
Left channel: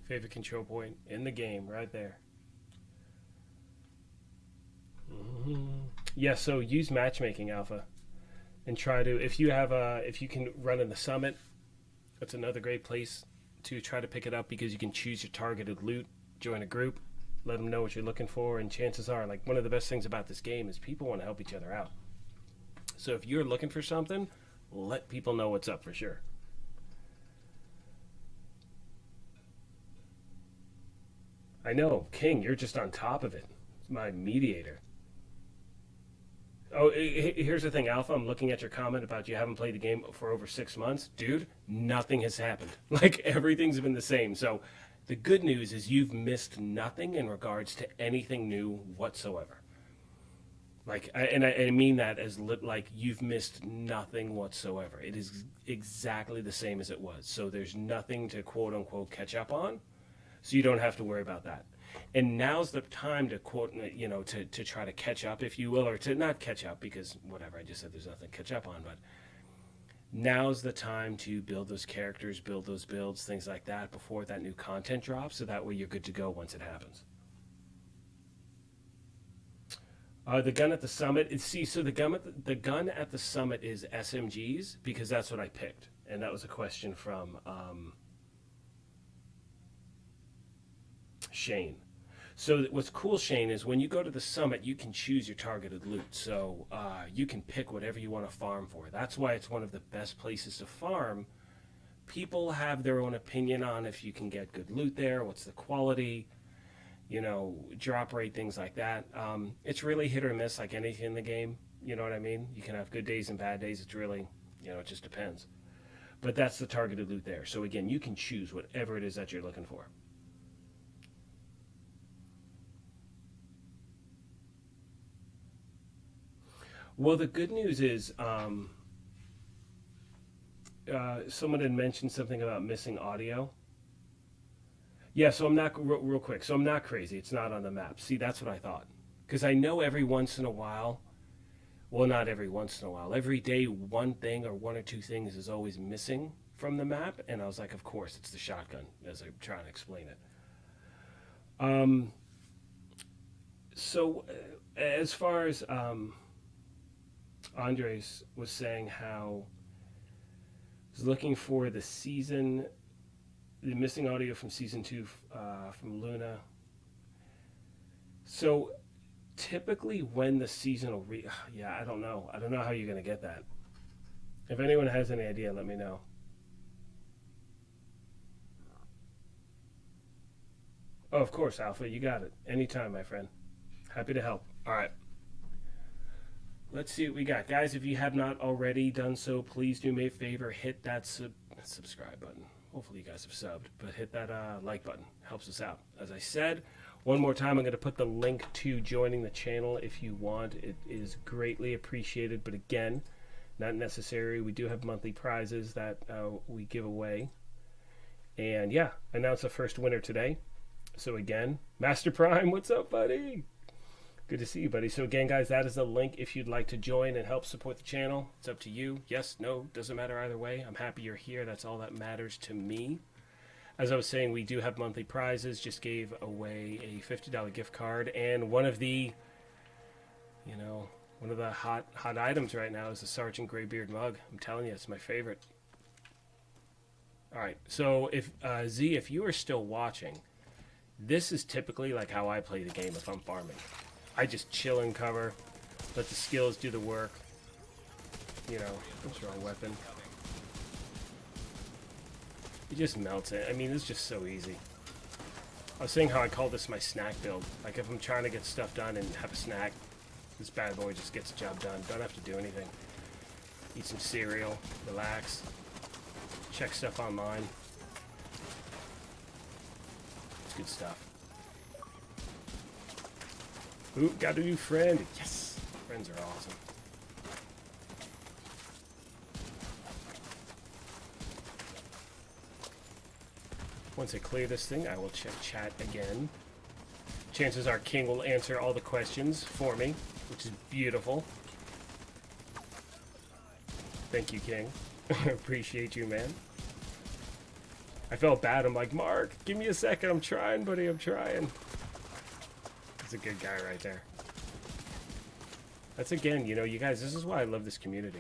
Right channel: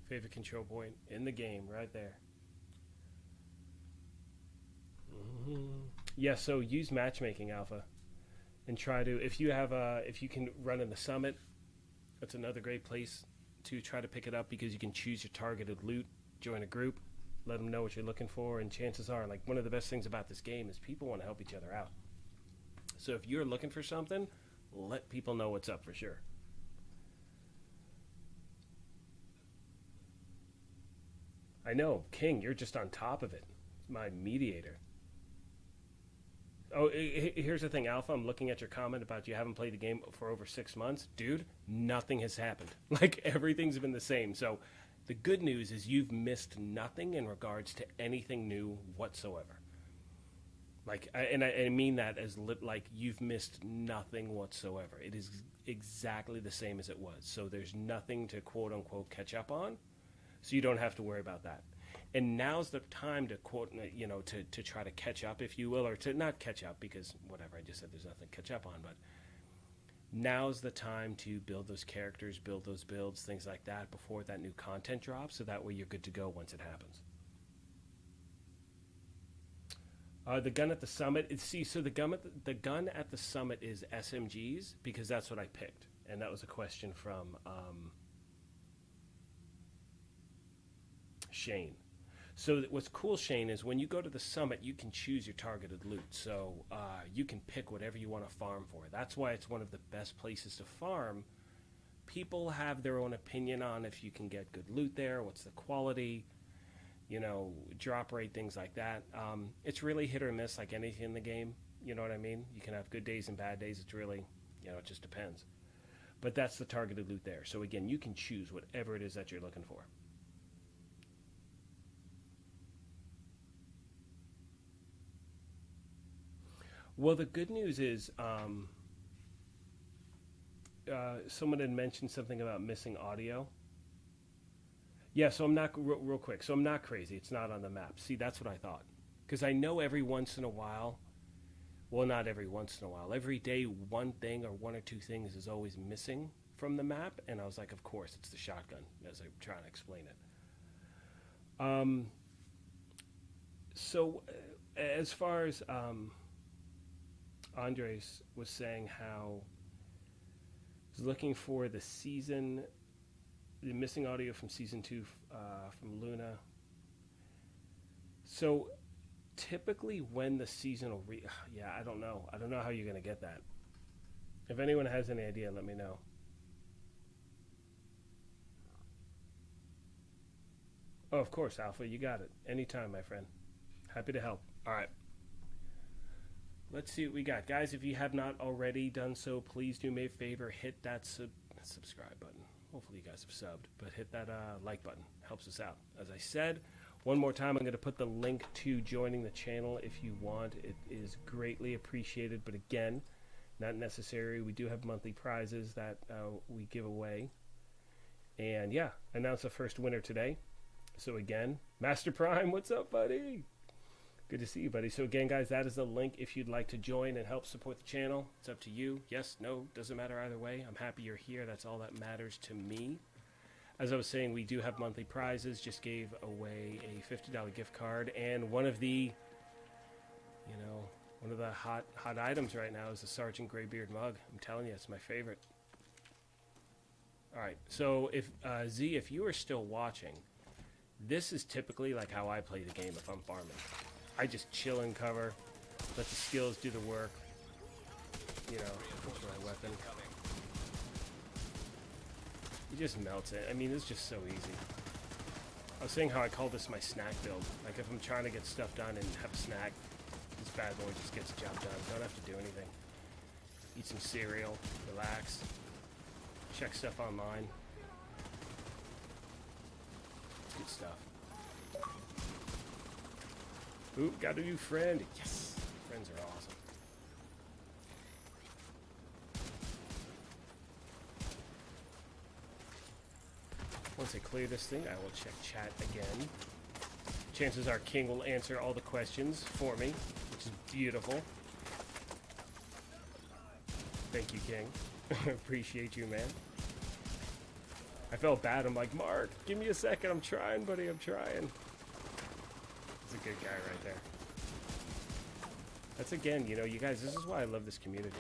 Favorite control point in the game, right there. Yeah, so use matchmaking alpha and try to, if you can run in the summit, that's another great place to try to pick it up, because you can choose your targeted loot, join a group, let them know what you're looking for, and chances are, like, one of the best things about this game is people want to help each other out. So if you're looking for something, let people know what's up for sure. I know, King, you're just on top of it. My mediator. Oh, here's the thing, Alpha. I'm looking at your comment about you haven't played the game for over 6 months. Dude, nothing has happened. Like, everything's been the same. So the good news is you've missed nothing in regards to anything new whatsoever. Like, I mean that as like you've missed nothing whatsoever. It is exactly the same as it was. So there's nothing to quote unquote catch up on. So you don't have to worry about that. And now's the time to quote, to try to catch up, if you will, or to not catch up, because whatever, I just said there's nothing to catch up on, but now's the time to build those characters, build those builds, things like that before that new content drops, so that way you're good to go once it happens. The gun at the summit, so the gun at the summit is SMGs, because that's what I picked. And that was a question from Shane. So what's cool, Shane, is when you go to the summit, you can choose your targeted loot. So you can pick whatever you want to farm for. That's why it's one of the best places to farm. People have their own opinion on if you can get good loot there, what's the quality, drop rate, things like that. It's really hit or miss like anything in the game. You know what I mean? You can have good days and bad days. It's really, it just depends. But that's the targeted loot there. So again, you can choose whatever it is that you're looking for. Well, the good news is someone had mentioned something about missing audio. Yeah, so I'm not, real quick, so I'm not crazy. It's not on the map. See, that's what I thought. Because I know every once in a while, well, not every once in a while, every day one thing or one or two things is always missing from the map. And I was like, of course, it's the shotgun, as I'm trying to explain it. So as far as Andres was saying how he's looking for the missing audio from season 2 from Luna. So typically when the seasonal I don't know how you're gonna get that. If anyone has any idea, let me know. Oh, of course, Alpha, you got it. Anytime, my friend. Happy to help. All right. Let's see what we got. Guys, if you have not already done so, please do me a favor. Hit that subscribe button. Hopefully you guys have subbed. But hit that like button. Helps us out. As I said, one more time, I'm going to put the link to joining the channel if you want. It is greatly appreciated. But again, not necessary. We do have monthly prizes that we give away. And yeah, announced the first winner today. So again, Master Prime, what's up, buddy? Good to see you, buddy. So again, guys, that is the link if you'd like to join and help support the channel. It's up to you. Yes, no, doesn't matter either way. I'm happy you're here. That's all that matters to me. As I was saying, we do have monthly prizes. Just gave away a $50 gift card, and one of the hot items right now is the Sergeant Greybeard mug. I'm telling you, it's my favorite. All right, so if Z, if you are still watching, this is typically like how I play the game if I'm farming. I just chill in cover, let the skills do the work. What's wrong, weapon? He just melts it. I mean, it's just so easy. I was saying how I call this my snack build. Like if I'm trying to get stuff done and have a snack, this bad boy just gets the job done. Don't have to do anything. Eat some cereal, relax, check stuff online. It's good stuff. Ooh, got a new friend. Yes! Friends are awesome. Once I clear this thing, I will check chat again. Chances are King will answer all the questions for me, which is beautiful. Thank you, King. Appreciate you, man. I felt bad. I'm like, Mark, give me a second. I'm trying, buddy. I'm trying. He's a good guy right there. That's again, you know, you guys, this is why I love this community.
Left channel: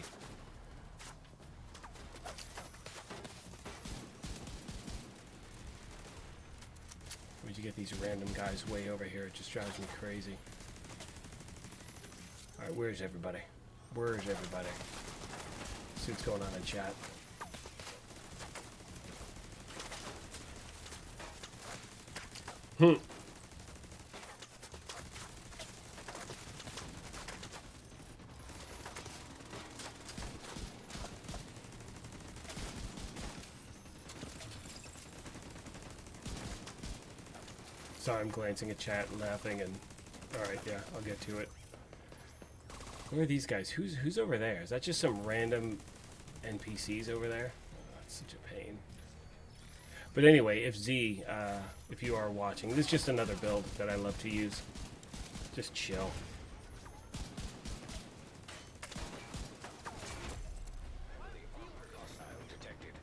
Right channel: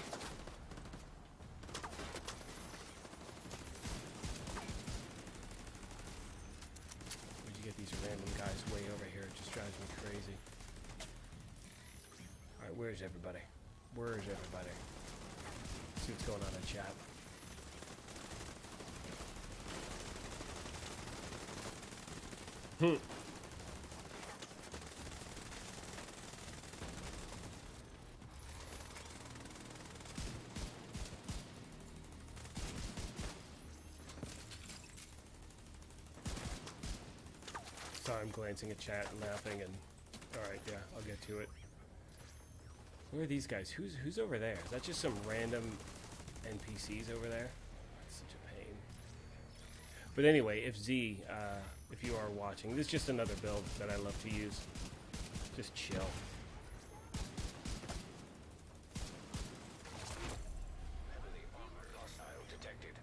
Where'd you get these random guys way over here? It just drives me crazy. Alright, where's everybody? Where's everybody? See what's going on in chat. Sorry, I'm glancing at chat and laughing and... Alright, yeah, I'll get to it. Where are these guys? Who's over there? Is that just some random NPCs over there? Oh, that's such a pain. But anyway, if you are watching, this is just another build that I love to use. Just chill. Heavily armored hostile detected.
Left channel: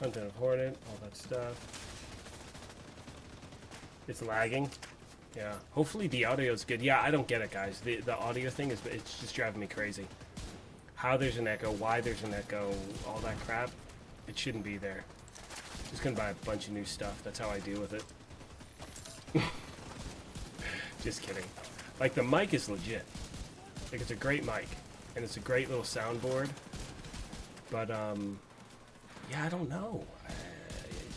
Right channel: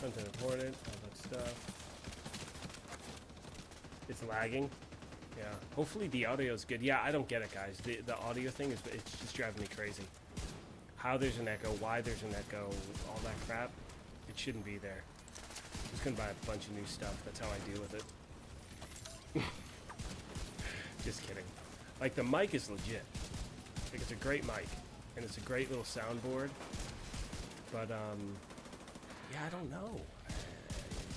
Hunter Hornet, all that stuff. It's lagging. Yeah. Hopefully the audio's good. Yeah, I don't get it, guys. The audio thing it's just driving me crazy. How there's an echo, why there's an echo, all that crap. It shouldn't be there. Just gonna buy a bunch of new stuff. That's how I deal with it. Just kidding. Like, the mic is legit. Like, it's a great mic. And it's a great little soundboard. But, yeah, I don't know. I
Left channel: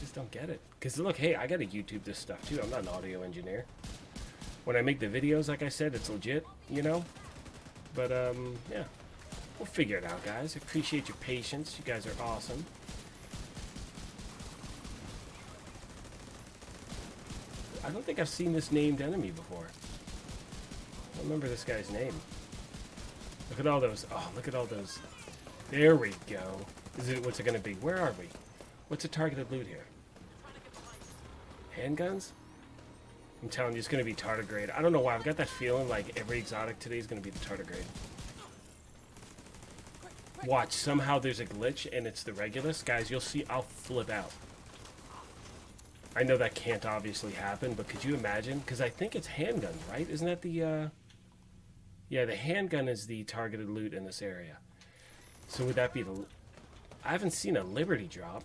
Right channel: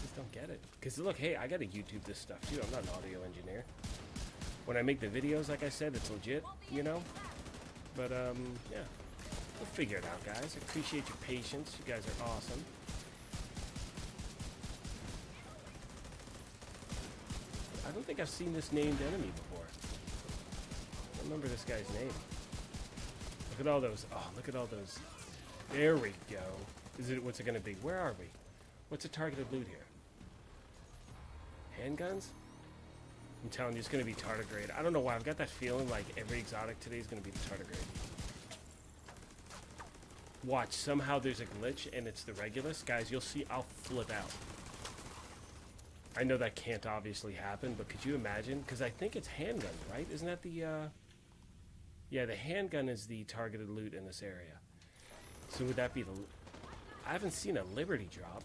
just don't get it. Because, look, hey, I gotta YouTube this stuff, too. I'm not an audio engineer. When I make the videos, like I said, it's legit, you know? But, yeah. We'll figure it out, guys. I appreciate your patience. You guys are awesome. I don't think I've seen this named enemy before. I don't remember this guy's name. Look at all those. Oh, look at all those. There we go. What's it going to be? Where are we? What's the targeted loot here? Handguns? I'm telling you, it's going to be tardigrade. I don't know why. I've got that feeling like every exotic today is going to be the tardigrade. Watch, somehow there's a glitch and it's the Regulus. Guys, you'll see, I'll flip out. I know that can't obviously happen, but could you imagine? Because I think it's handgun, right? Isn't that the, yeah, the handgun is the targeted loot in this area. So would that be the... I haven't seen a Liberty drop.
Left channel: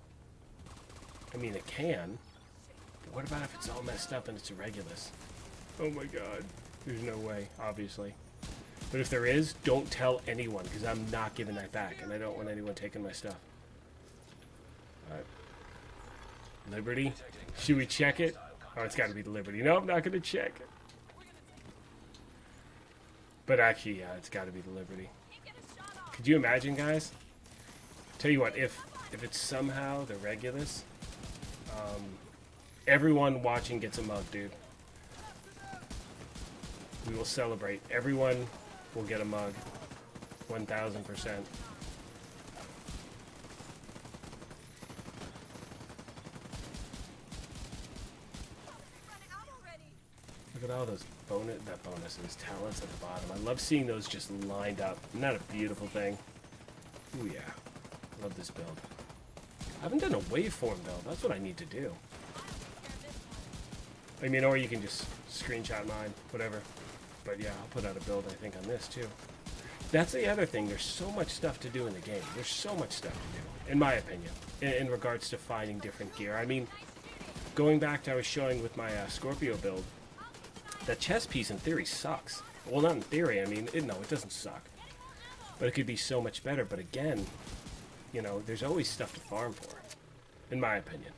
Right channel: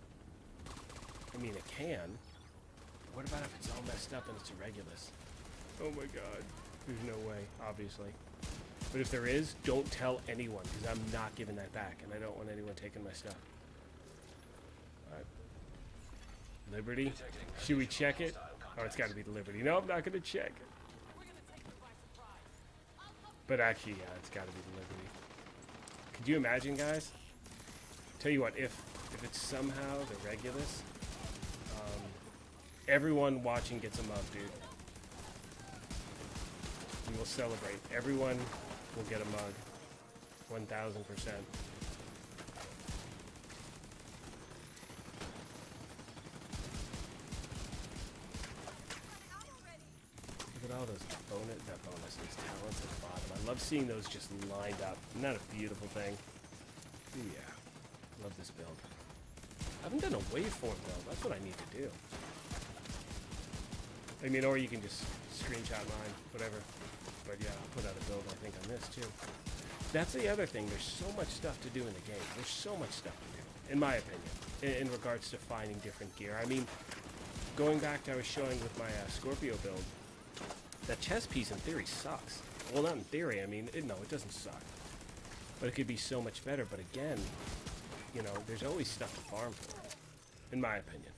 I mean, it can. But what about if it's all messed up and it's a Regulus? Oh my god. There's no way, obviously. But if there is, don't tell anyone, because I'm not giving that back, and I don't want anyone taking my stuff. Alright. Liberty? Should we check it? Oh, it's got to be the Liberty. No, I'm not going to check it. But actually, yeah, it's got to be the Liberty. Could you imagine, guys? Tell you what, if it's somehow the Regulus, everyone watching gets a mug, dude. We will celebrate. Everyone will get a mug. 1,000%. Look at all those bonuses, talents at the bottom. I love seeing those just lined up. Isn't that a beautiful thing? Ooh, yeah. Love this build. I haven't done a waveform, though. That's what I need to do. I mean, or you can just screenshot mine, whatever. But yeah, I'll put out a build, I think, on this, too. That's the other thing. There's so much stuff to do in the game. There's so much stuff to do, in my opinion, in regards to finding different gear. I mean, going back to I was showing with my Scorpio build, that chest piece, in theory, sucks. Well, not in theory. I mean, no, it doesn't suck. But it could be so much better. But again, you know, there's always stuff to farm for, in my opinion.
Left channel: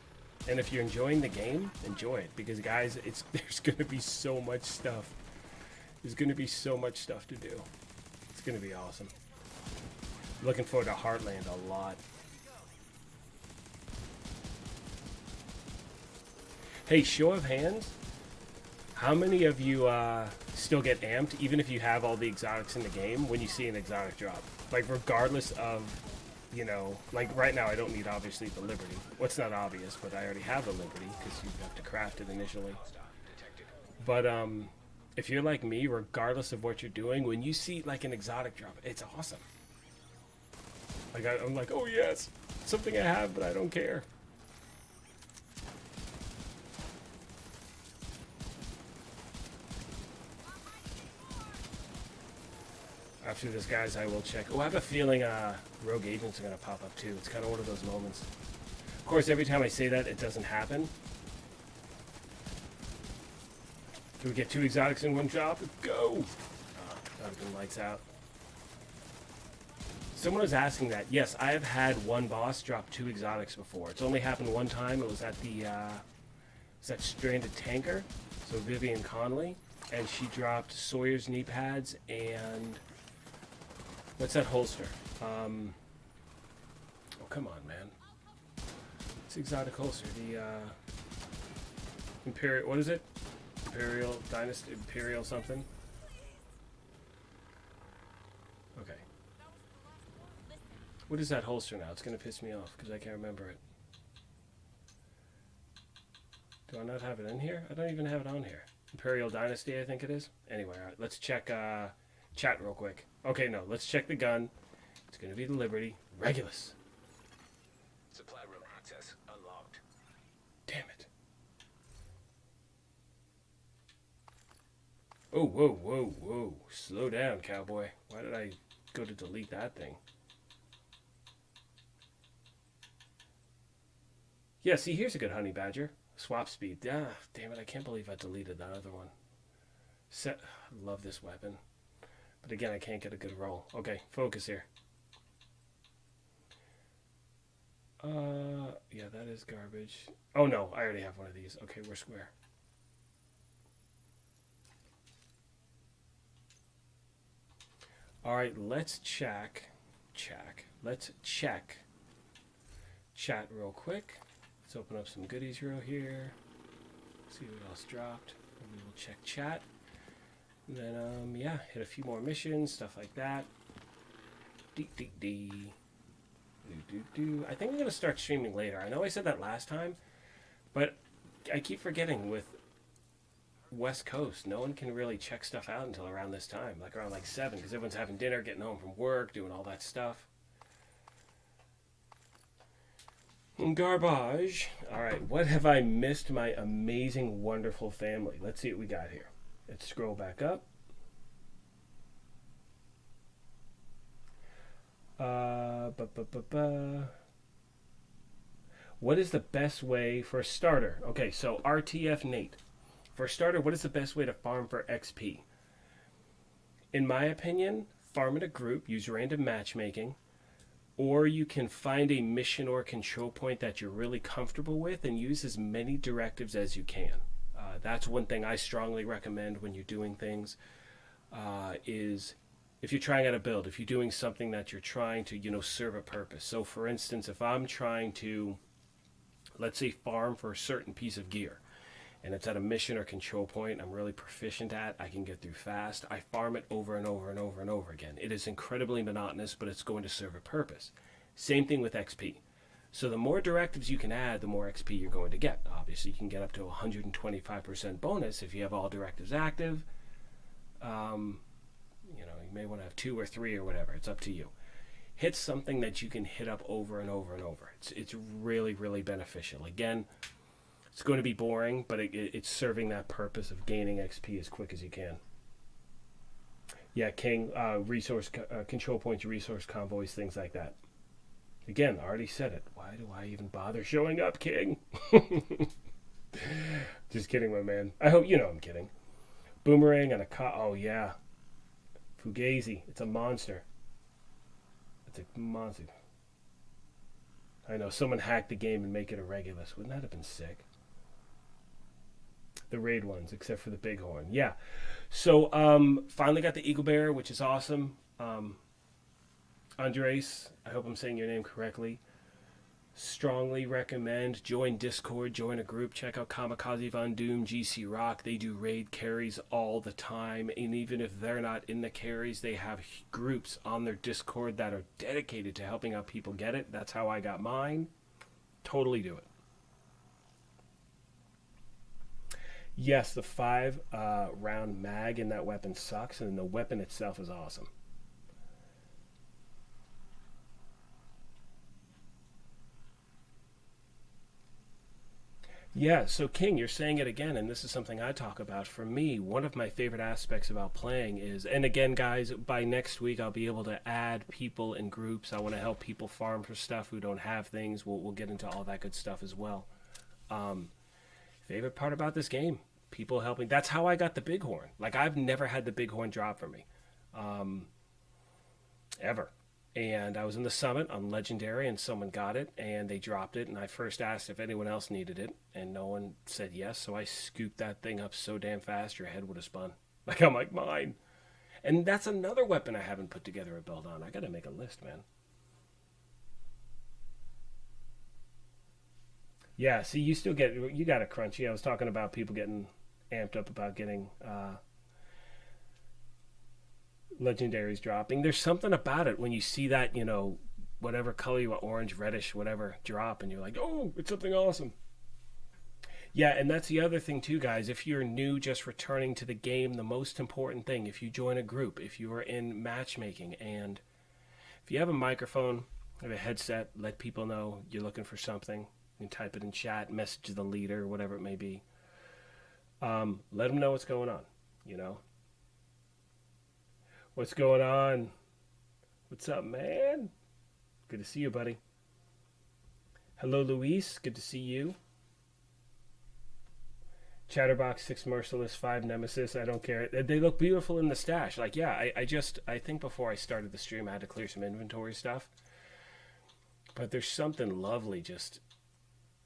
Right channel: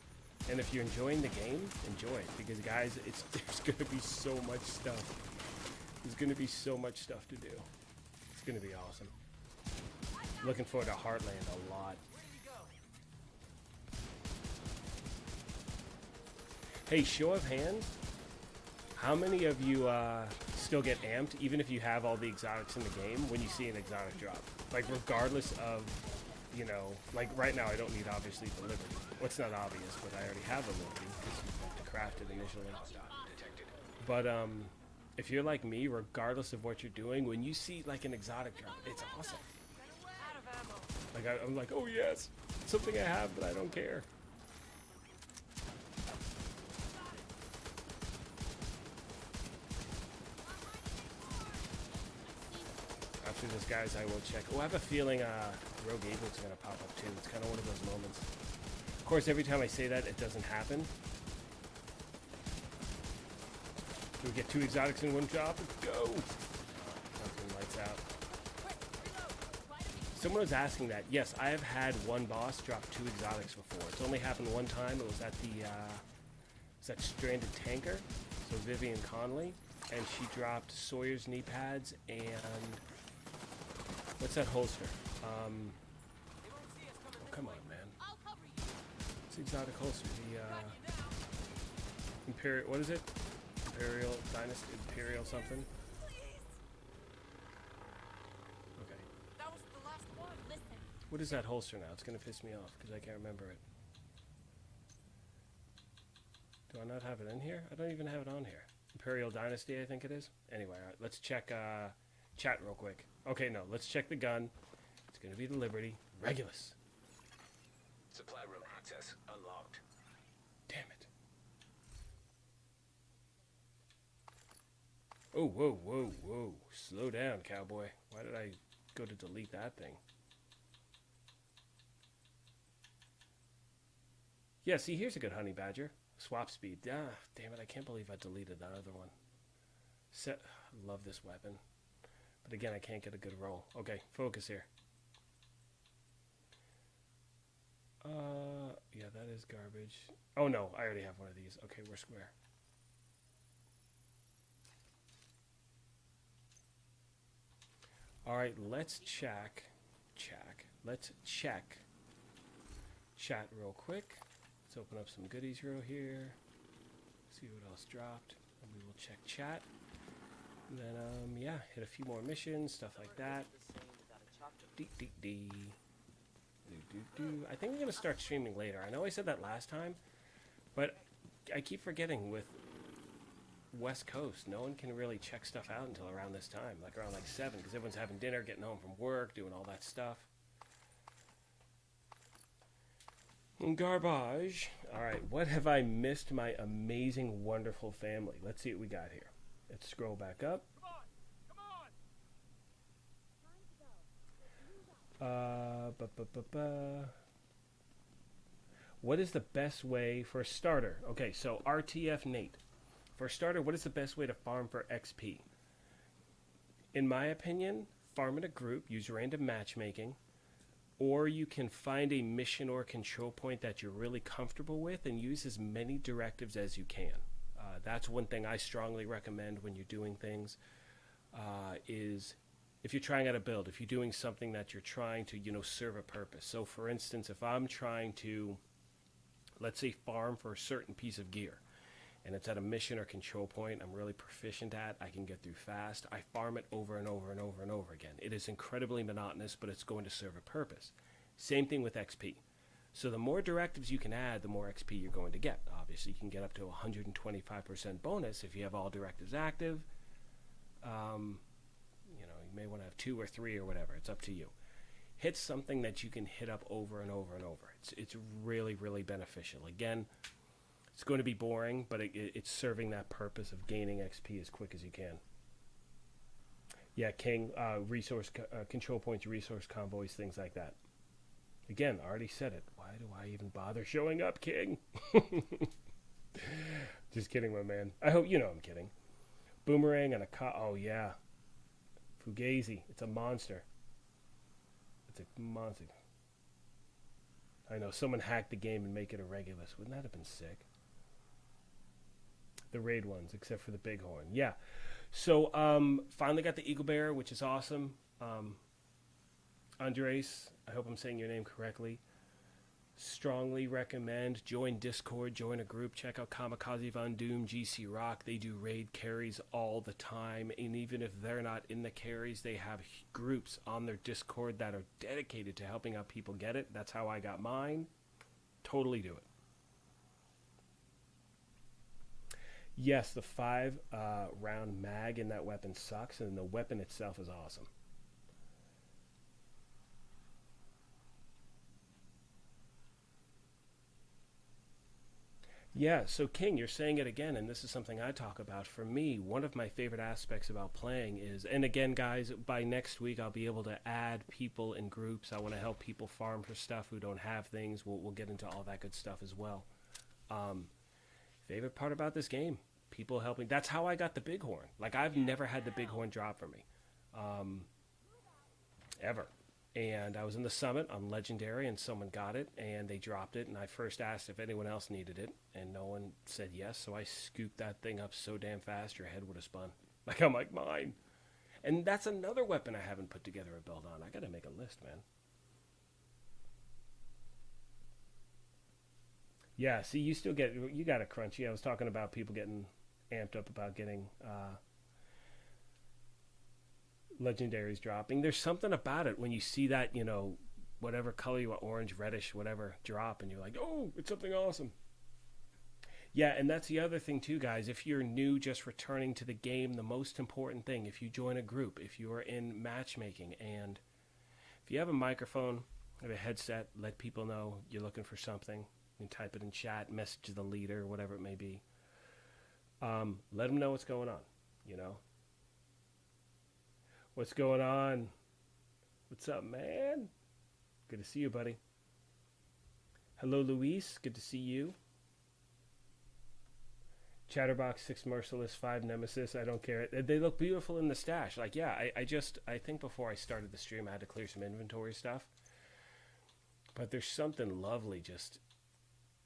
And if you're enjoying the game, enjoy it. Because, guys, there's going to be so much stuff. There's going to be so much stuff to do. It's going to be awesome. Looking forward to Heartland a lot. Hey, show of hands. How many of you still get amped, even if you have all the exotics in the game, when you see an exotic drop? Like, regardless of, you know, like right now I don't need, obviously, the Liberty. Well, it's not obvious, but I already have the Liberty, because you have to craft it initially. But, if you're like me, regardless of what you're doing, when you see, like, an exotic drop, it's awesome. Like, I'm like, oh yes, something I have, but I don't care. after this, guys, I will check. Oh, I have a feeling Rogue Agents are going to pop up too. It's kind of one of those moments. Of course, every time I say that, it doesn't happen. Do we get 2 exotics in one job? Go! Fucking lights out. Someone was asking that. Yes, I have had one boss drop 2 exotics before. It's only happened one time. It was at the that stranded tanker, so Vivian Conley, and she dropped Sawyer's knee pads and what's that holster? Oh, come on, man. It's exotic holster. The Imperial. What is it? Imperial Dynasty. Imperial something. What is that holster now? It's going to piss me off because I can't remember it. Do I not have it in here? I don't even have it on here. Imperial Dynasty, I think it is. Anyway, all right, let's check chat real quick. Okay, no, let's check the gun. It's going to be the Liberty. Regulus. Supply room access unlocked. Damn it. Oh, whoa, whoa, whoa. Slow down, cowboy. Why did I go to delete that thing? Yeah, see, here's a good honey badger. Swap speed. Ah, damn it, I can't believe I deleted that other one. I love this weapon. But again, I can't get a good roll. Okay, focus here. Yeah, that is garbage. Oh no, I already have one of these. Okay, we're square. Alright, let's check. Let's check chat real quick. Let's open up some goodies real here. See what else dropped. And we will check chat. And then, yeah, hit a few more missions, stuff like that. I think I'm going to start streaming later. I know I said that last time, but I keep forgetting with West Coast, no one can really check stuff out until around this time, like around like 7, because everyone's having dinner, getting home from work, doing all that stuff. Garbage. Alright, what have I missed my amazing, wonderful family? Let's see what we got here. Let's scroll back up. What is the best way for a starter? Okay, so RTF Nate. For a starter, what is the best way to farm for XP? In my opinion, farm in a group, use random matchmaking, or you can find a mission or control point that you're really comfortable with and use as many directives as you can. That's one thing I strongly recommend when you're doing things, is if you're trying out a build, if you're doing something that you're trying to, serve a purpose. So for instance, if I'm trying to, let's say, farm for a certain piece of gear, and it's at a mission or control point I'm really proficient at, I can get through fast, I farm it over and over and over and over again. It is incredibly monotonous, but it's going to serve a purpose. Same thing with XP. So the more directives you can add, the more XP you're going to get. Obviously, you can get up to 125% bonus if you have all directives active. You may want to have 2 or 3 or whatever. It's up to you. Hit something that you can hit up over and over and over. It's really, really beneficial. Again, it's going to be boring, but it's serving that purpose of gaining XP as quick as you can. Yeah, King, resource control points, resource convoys, things like that. Again, I already said it. Why do I even bother showing up, King? Just kidding, my man. I hope you know I'm kidding. Boomerang and a oh yeah. Fugazi. It's a monster. It's a monster. I know, someone hacked the game and make it a Regulus. Wouldn't that have been sick? The raid ones, except for the bighorn. Yeah. So, finally got the Eagle Bear, which is awesome. Andres, I hope I'm saying your name correctly. Strongly recommend. Join Discord, join a group, check out Kamikaze Von Doom, GC Rock. They do raid carries all the time, and even if they're not in the carries, they have groups on their Discord that are dedicated to helping out people get it. That's how I got mine. Totally do it. Yes, the 5 round mag in that weapon sucks, and the weapon itself is awesome. Yeah, so King, you're saying it again, and this is something I talk about. For me, one of my favorite aspects about playing is, and again, guys, by next week I'll be able to add people in groups. I want to help people farm for stuff who don't have things. We'll get into all that good stuff as well. Favorite part about this game, people helping. That's how I got the bighorn. Like, I've never had the bighorn drop for me, ever. And I was in the summit on Legendary, and someone got it, and they dropped it, and I first asked if anyone else needed it, and no one said yes, so I scooped that thing up so damn fast your head would have spun. Like, I'm like, mine. And that's another weapon I haven't put together a build on. I gotta make a list, man. Yeah, see, you still get, you got a crunchy. I was talking about people getting amped up about getting legendaries dropping. There's something about it when you see that, you know, whatever color you want, orange, reddish, whatever, drop, and you're like, oh, it's something awesome. Yeah, and that's the other thing too, guys. If you're new, just returning to the game, the most important thing, if you join a group, if you are in matchmaking, and if you have a microphone, have a headset, let people know you're looking for something. You can type it in chat, message the leader, whatever it may be. Let them know what's going on, you know. What's going on? What's up, man? Good to see you, buddy. Hello, Luis. Good to see you. Chatterbox, 6 Merciless, 5 Nemesis. I don't care. They look beautiful in the stash. Like, yeah, I think before I started the stream, I had to clear some inventory stuff. But there's something lovely just...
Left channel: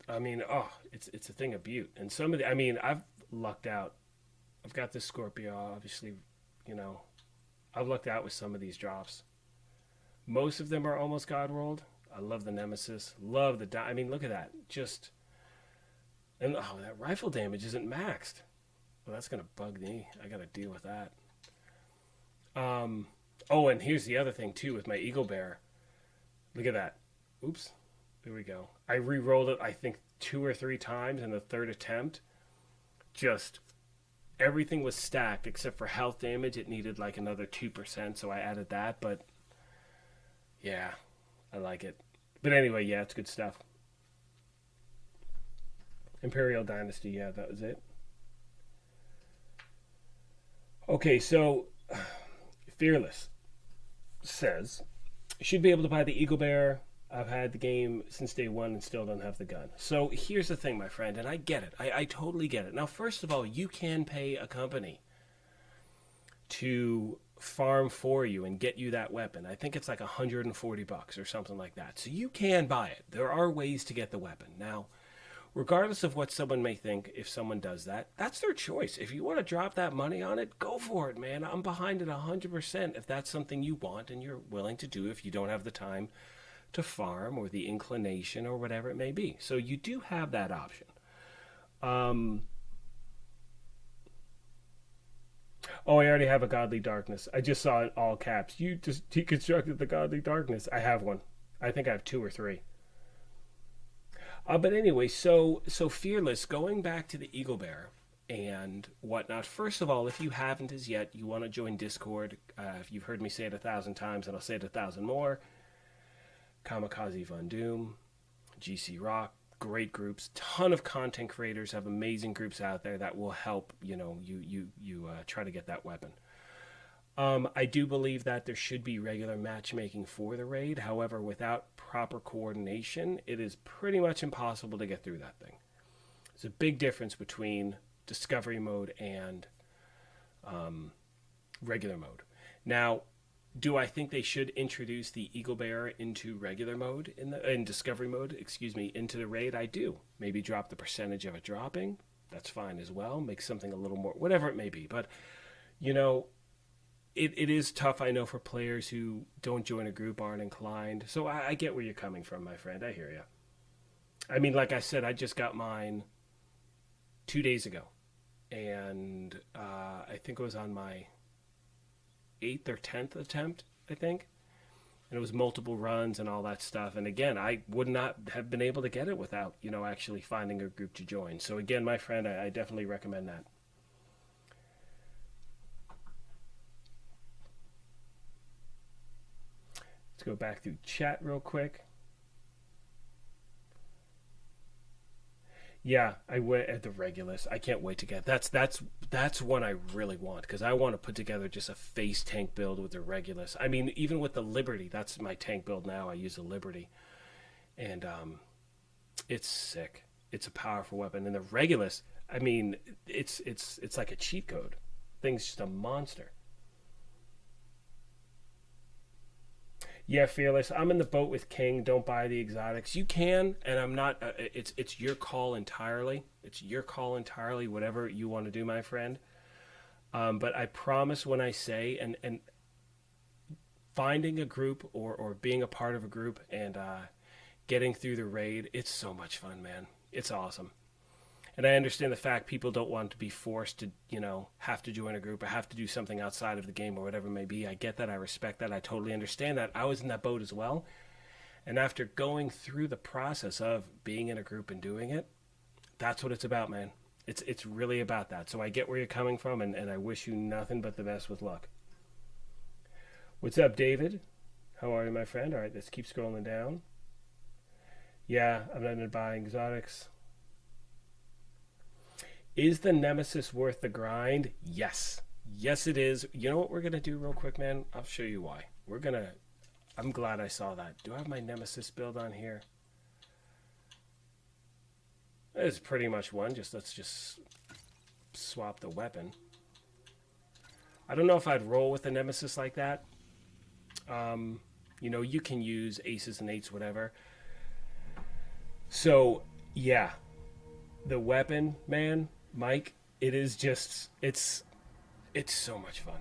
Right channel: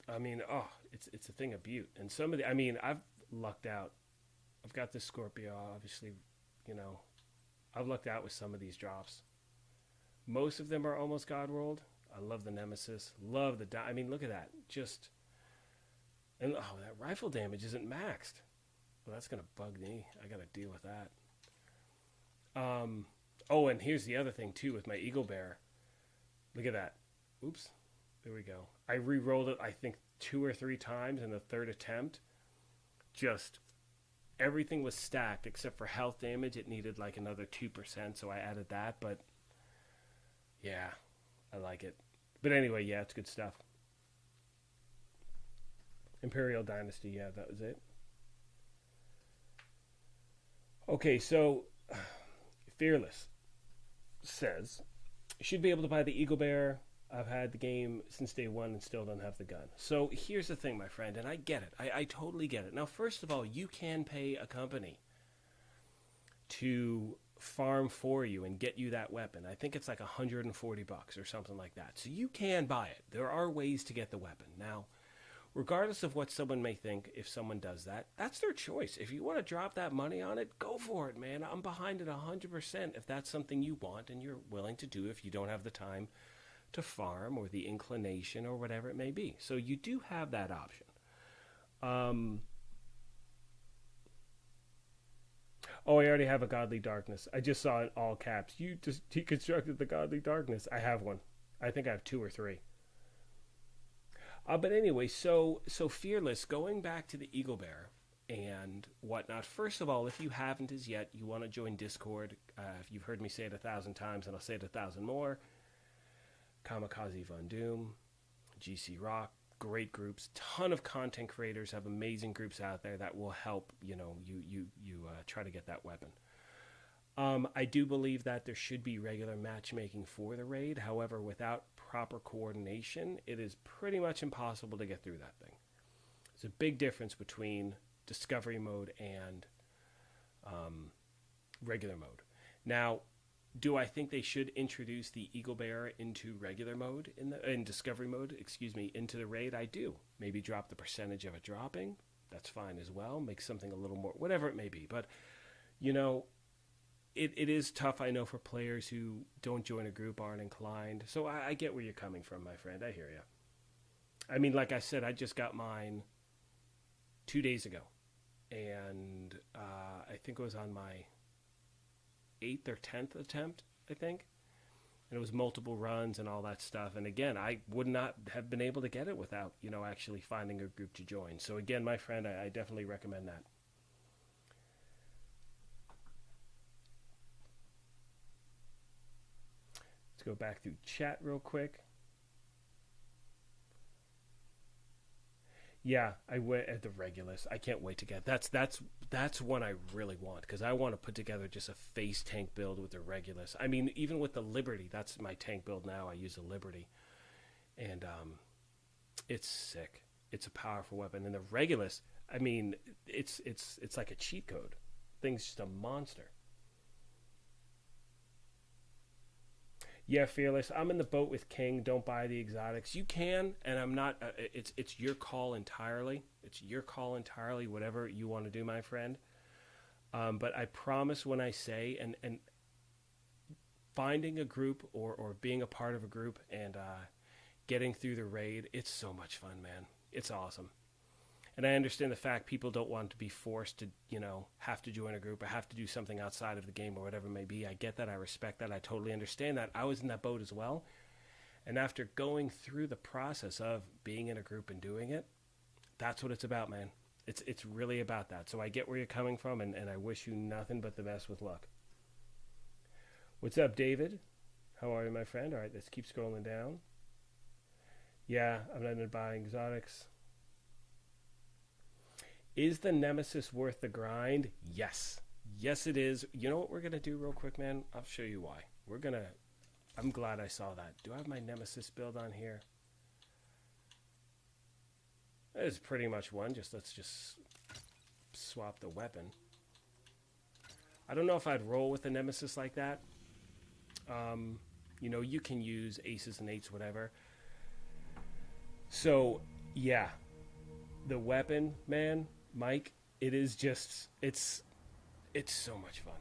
I mean, oh, it's a thing of beauty. And some of the... I mean, I've lucked out. I've got this Scorpio, obviously, you know... I've lucked out with some of these drops. Most of them are almost God rolled. I love the Nemesis. Love the... I mean, look at that. Just... And, oh, that rifle damage isn't maxed. Well, that's going to bug me. I got to deal with that. Oh, and here's the other thing, too, with my Eagle Bear. Look at that. Oops. There we go. I re-rolled it, I think, 2 or 3 times in the third attempt. Just... everything was stacked except for health damage. It needed like another 2%, so I added that. But yeah, I like it. But anyway, yeah, it's good stuff. Imperial Dynasty, yeah, that was it. Okay, so Fearless says, you should be able to buy the Eagle Bear. I've had the game since day one and still don't have the gun. So here's the thing, my friend, and I get it. I totally get it. Now, first of all, you can pay a company to farm for you and get you that weapon. I think it's like $140 or something like that. So you can buy it. There are ways to get the weapon. Now, regardless of what someone may think, if someone does that, that's their choice. If you want to drop that money on it, go for it, man. I'm behind it 100% if that's something you want and you're willing to do if you don't have the time to farm or the inclination or whatever it may be. So you do have that option. Oh, I already have a Godly Darkness. I just saw it all caps. You just deconstructed the Godly Darkness. I have one. I think I have 2 or 3. But anyway, so Fearless, going back to the Eagle Bear and whatnot. First of all, if you haven't as yet, you want to join Discord. If you've heard me say it 1,000 times, and I'll say it 1,000 more. Kamikaze Von Doom, GC Rock, great groups, ton of content creators, have amazing groups out there that will help, you know, you try to get that weapon. I do believe that there should be regular matchmaking for the raid. However, without proper coordination, it is pretty much impossible to get through that thing. There's a big difference between discovery mode and regular mode. Now, do I think they should introduce the Eagle Bear into regular mode, in discovery mode, into the raid? I do. Maybe drop the percentage of it dropping. That's fine as well. Make something a little more, whatever it may be. But, you know, it is tough, I know, for players who don't join a group, aren't inclined. So I get where you're coming from, my friend. I hear you. I mean, like I said, I just got mine 2 days ago. And I think it was on my 8th or 10th attempt, I think. And it was multiple runs and all that stuff. And again, I would not have been able to get it without, you know, actually finding a group to join. So again, my friend, I definitely recommend that. Let's go back through chat real quick. Yeah, I went at the Regulus. I can't wait to get that's one I really want because I want to put together just a face tank build with the Regulus. I mean, even with the Liberty, that's my tank build now. I use a Liberty, and it's sick. It's a powerful weapon, and the Regulus. I mean, it's like a cheat code. Thing's just a monster. Yeah, Fearless. I'm in the boat with King. Don't buy the exotics. You can, and I'm not. It's your call entirely. It's your call entirely. Whatever you want to do, my friend. But I promise when I say and finding a group or being a part of a group and getting through the raid, it's so much fun, man. It's awesome. And I understand the fact people don't want to be forced to, have to join a group or have to do something outside of the game or whatever it may be. I get that. I respect that. I totally understand that. I was in that boat as well. And after going through the process of being in a group and doing it, that's what it's about, man. It's really about that. So I get where you're coming from, and I wish you nothing but the best with luck. What's up, David? How are you, my friend? All right, let's keep scrolling down. Yeah, I'm not into buying exotics. Is the Nemesis worth the grind? Yes. Yes, it is. You know what we're going to do real quick, man? I'll show you why. I'm glad I saw that. Do I have my Nemesis build on here? It's pretty much one. Let's just swap the weapon. I don't know if I'd roll with the Nemesis like that. You can use aces and eights, whatever. So, yeah. The weapon, man, Mike, it is just, it's so much fun.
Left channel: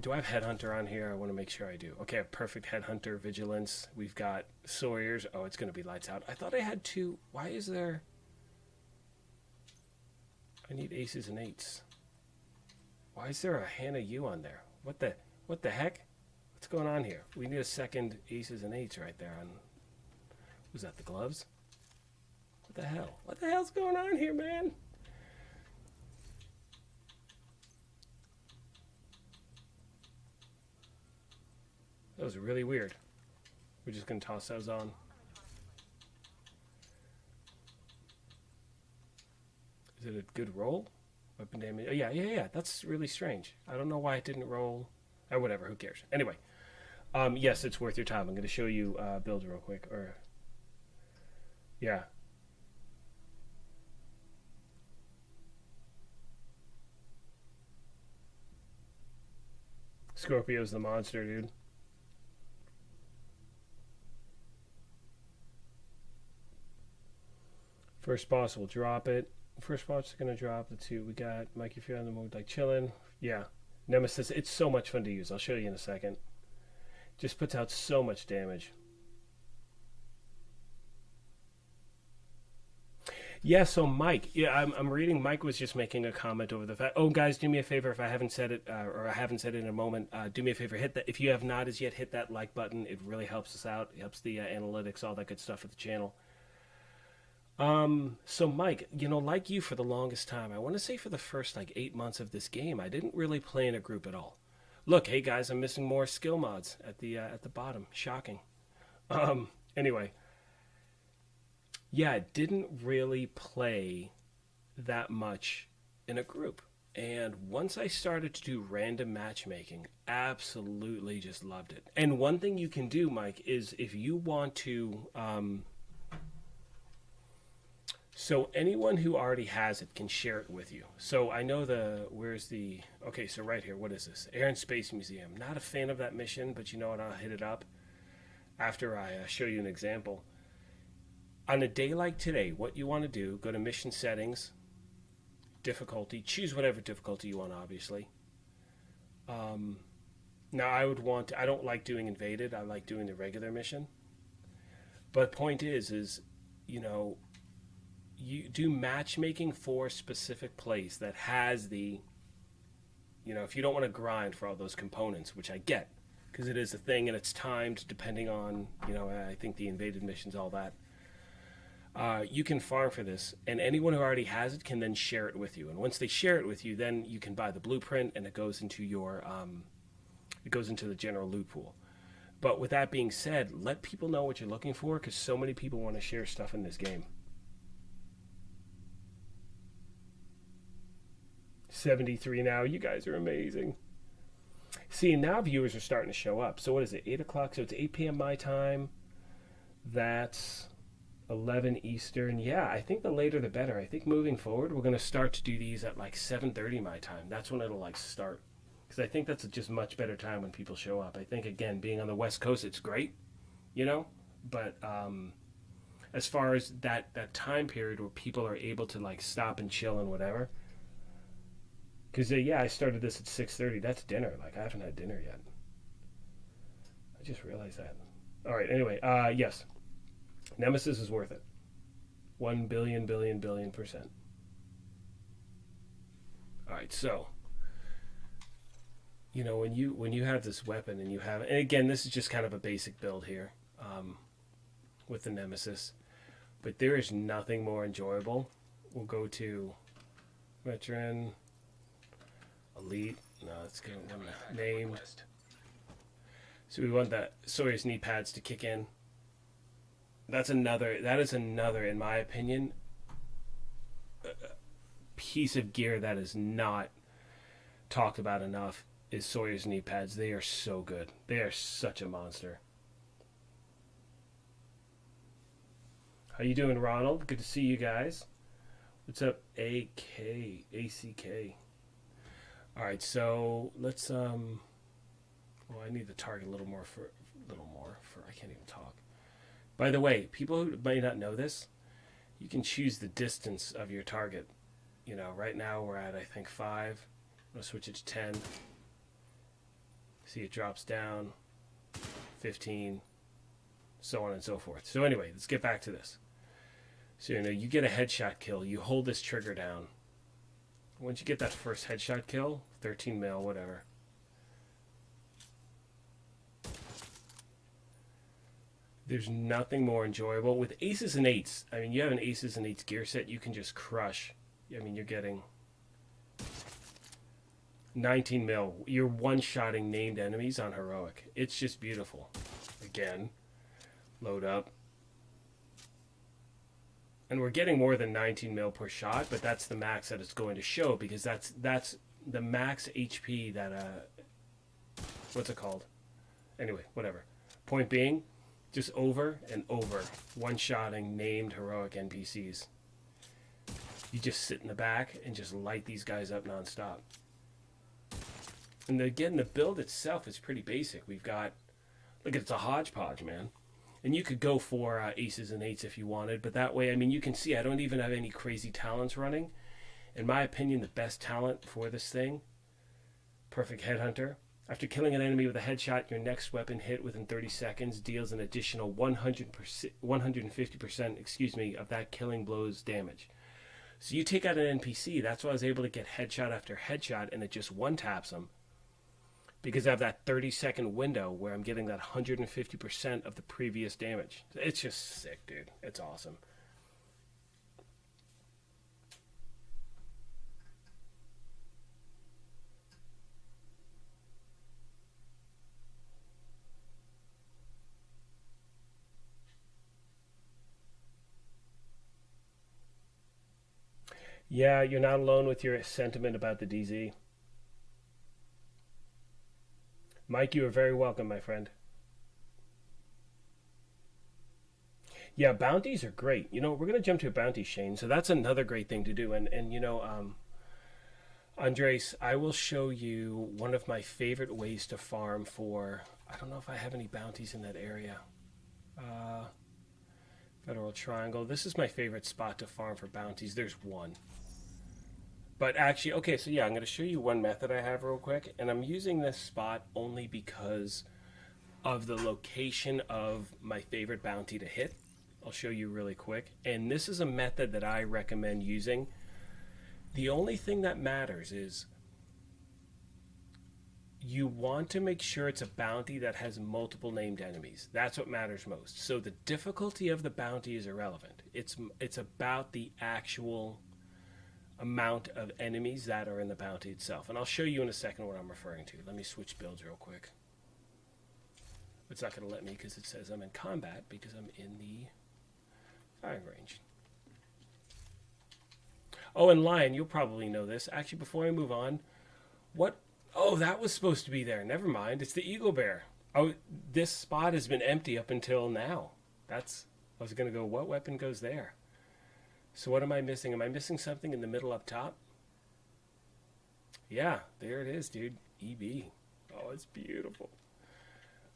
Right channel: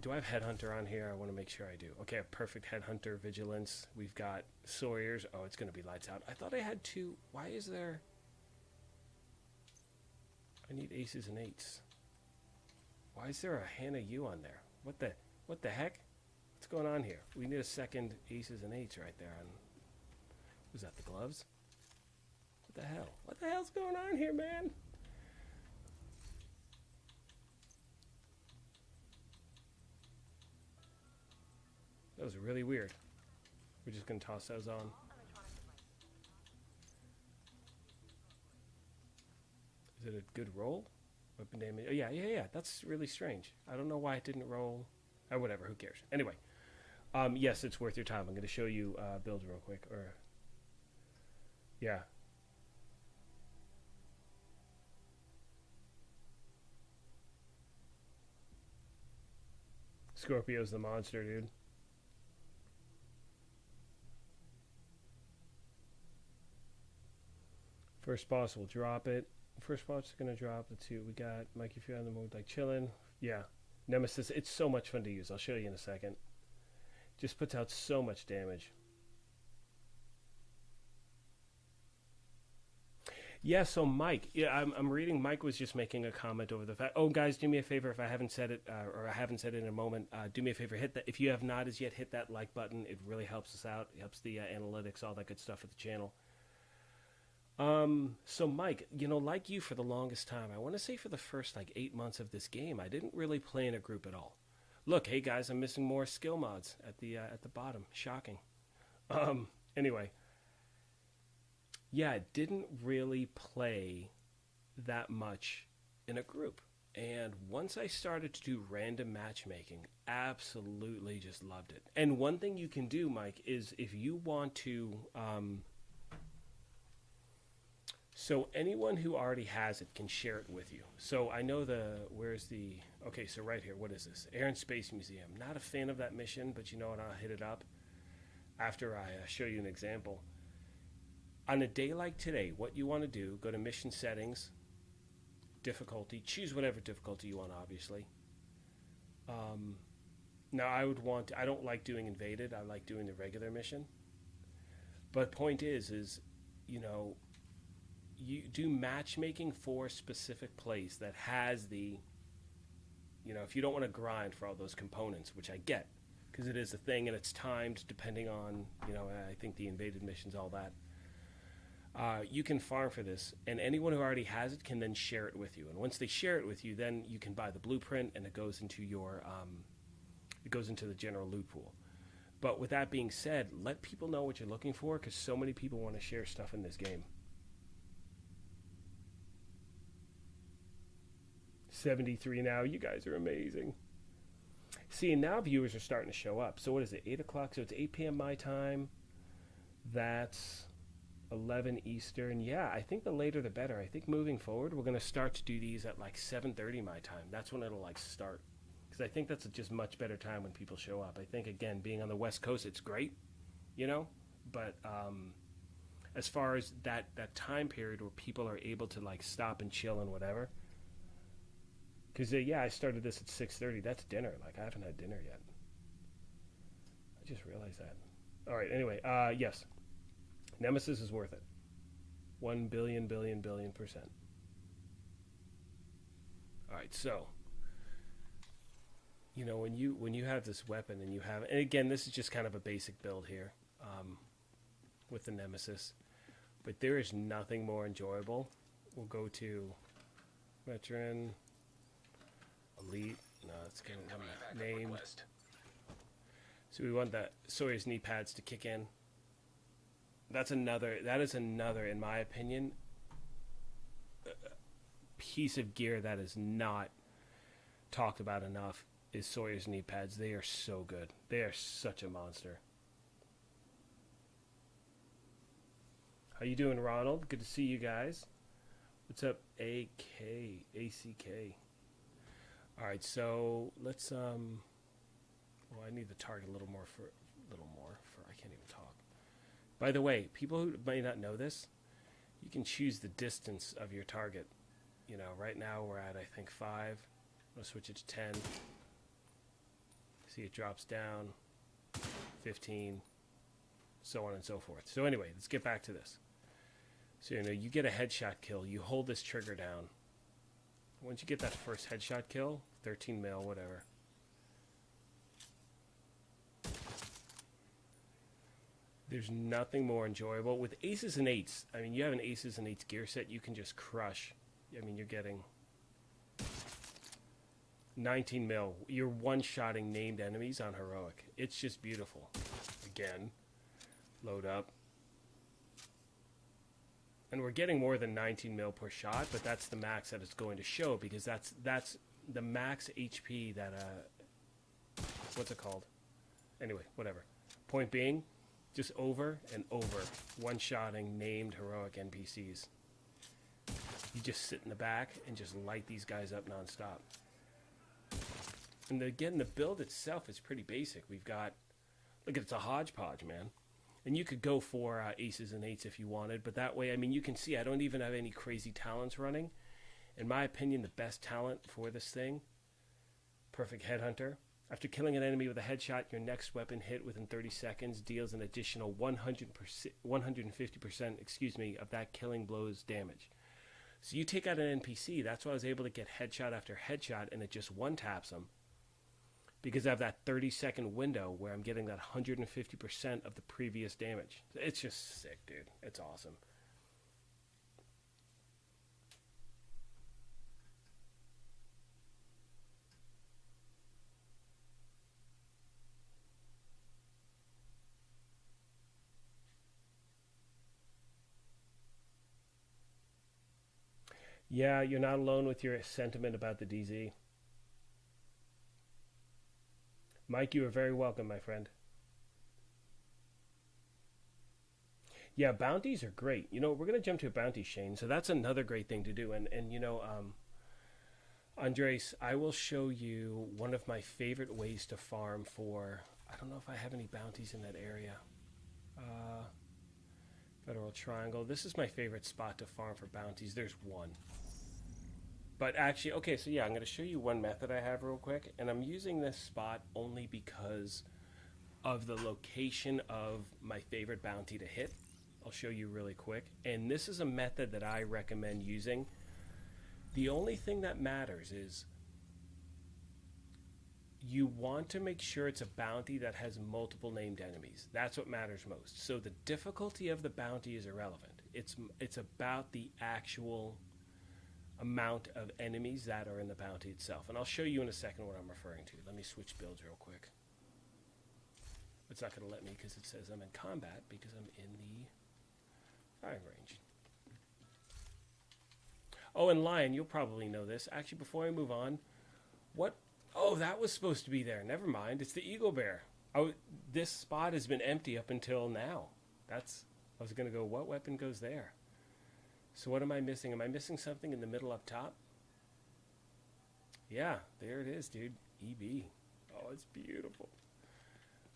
Do I have Headhunter on here? I want to make sure I do. Okay, I have perfect Headhunter, Vigilance. We've got Sawyer's. Oh, it's going to be lights out. I thought I had two. Why is there... I need aces and eights. Why is there a Hannah U on there? What the heck? What's going on here? We need a second aces and eights right there on... Was that the gloves? What the hell? What the hell's going on here, man? That was really weird. We're just going to toss those on. Is it a good roll? Weapon damage. Oh, yeah. That's really strange. I don't know why it didn't roll. Or whatever. Who cares? Anyway. Yes, it's worth your time. I'm going to show you build real quick. Yeah. Scorpio's the monster, dude. First boss will drop it. First boss is going to drop the two. We got Mike, if you're on the mode, like chilling. Yeah. Nemesis, it's so much fun to use. I'll show you in a second. Just puts out so much damage. Yeah, so Mike, I'm reading. Mike was just making a comment over the fact. Oh, guys, do me a favor if I haven't said it, or I haven't said it in a moment. Do me a favor, hit that. If you have not as yet, hit that like button. It really helps us out. It helps the analytics, all that good stuff at the channel. So Mike, like you for the longest time, I want to say for the first 8 months of this game, I didn't really play in a group at all. Look, hey guys, I'm missing more skill mods at the bottom. Shocking. Anyway. Yeah, I didn't really play that much in a group. And once I started to do random matchmaking, absolutely just loved it. And one thing you can do, Mike, is if you want to... So anyone who already has it can share it with you. So I know where's the... Okay, so right here, what is this? Air and Space Museum. Not a fan of that mission, but you know what, I'll hit it up after I show you an example. On a day like today, what you want to do, go to mission settings, difficulty, choose whatever difficulty you want, obviously. Now I don't like doing invaded, I like doing the regular mission. But point is, you do matchmaking for a specific place that has the, if you don't want to grind for all those components, which I get, because it is a thing and it's timed depending on, I think the invaded missions, all that. You can farm for this, and anyone who already has it can then share it with you. And once they share it with you, then you can buy the blueprint, and it goes into your, the general loot pool. But with that being said, let people know what you're looking for, because so many people want to share stuff in this game. 73 now. You guys are amazing. See, now viewers are starting to show up. So what is it, 8 o'clock? So it's 8 p.m. my time. That's 11 Eastern. Yeah, I think the later the better. I think moving forward, we're going to start to do these at like 7:30 my time. That's when it'll like start. Because I think that's a just much better time when people show up. I think, again, being on the West Coast, it's great, you know? But as far as that time period where people are able to like stop and chill and whatever. Because, yeah, I started this at 6:30. That's dinner. Like, I haven't had dinner yet. I just realized that. All right, anyway, yes. Nemesis is worth it. 1 billion percent. All right, so, you know, when you have this weapon and you have, and again, this is just kind of a basic build here with the Nemesis, but there is nothing more enjoyable. We'll go to veteran, elite. No, it's going to name. So we want that Sawyer's knee pads to kick in. That is another, in my opinion, piece of gear that is not talked about enough is Sawyer's knee pads. They are so good. They are such a monster. How you doing, Ronald? Good to see you guys. What's up, ACK? All right, so let's well, I need the target a little more for I can't even talk. By the way, people who may not know this, you can choose the distance of your target. You know, right now we're at, I think, 5. I'm going to switch it to 10. See, it drops down, 15, so on and so forth. So anyway, let's get back to this. So, you know, you get a headshot kill. You hold this trigger down. Once you get that first headshot kill, 13 mil, whatever. There's nothing more enjoyable. With aces and eights, I mean, you have an aces and eights gear set, you can just crush. I mean, you're getting 19 mil. You're one-shotting named enemies on heroic. It's just beautiful. Again, load up. And we're getting more than 19 mil per shot, but that's the max that it's going to show, because that's the max HP that, what's it called? Anyway, whatever. Point being, just over and over, one-shotting named heroic NPCs. You just sit in the back and just light these guys up nonstop. And again, the build itself is pretty basic. We've got, look, it's a hodgepodge, man. And you could go for aces and eights if you wanted, but that way, I mean, you can see I don't even have any crazy talents running. In my opinion, the best talent for this thing, Perfect Headhunter. After killing an enemy with a headshot, your next weapon hit within 30 seconds deals an additional 150% of that killing blow's damage. So you take out an NPC, that's why I was able to get headshot after headshot, and it just one-taps them. Because I have that 30-second window where I'm getting that 150% of the previous damage. It's just sick, dude. It's awesome. Yeah, you're not alone with your sentiment about the DZ. Mike, you are very welcome, my friend. Yeah, bounties are great. You know, we're going to jump to a bounty, Shane. So that's another great thing to do. And you know, Andres, I will show you one of my favorite ways to farm for, I don't know if I have any bounties in that area. Federal Triangle. This is my favorite spot to farm for bounties. There's one. But actually, okay, so yeah, I'm going to show you one method I have real quick. And I'm using this spot only because of the location of my favorite bounty to hit. I'll show you really quick. And this is a method that I recommend using. The only thing that matters is you want to make sure it's a bounty that has multiple named enemies. That's what matters most. So the difficulty of the bounty is irrelevant. It's about the actual amount of enemies that are in the bounty itself. And I'll show you in a second what I'm referring to. Let me switch builds real quick. It's not going to let me because it says I'm in combat because I'm in the firing range. Oh, and Lion, you'll probably know this. Actually, before I move on, what? Oh, that was supposed to be there. Never mind. It's the Eagle Bear. Oh, this spot has been empty up until now. That's. I was gonna go. What weapon goes there? So what am I missing? Am I missing something in the middle up top? Yeah, there it is, dude. EB. Oh, it's beautiful.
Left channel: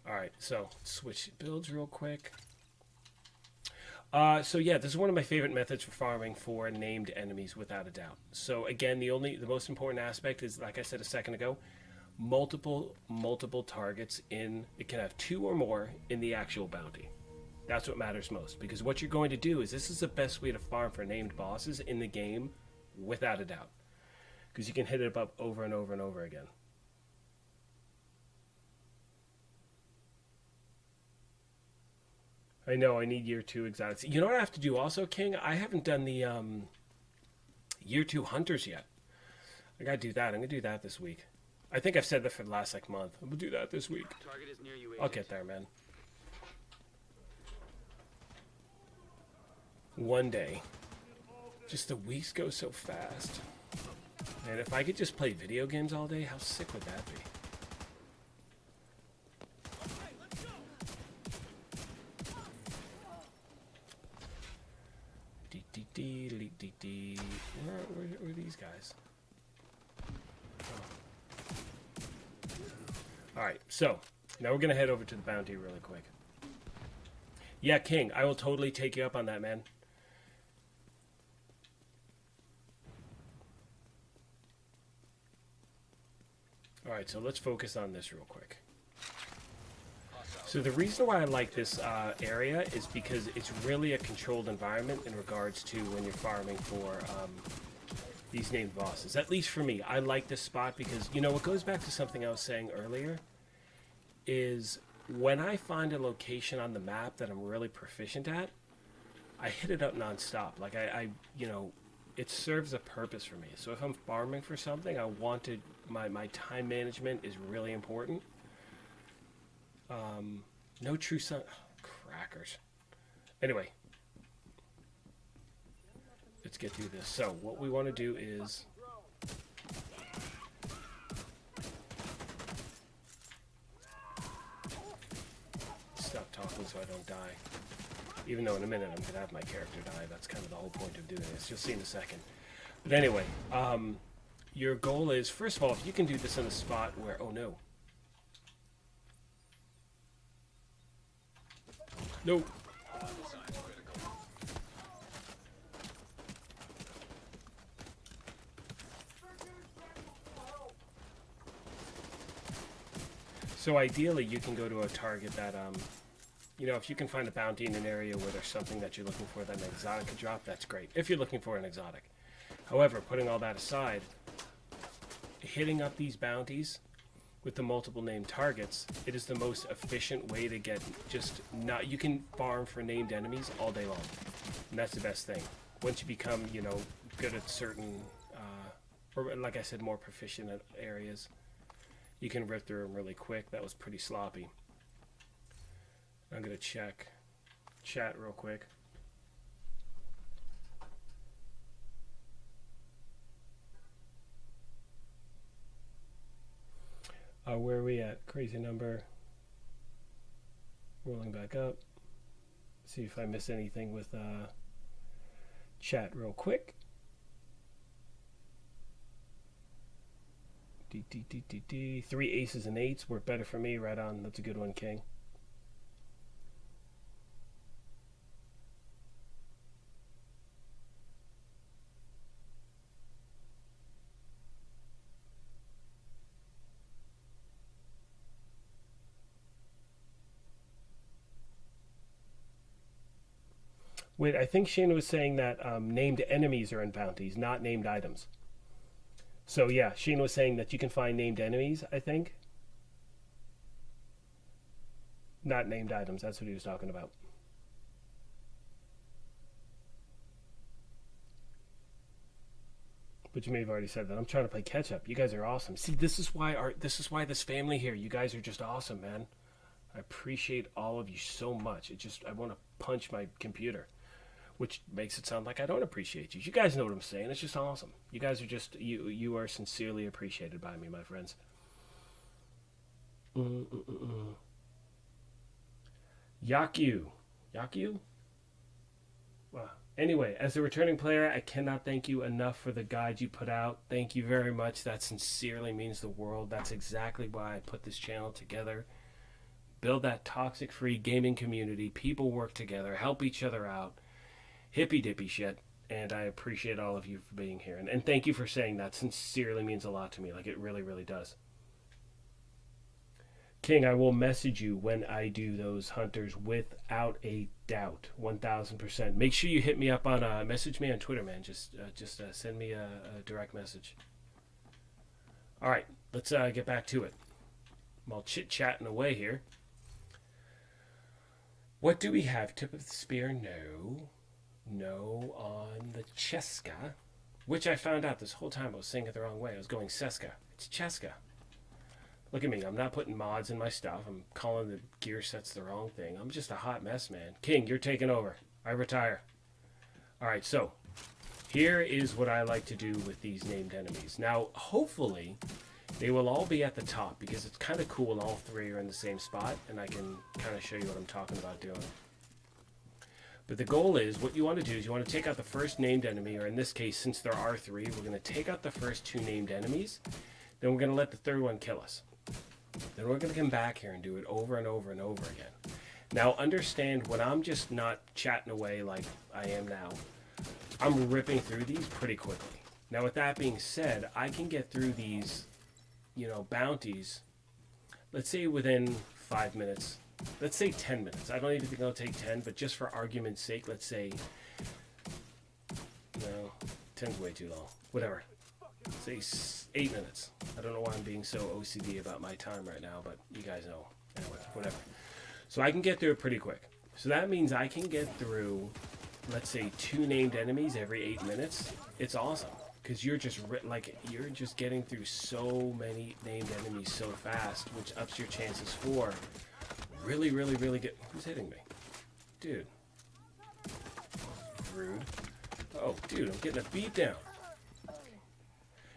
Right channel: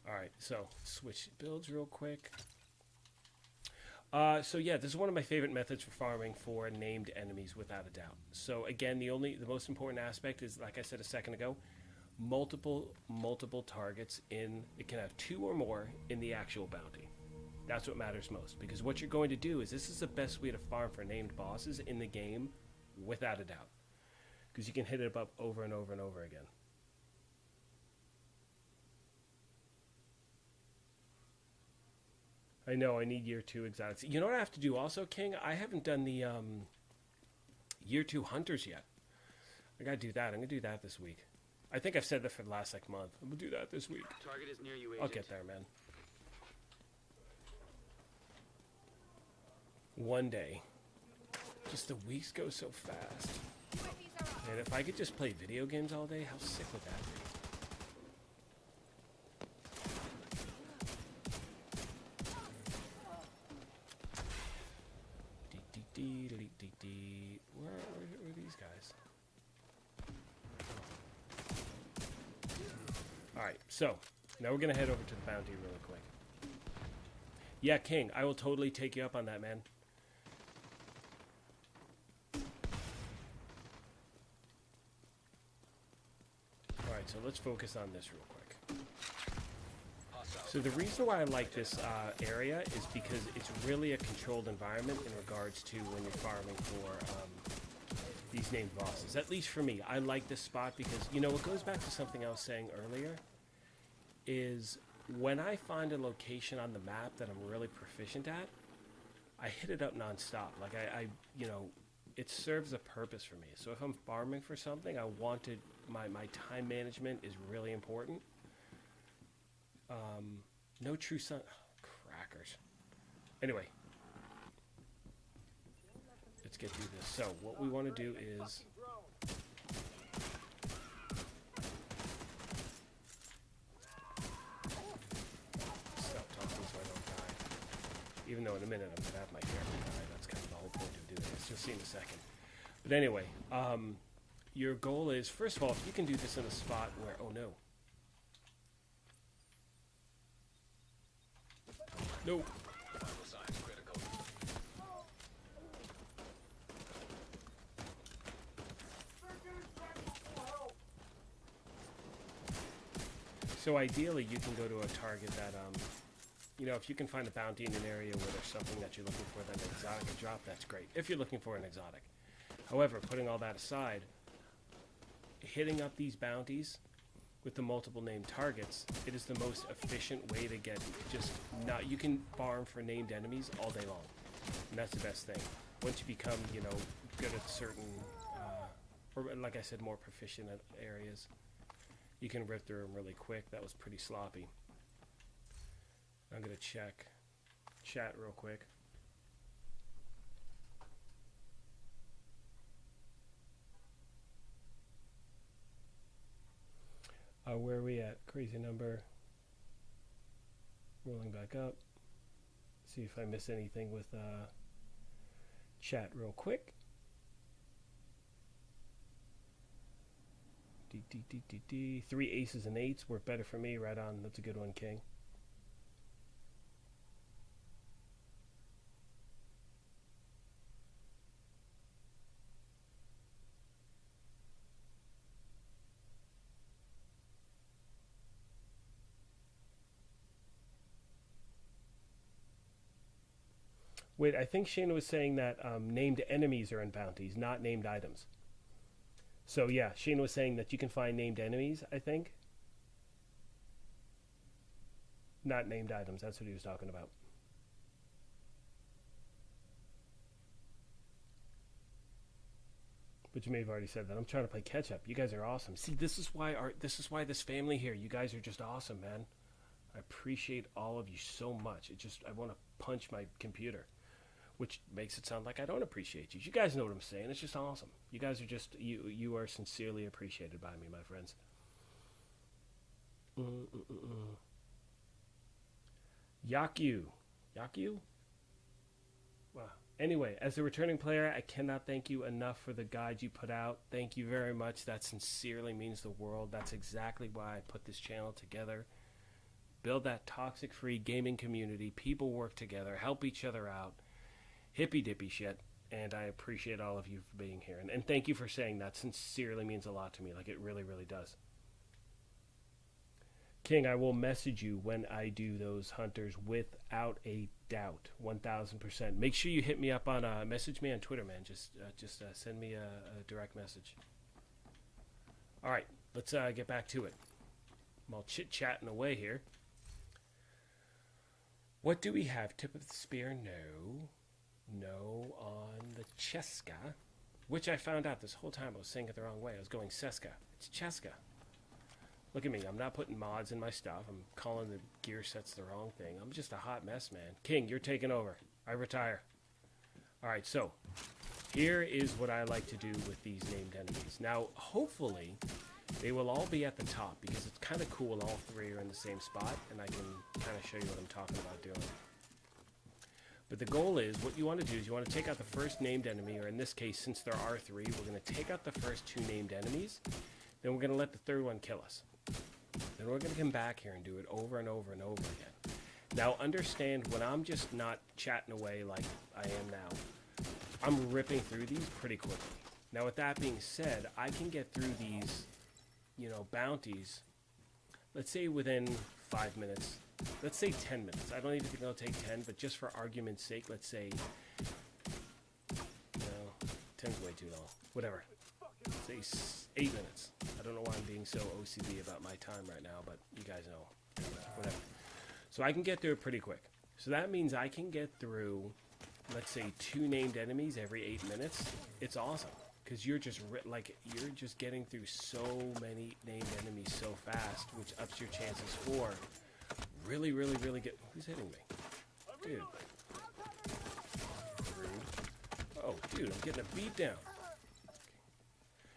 All right, so switch builds real quick. So yeah, this is one of my favorite methods for farming for named enemies, without a doubt. So again, the most important aspect is, like I said a second ago, multiple targets in. It can have 2 or more in the actual bounty. That's what matters most, because what you're going to do is, this is the best way to farm for named bosses in the game, without a doubt, because you can hit it up over and over and over again. I know, I need year 2 exotics. You know what I have to do also, King? I haven't done the year 2 hunters yet. I gotta do that. I'm gonna do that this week. I think I've said that for the last month. I'm gonna do that this week. Target is near you, Agent. I'll get there, man. One day. Just the weeks go so fast. And if I could just play video games all day, how sick would that be? Where are these guys? Alright, so now we're gonna head over to the bounty really quick. Yeah, King, I will totally take you up on that, man. Alright, so let's focus on this real quick. So the reason why I like this area is because it's really a controlled environment in regards to when you're farming for these named bosses. At least for me, I like this spot because, you know, it goes back to something I was saying earlier, is when I find a location on the map that I'm really proficient at, I hit it up nonstop. Like I you know, it serves a purpose for me. So if I'm farming for something, I wanted my time management is really important. No true sun. Oh, crackers. Anyway, let's get through this. So what we want to do is stop talking so I don't die. Even though in a minute I'm gonna have my character die. That's kind of the whole point of doing this. You'll see in a second. But anyway, your goal is, first of all, if you can do this in a spot where, oh no. No. So ideally, you can go to a target that, you know, if you can find a bounty in an area where there's something that you're looking for, that an exotic could drop, that's great. If you're looking for an exotic. However, putting all that aside, hitting up these bounties with the multiple named targets, it is the most efficient way to get you can farm for named enemies all day long. And that's the best thing. Once you become, you know, good at certain, or like I said, more proficient at areas, you can rip through them really quick. That was pretty sloppy. I'm going to check chat real quick. Where are we at? Crazy number. Rolling back up. See if I miss anything with chat real quick. 3 aces and 8s work better for me. Right on. That's a good one, King. Wait, I think Shane was saying that named enemies are in bounties, not named items. So yeah, Shane was saying that you can find named enemies, I think. Not named items, that's what he was talking about. But you may have already said that. I'm trying to play catch up. You guys are awesome. See, this is why this family here, you guys are just awesome, man. I appreciate all of you so much. I want to punch my computer. which makes it sound like I don't appreciate you. You guys know what I'm saying. It's just awesome. You guys are just, you are sincerely appreciated by me, my friends. Yaku. Yaku? Wow. Anyway, as a returning player, I cannot thank you enough for the guide you put out. Thank you very much. That sincerely means the world. That's exactly why I put this channel together. Build that toxic-free gaming community. People work together, help each other out. Hippy-dippy shit. And I appreciate all of you for being here. And thank you for saying that. Sincerely means a lot to me. Like, it really, really does. King, I will message you when I do those hunters without a doubt, 1000%. Make sure you hit me up on, message me on Twitter, man. Just send me a direct message. All right, let's get back to it. I'm all chit-chatting away here. What do we have? Tip of the spear? No on the Cheska, which I found out this whole time I was saying it the wrong way. I was going Seska. It's Cheska. Look at me, I'm not putting mods in my stuff. I'm calling the gear sets the wrong thing. I'm just a hot mess, man. King, you're taking over. I retire. Alright, so here is what I like to do with these named enemies. Now, hopefully, they will all be at the top because it's kind of cool all three are in the same spot, and I can kind of show you what I'm talking about doing. But the goal is, what you want to do is you want to take out the first named enemy, or in this case, since there are three, we're going to take out the first two named enemies, then we're going to let the third one kill us. Then we're going to come back here and do it over and over and over again. Now understand, when I'm just not chatting away like I am now, I'm ripping through these pretty quickly. Now with that being said, I can get through these, you know, bounties, let's say within 5 minutes. Let's say 10 minutes. I don't even think it'll take 10, but just for argument's sake, let's say, no, 10's way too long. Whatever. Say 8 minutes. I don't know why I'm being so OCD about my time right now, but you guys know. Anyway, whatever. So I can get through it pretty quick. So that means I can get through, let's say, 2 named enemies every 8 minutes. It's awesome, because you're just getting through so many named enemies so fast, which ups your chances for really, really, really good. Who's hitting me? Dude. Rude. Oh, dude, I'm getting a beat down.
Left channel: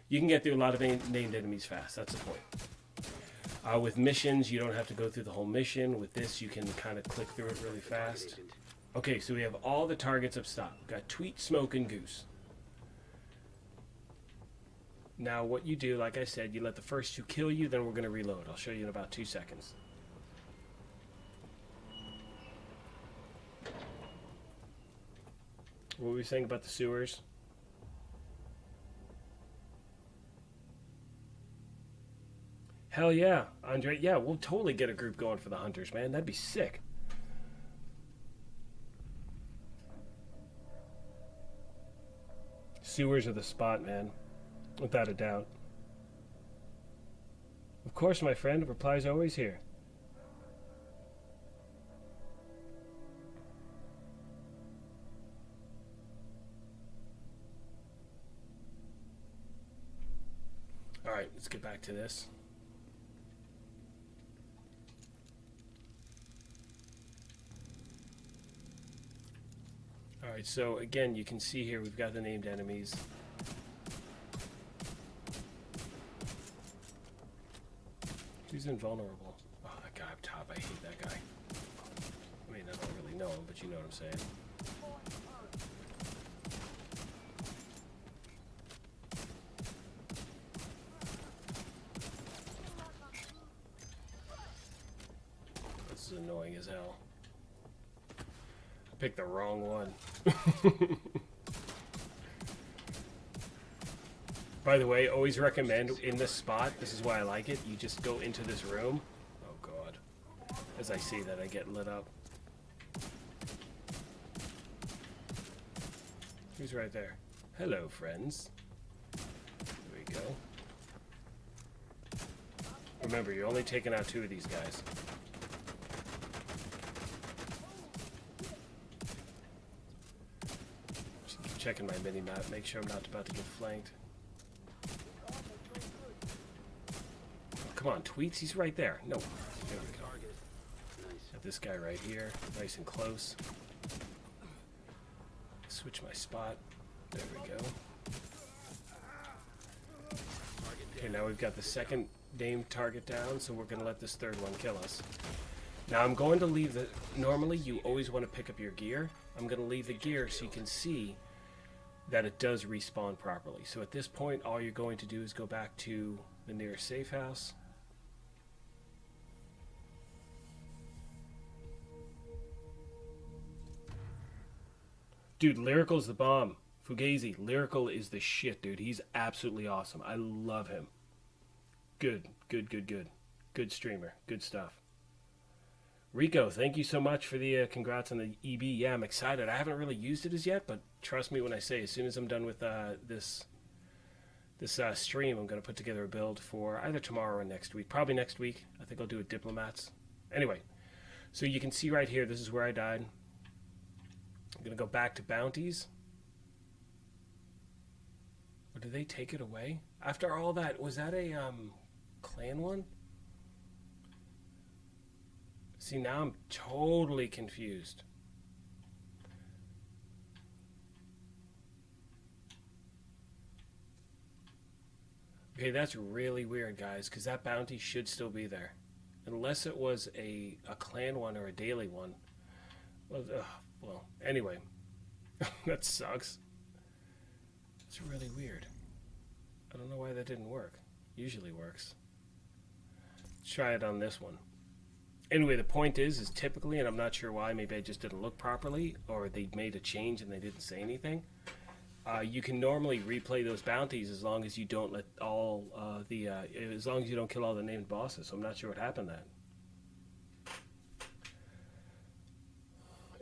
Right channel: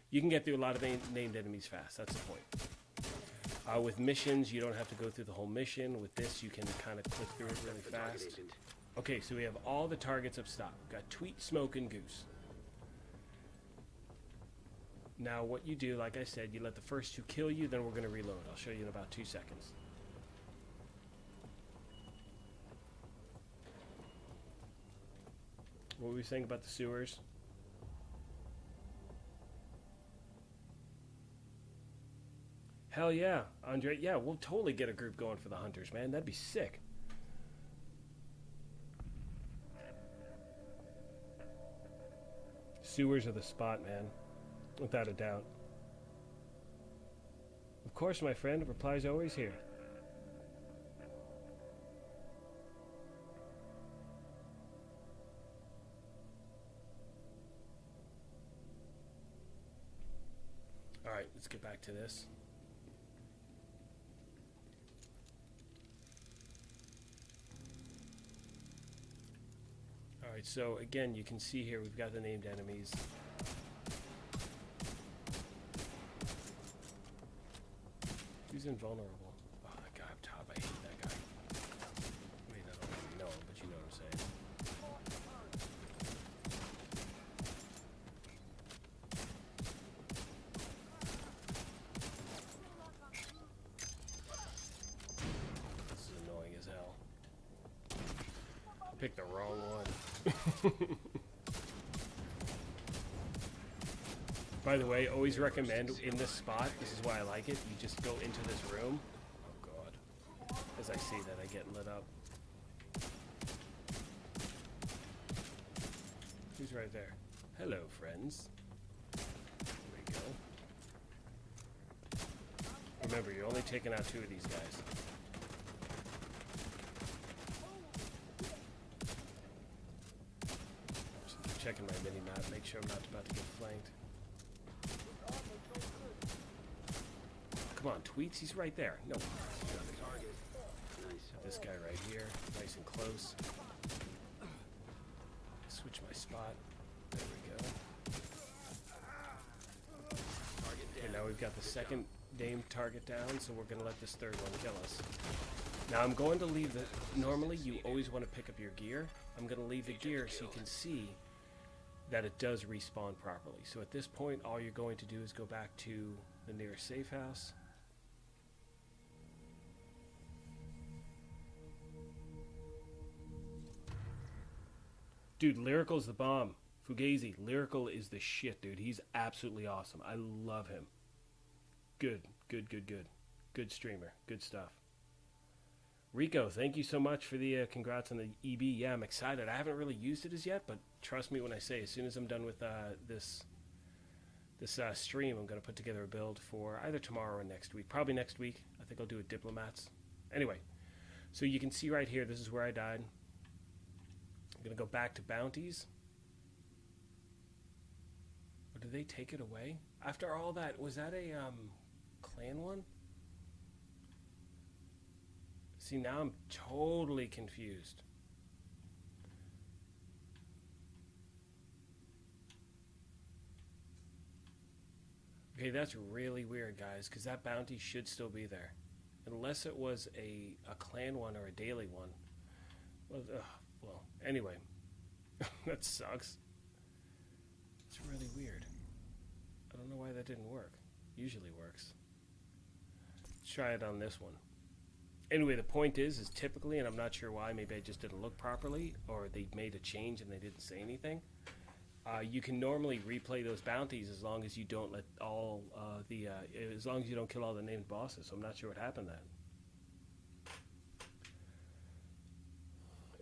You can get through a lot of named enemies fast. That's the point. With missions, you don't have to go through the whole mission. With this, you can kind of click through it really fast. Okay, so we have all the targets up top. We've got Tweet, Smoke, and Goose. Now, what you do, like I said, you let the first two kill you, then we're going to reload. I'll show you in about 2 seconds. What were we saying about the sewers? Hell yeah, Andre. Yeah, we'll totally get a group going for the hunters, man. That'd be sick. Sewers are the spot, man. Without a doubt. Of course, my friend. Replies always here. Alright, let's get back to this. Alright, so again, you can see here we've got the named enemies. Who's invulnerable? Oh, that guy up top, I hate that guy. I mean, I don't really know him, but you know what I'm saying. This is annoying as hell. I picked the wrong one. By the way, always recommend in this spot, this is why I like it, you just go into this room. Oh god. As I see that, I get lit up. Who's right there? Hello, friends. There we go. Remember, you're only taking out 2 of these guys. Just checking my mini-map, make sure I'm not about to get flanked. Come on, Tweets, he's right there. No. Got this guy right here, nice and close. switch my spot. There we go. Okay, now we've got the second named target down, so we're going to let this third one kill us. Now I'm going to leave the... Normally you always want to pick up your gear. I'm going to leave the gear so you can see that it does respawn properly. So at this point, all you're going to do is go back to the nearest safe house. Dude, Lyrical's the bomb. Fugazi, Lyrical is the shit, dude. He's absolutely awesome. I love him. Good. Good streamer. Good stuff. Rico, thank you so much for the congrats on the EB. Yeah, I'm excited. I haven't really used it as yet, but trust me when I say, as soon as I'm done with this stream, I'm going to put together a build for either tomorrow or next week. Probably next week. I think I'll do a Diplomats. Anyway, so you can see right here, this is where I died. I'm going to go back to bounties. Or did they take it away? After all that, was that a clan one? See, now I'm totally confused. Okay, that's really weird, guys, because that bounty should still be there. Unless it was a clan one or a daily one. Well, anyway. That sucks. It's really weird. I don't know why that didn't work. Usually works. Let's try it on this one. Anyway, the point is typically, and I'm not sure why, maybe I just didn't look properly, or they made a change and they didn't say anything. You can normally replay those bounties as long as you don't let all as long as you don't kill all the named bosses. So I'm not sure what happened then.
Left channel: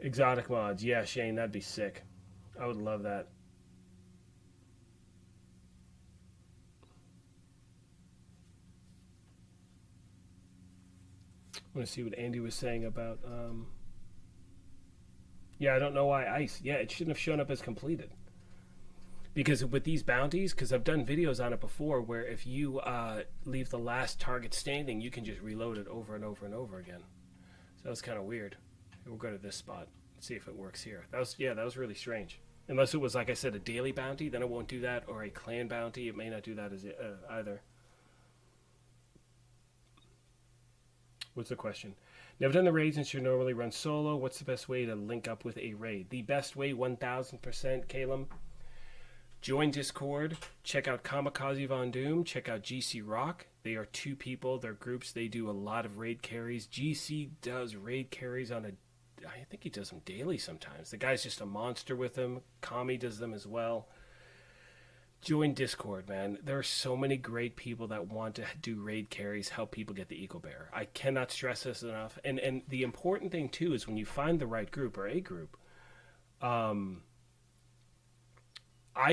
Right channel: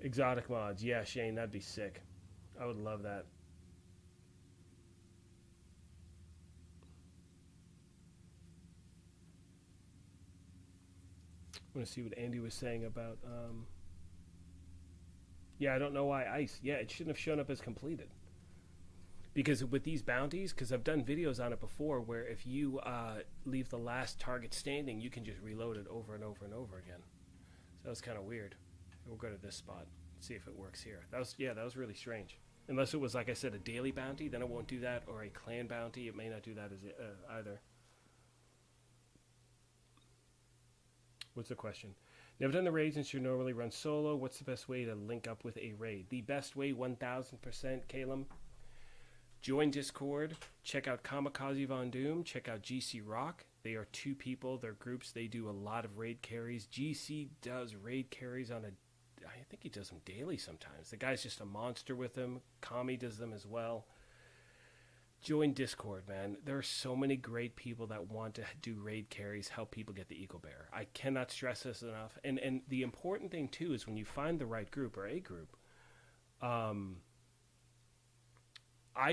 Exotic mods, yeah, Shane, that'd be sick. I would love that. I want to see what Andy was saying about, yeah, I don't know why ice. Yeah, it shouldn't have shown up as completed. Because with these bounties, because I've done videos on it before, where if you leave the last target standing, you can just reload it over and over and over again. So that was kind of weird. We'll go to this spot, see if it works here. That was really strange. Unless it was, like I said, a daily bounty, then it won't do that, or a clan bounty, it may not do that as either. What's the question? Never done the raids and should normally run solo. What's the best way to link up with a raid? The best way, 1000%, Caleb. Join Discord. Check out Kamikaze Von Doom. Check out GC Rock. They are two people. They're groups. They do a lot of raid carries. GC does raid carries on I think he does them daily sometimes. The guy's just a monster with them. Kami does them as well. Join Discord, man. There are so many great people that want to do raid carries, help people get the Eco Bear. I cannot stress this enough. And the important thing, too, is when you find the right group or a group, I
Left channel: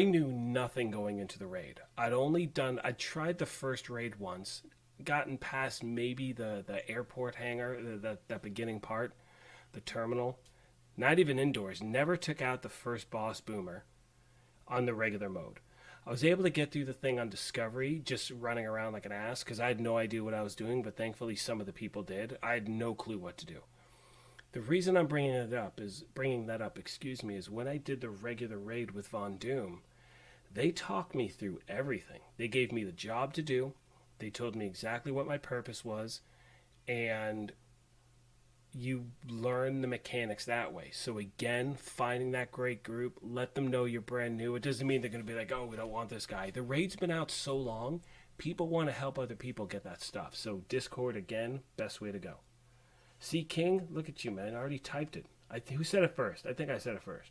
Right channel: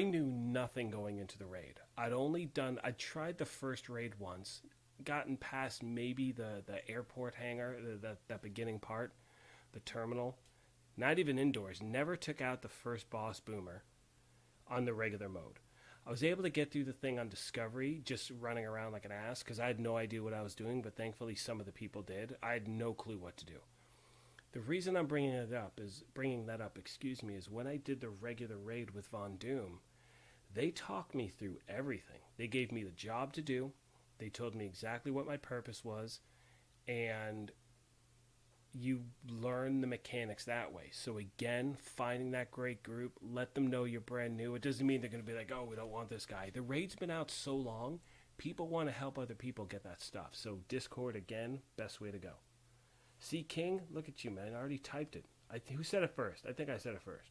knew nothing going into the raid. I tried the first raid once, gotten past maybe the airport hangar, that beginning part, the terminal. Not even indoors. Never took out the first boss boomer on the regular mode. I was able to get through the thing on Discovery, just running around like an ass, because I had no idea what I was doing, but thankfully some of the people did. I had no clue what to do. The reason I'm bringing that up is when I did the regular raid with Von Doom, they talked me through everything. They gave me the job to do. They told me exactly what my purpose was, and you learn the mechanics that way. So again, finding that great group, let them know you're brand new. It doesn't mean they're going to be like, oh, we don't want this guy. The raid's been out so long, people want to help other people get that stuff. So Discord, again, best way to go. See, King, look at you, man. I already typed it. Who said it first? I think I said it first.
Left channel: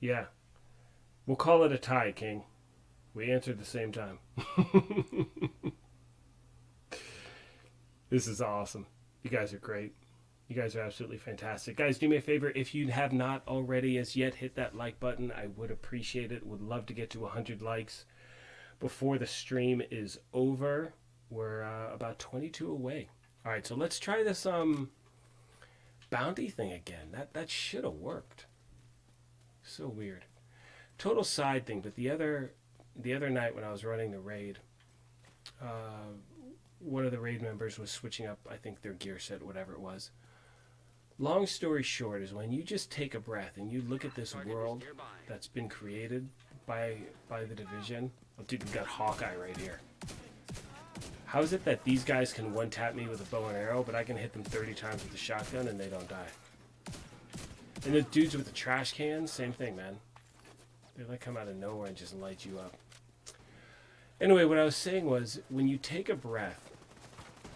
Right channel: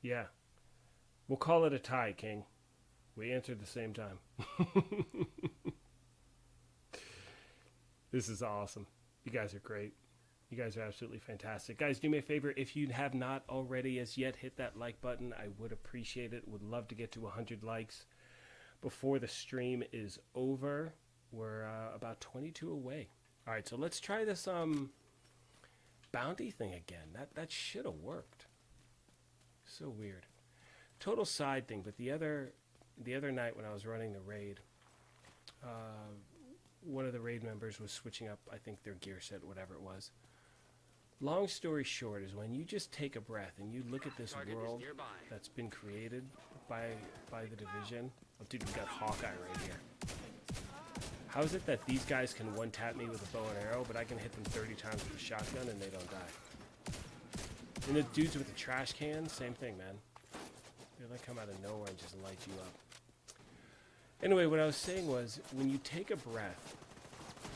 Yeah. We'll call it a tie, King. We answered the same time. This is awesome. You guys are great. You guys are absolutely fantastic. Guys, do me a favor. If you have not already as yet hit that like button, I would appreciate it. Would love to get to 100 likes before the stream is over. We're about 22 away. All right, so let's try this bounty thing again. That should have worked. So weird. Total side thing, but the other night when I was running the raid, one of the raid members was switching up, I think, their gear set, whatever it was. long story short is when you just take a breath and you look at this Target is world nearby. that's been created by the division. Oh, dude, we got Hawkeye right here. How is it that these guys can one-tap me with a bow and arrow, but I can hit them 30 times with a shotgun and they don't die? And the dudes with the trash cans, same thing, man. They like come out of nowhere and just light you up. Anyway, what I was saying was, when you take a breath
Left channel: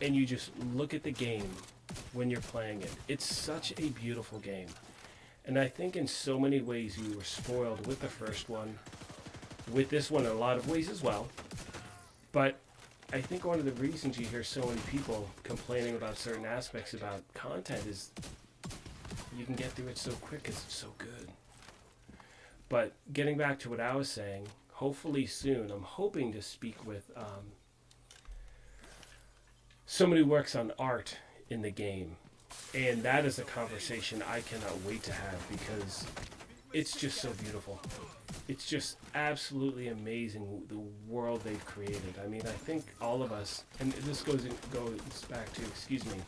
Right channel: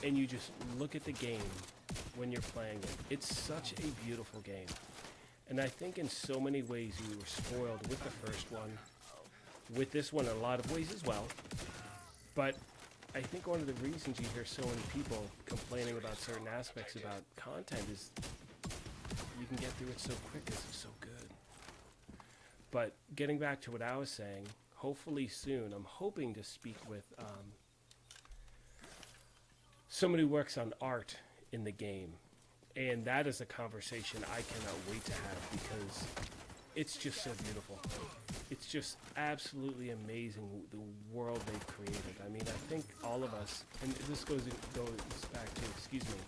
and you just look at the game when you're playing it, it's such a beautiful game. And I think in so many ways you were spoiled with the first one, with this one in a lot of ways as well. But I think one of the reasons you hear so many people complaining about certain aspects about content is you can get through it so quick because it's so good. But getting back to what I was saying, hopefully soon, I'm hoping to speak with somebody who works on art in the game. And that is a conversation I cannot wait to have because it's just so beautiful. It's just absolutely amazing the world they've created. I mean, I think all of us, and this goes back to, excuse me,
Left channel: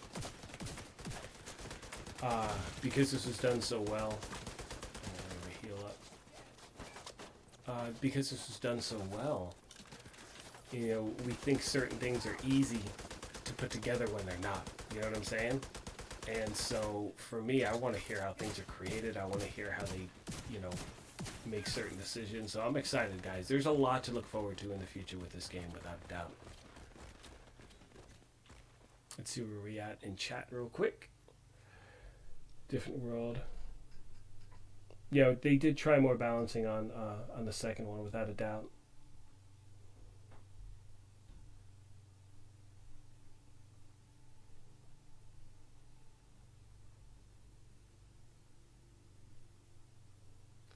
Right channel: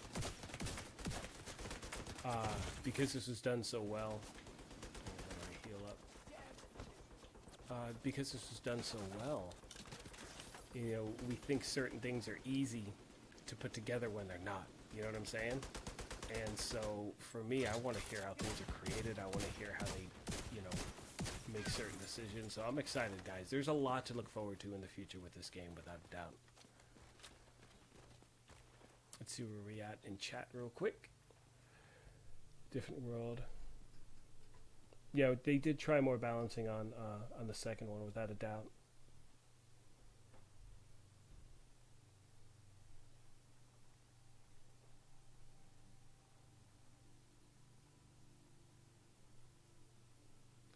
because this was done so well. Let me heal up. Because this was done so well, you know, we think certain things are easy to put together when they're not. You know what I'm saying? And so, for me, I want to hear how things are created. I want to hear how they, you know, make certain decisions. So I'm excited, guys. There's a lot to look forward to in the future with this game, without a doubt. Let's see where we at in chat real quick. Different world. Yeah, they did try more balancing on the second one, without a doubt.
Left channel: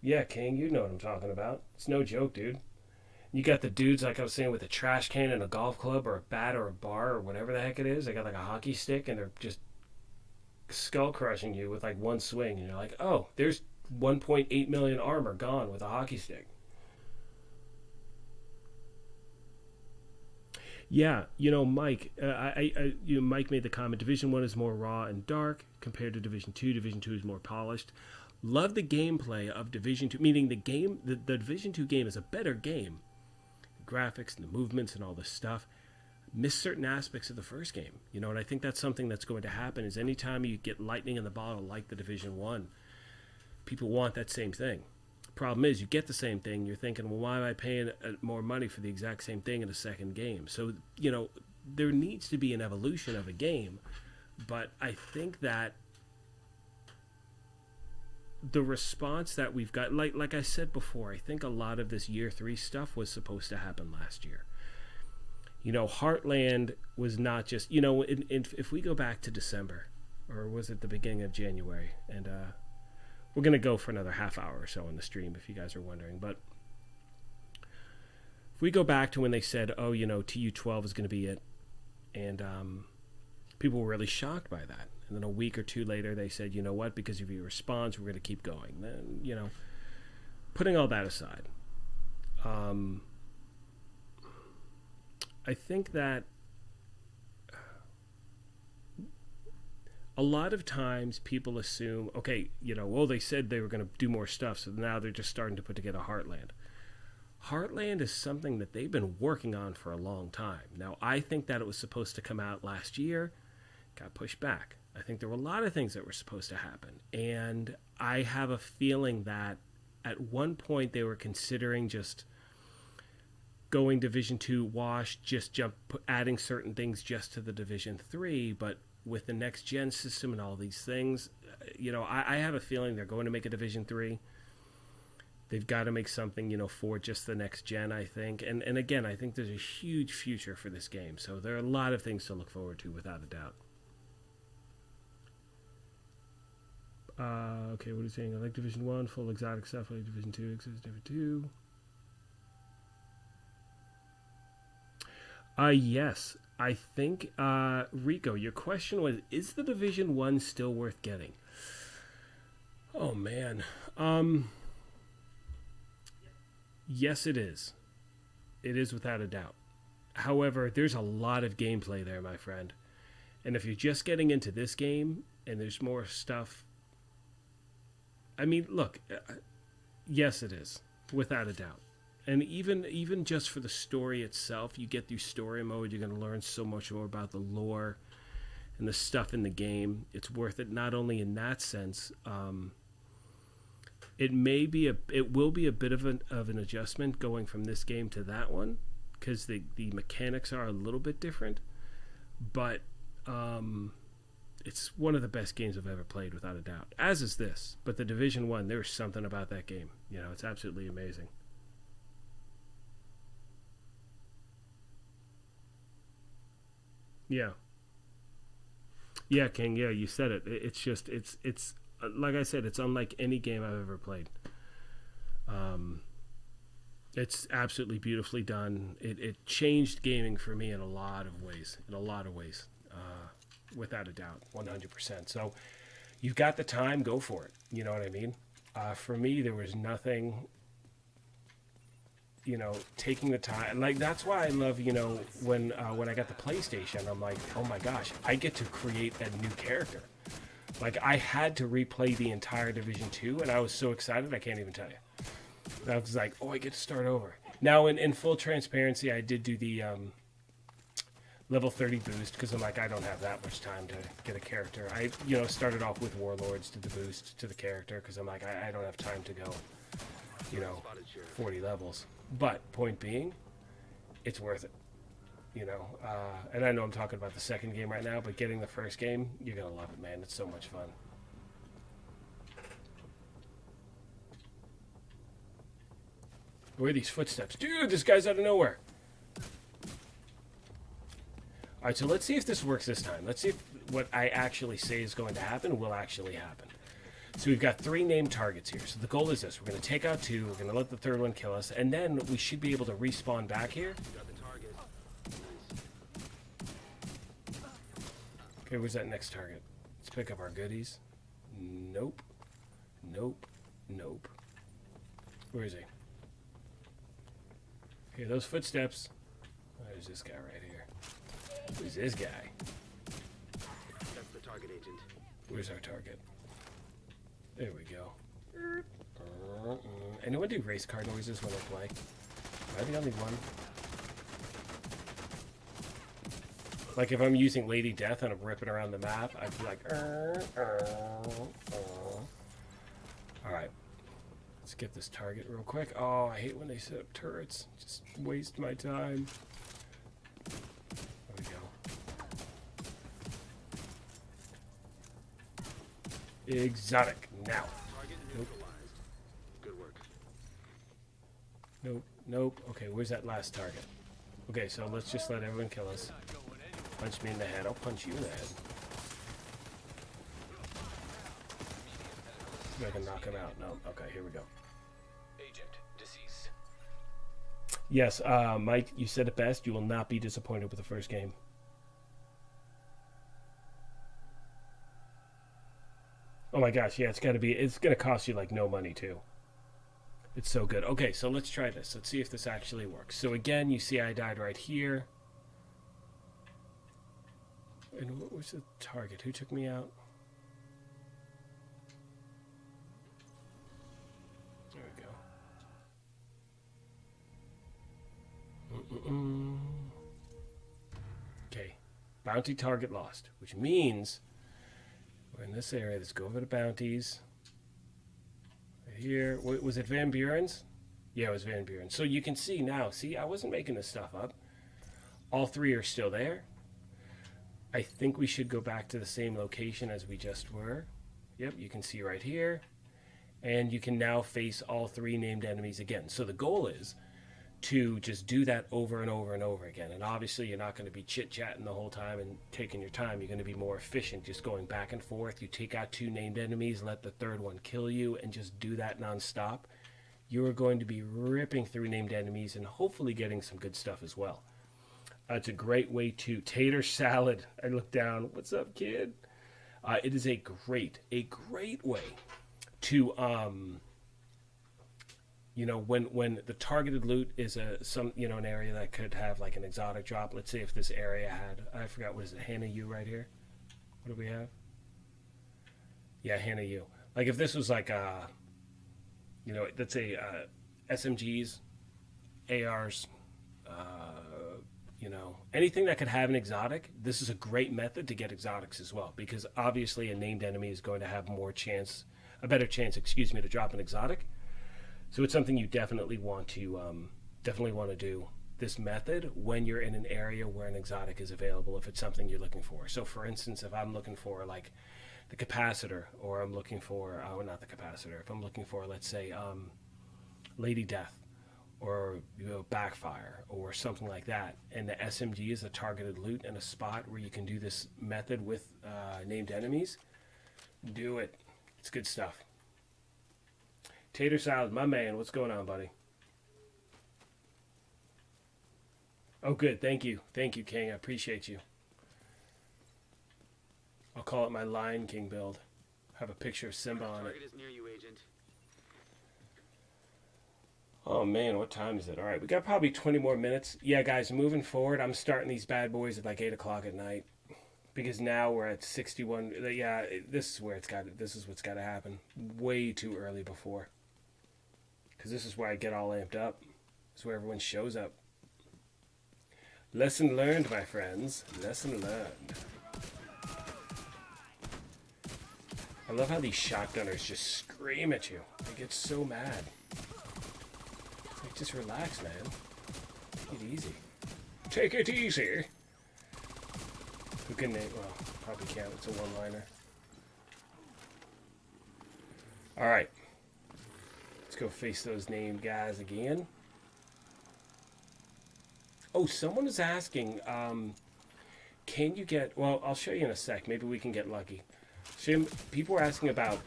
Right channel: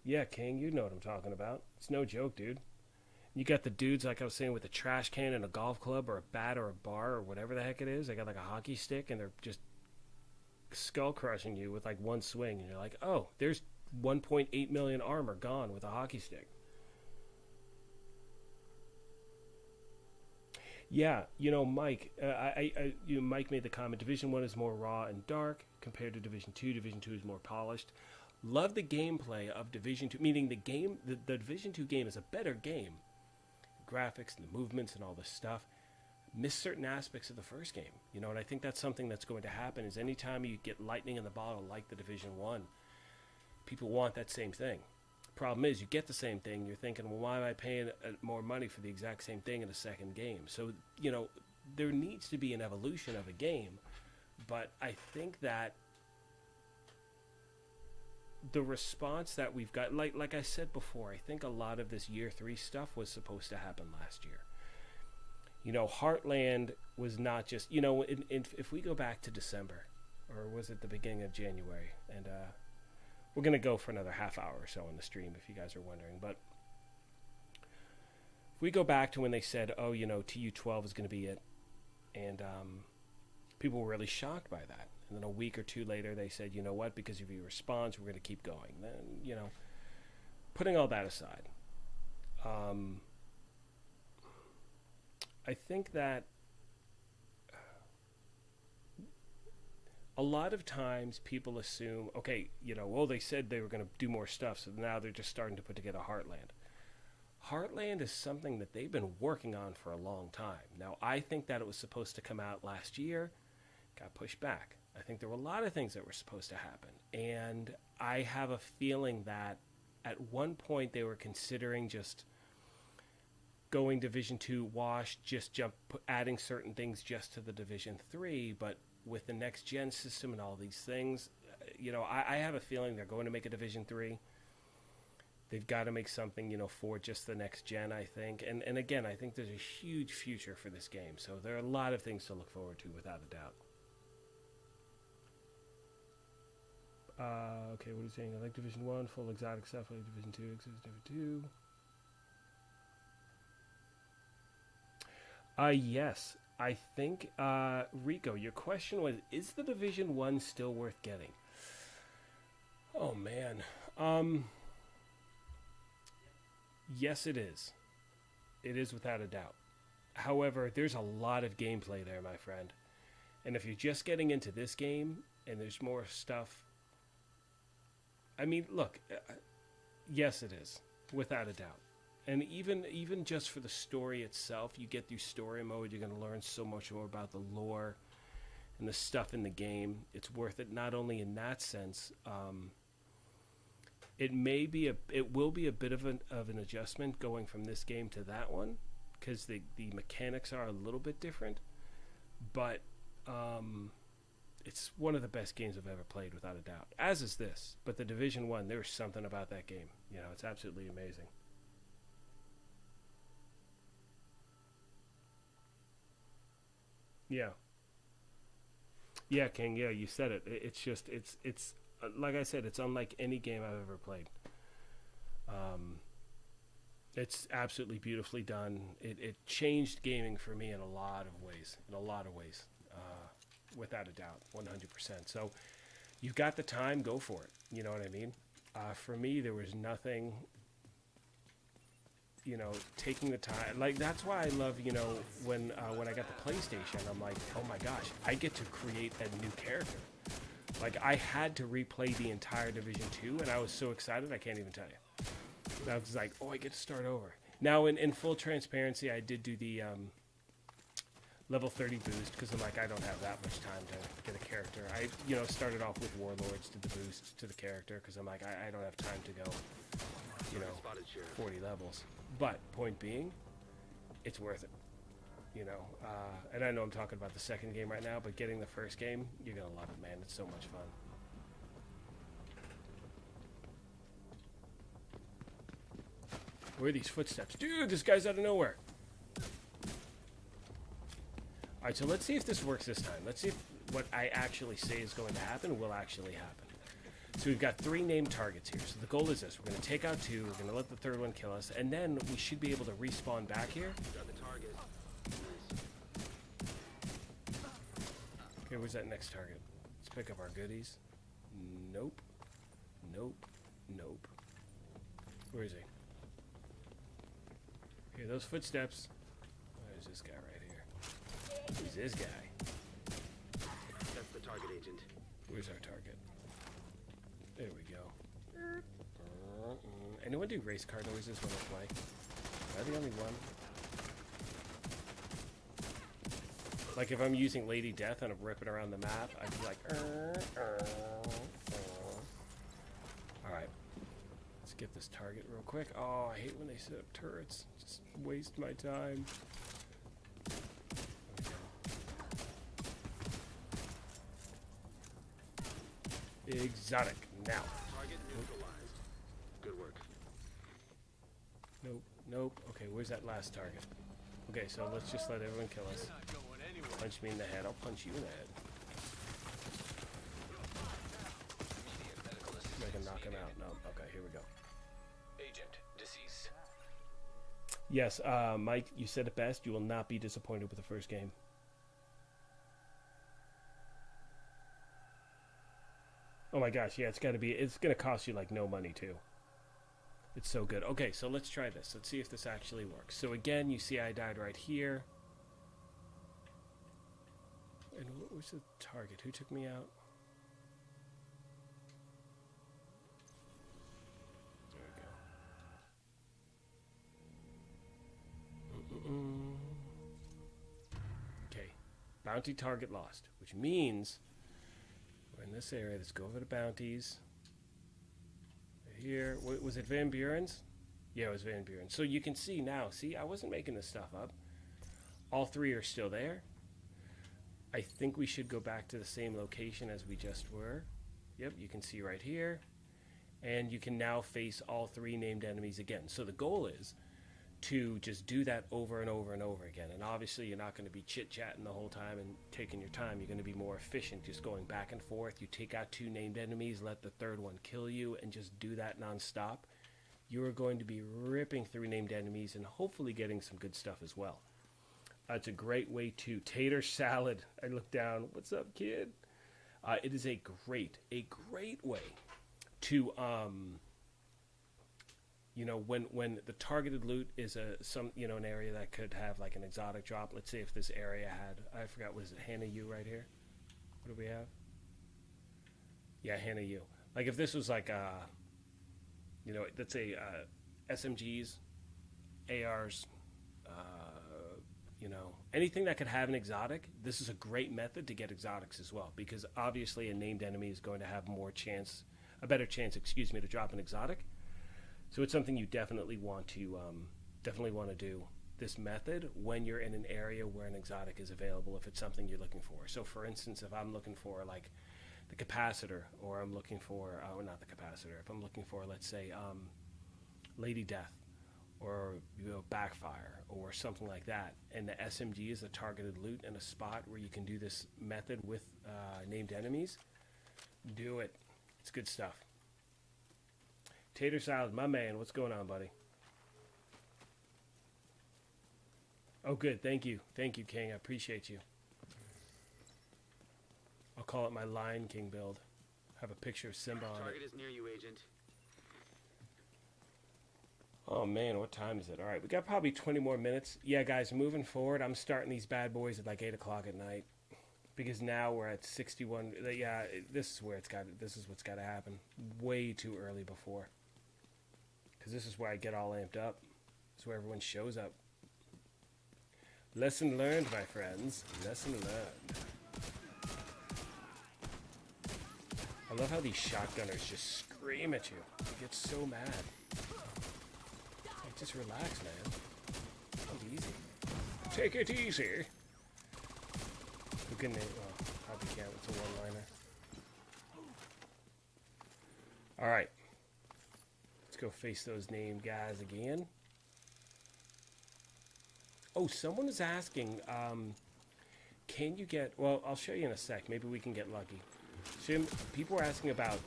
Yeah, King, you know what I'm talking about. It's no joke, dude. You got the dudes, like I was saying, with a trash can and a golf club or a bat or a bar or whatever the heck it is. They got like a hockey stick and they're just skull crushing you with like one swing. And you're like, oh, there's 1.8 million armor gone with a hockey stick. Yeah, you know, Mike, Mike made the comment, Division 1 is more raw and dark compared to Division 2. Division 2 is more polished. Love the gameplay of Division 2, meaning the game, the Division 2 game is a better game. The graphics and the movements and all this stuff. Miss certain aspects of the first game, you know, and I think that's something that's going to happen is anytime you get lightning in the bottle like the Division 1, people want that same thing. Problem is, you get the same thing, you're thinking, well, why am I paying more money for the exact same thing in a second game? So, you know, there needs to be an evolution of a game, but I think that the response that we've got, like I said before, I think a lot of this year 3 stuff was supposed to happen last year. You know, Heartland was not just, you know, if we go back to December, or was it the beginning of January, and we're going to go for another half hour or so on the stream if you guys are wondering, but if we go back to when they said, oh, you know, TU12 is going to be it, and people were really shocked by that. And then a week or two later, they said, you know what, because of your response, we're going to keep going. Then, you know, putting all that aside, I think that a lot of times people assume, okay, you know, well, they said they were going to do more stuff, so now they're just starting to put together Heartland. Heartland is something that they've been working on for a long time. Now, I think that it was supposed to come out last year, got pushed back. I think there were a lot of things that were supposed to happen. And I have a feeling that at one point they were considering just going Division 2 wash, just adding certain things just to the Division 3. But with the next gen system and all these things, you know, I have a feeling they're going to make a Division 3. They've got to make something, you know, for just the next gen, I think. And again, I think there's a huge future for this game. So there are a lot of things to look forward to, without a doubt. Okay, what are you saying? I like Division 1, full exotic stuff. I like Division 2, exists Division 2. Yes. I think, Rico, your question was, is the Division 1 still worth getting? Oh, man. Yes, it is. It is without a doubt. However, there's a lot of gameplay there, my friend. And if you're just getting into this game, and there's more stuff. I mean, look, yes, it is, without a doubt. And even just for the story itself, you get through story mode, you're going to learn so much more about the lore and the stuff in the game. It's worth it, not only in that sense. It will be a bit of an adjustment going from this game to that one, because the mechanics are a little bit different. But it's one of the best games I've ever played, without a doubt. As is this. But the Division 1, there's something about that game. You know, it's absolutely amazing. Yeah. Yeah, King. Yeah, you said it. It's just, it's like I said, it's unlike any game I've ever played. It's absolutely beautifully done. It changed gaming for me in a lot of ways. Without a doubt, 100%. So, you've got the time, go for it. You know what I mean? For me, there was nothing. You know, taking the time, like, that's why I love, you know, when I got the PlayStation, I'm like, oh my gosh, I get to create a new character. Like, I had to replay the entire Division 2, and I was so excited, I can't even tell you. I was like, oh, I get to start over. Now, in full transparency, I did do the level 30 boost, because I'm like, I don't have that much time to get a character. I, you know, started off with Warlords, did the boost to the character, because I'm like, I don't have time to go, you know, 40 levels. But, point being, it's worth it, you know. And I know I'm talking about the second game right now, but getting the first game, you're going to love it, man. It's so much fun. Where are these footsteps? Dude, this guy's out of nowhere. Alright, so let's see if this works this time. Let's see if what I actually say is going to happen will actually happen. So we've got 3 named targets here. So the goal is this. We're going to take out 2. We're going to let the third one kill us. And then we should be able to respawn back here. Got the target. Okay, where's that next target? Let's pick up our goodies. Nope. Nope. Nope. Where is he? Okay, those footsteps. There's this guy right here. Who's this guy? That's the target, Agent. Where's our target? There we go. Anyone do race car noises when I play? Am I the only one? Like if I'm using Lady Death and I'm ripping around the map, I'd be like, Alright. Let's get this target real quick. Oh, I hate when they set up turrets. Just waste my time. There we go. Exotic. Now. Target neutralized. Good work. Nope. Nope. Okay, where's that last target? Okay, so let's just let everyone kill us. Punch me in the head. I'll punch you in the head. I can knock him out. No. Okay, here we go. Agent deceased. Yes, Mike, you said it best. You will not be disappointed with the first game. Oh my gosh, yeah, it's gonna cost you like no money too. It's so good. Okay, so let's try this. Let's see if this actually works. So again, you see I died right here. And what was the target? Who took me out? There we go. Okay, bounty target lost, which means we're in this area. Let's go over to bounties. Right here. Was it Van Buren's? Yeah, it was Van Buren. So you can see now. See, I wasn't making this stuff up. All 3 are still there. I think we should go back to the same location as we just were. Yep, you can see right here. And you can now face all 3 named enemies again. So the goal is to just do that over and over and over again. And obviously you're not going to be chit-chatting the whole time and taking your time. You're going to be more efficient just going back and forth. You take out 2 named enemies, let the third one kill you, and just do that nonstop. You are going to be ripping through named enemies and hopefully getting some good stuff as well. It's a great way to tater salad. I look down. What's up, kid? It is a great way to you know, when the targeted loot is an area that could have like an exotic drop. Let's say if this area had, I forgot, what is it, Hannah U right here? What do we have? Yeah, Hannah, you. Like if this was like you know, let's say SMGs, ARs, you know, anything that could have an exotic. This is a great method to get exotics as well, because obviously a named enemy is going to have a better chance, excuse me, to drop an exotic. So it's something you definitely want to do this method when you're in an area where an exotic is available, if it's something you're looking for. So for instance, if I'm looking for like the capacitor, or I'm looking for not the capacitor, if I'm looking for, let's say, Lady Death, or backfire, or something like that, and the SMG is a targeted loot and a spot where you can do this method with named enemies, do it. It's good stuff. Tater Salad, my man, what's going on, buddy? Oh, good. Thank you, King. I appreciate you. I'll call it my Lion King build. Have a picture of Simba on it. Target is near you, Agent. Oh man, what time is it? All right, we got probably 20 more minutes. Yeah, guys, moving forward, I'm starting these bad boys at like 8 o'clock at night, because now we're at 61. Yeah, this is what's got to happen. Way too early before, because this is where I get all amped up. This is where everyone shows up. Lesson learned, my friends. Lesson learned. I love how these shotgunners just scream at you. They get so mad. Like, just relax, man. Take it easy. Take it easy. Who can name? Well, probably can't. It's a one-liner. All right. Let's go face those named guys again. Oh, someone is asking, can you get... Well, I'll show you in a sec. Maybe we can get lucky. People were asking about,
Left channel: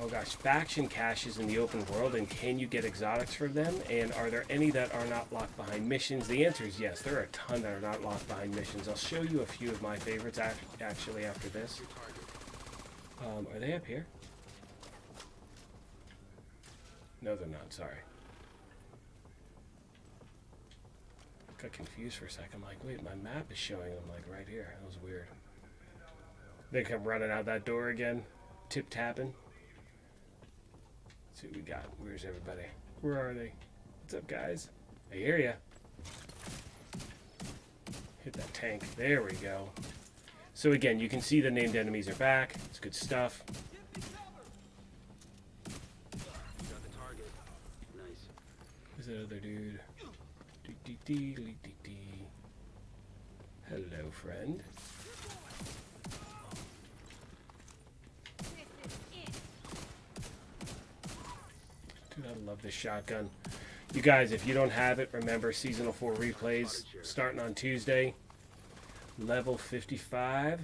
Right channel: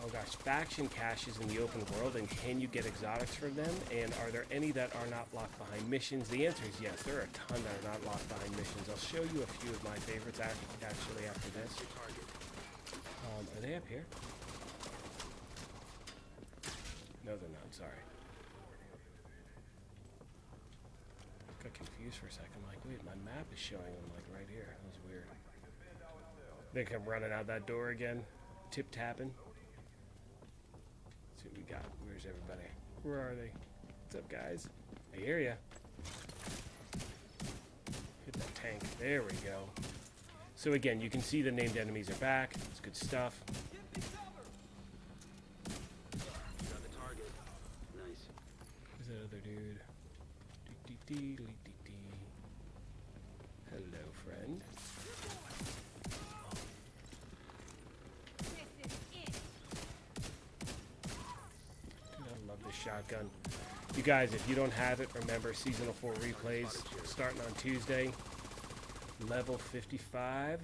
oh gosh, faction caches in the open world, and can you get exotics from them? And are there any that are not locked behind missions? The answer is yes. There are a ton that are not locked behind missions. I'll show you a few of my favorites actually after this. Are they up here? No, they're not. Sorry. Got confused for a second. I'm like, wait, my map is showing them like right here. That was weird. They come running out that door again, tip-tapping. Let's see what we got. Where's everybody? Where are they? What's up, guys? I hear ya. Hit that tank. There we go. So again, you can see the named enemies are back. It's good stuff. Got the target. Nice. Who's that other dude? Hello, friend. Dude, I love this shotgun. You guys, if you don't have it, remember Seasonal 4 replays starting on Tuesday. Level 55.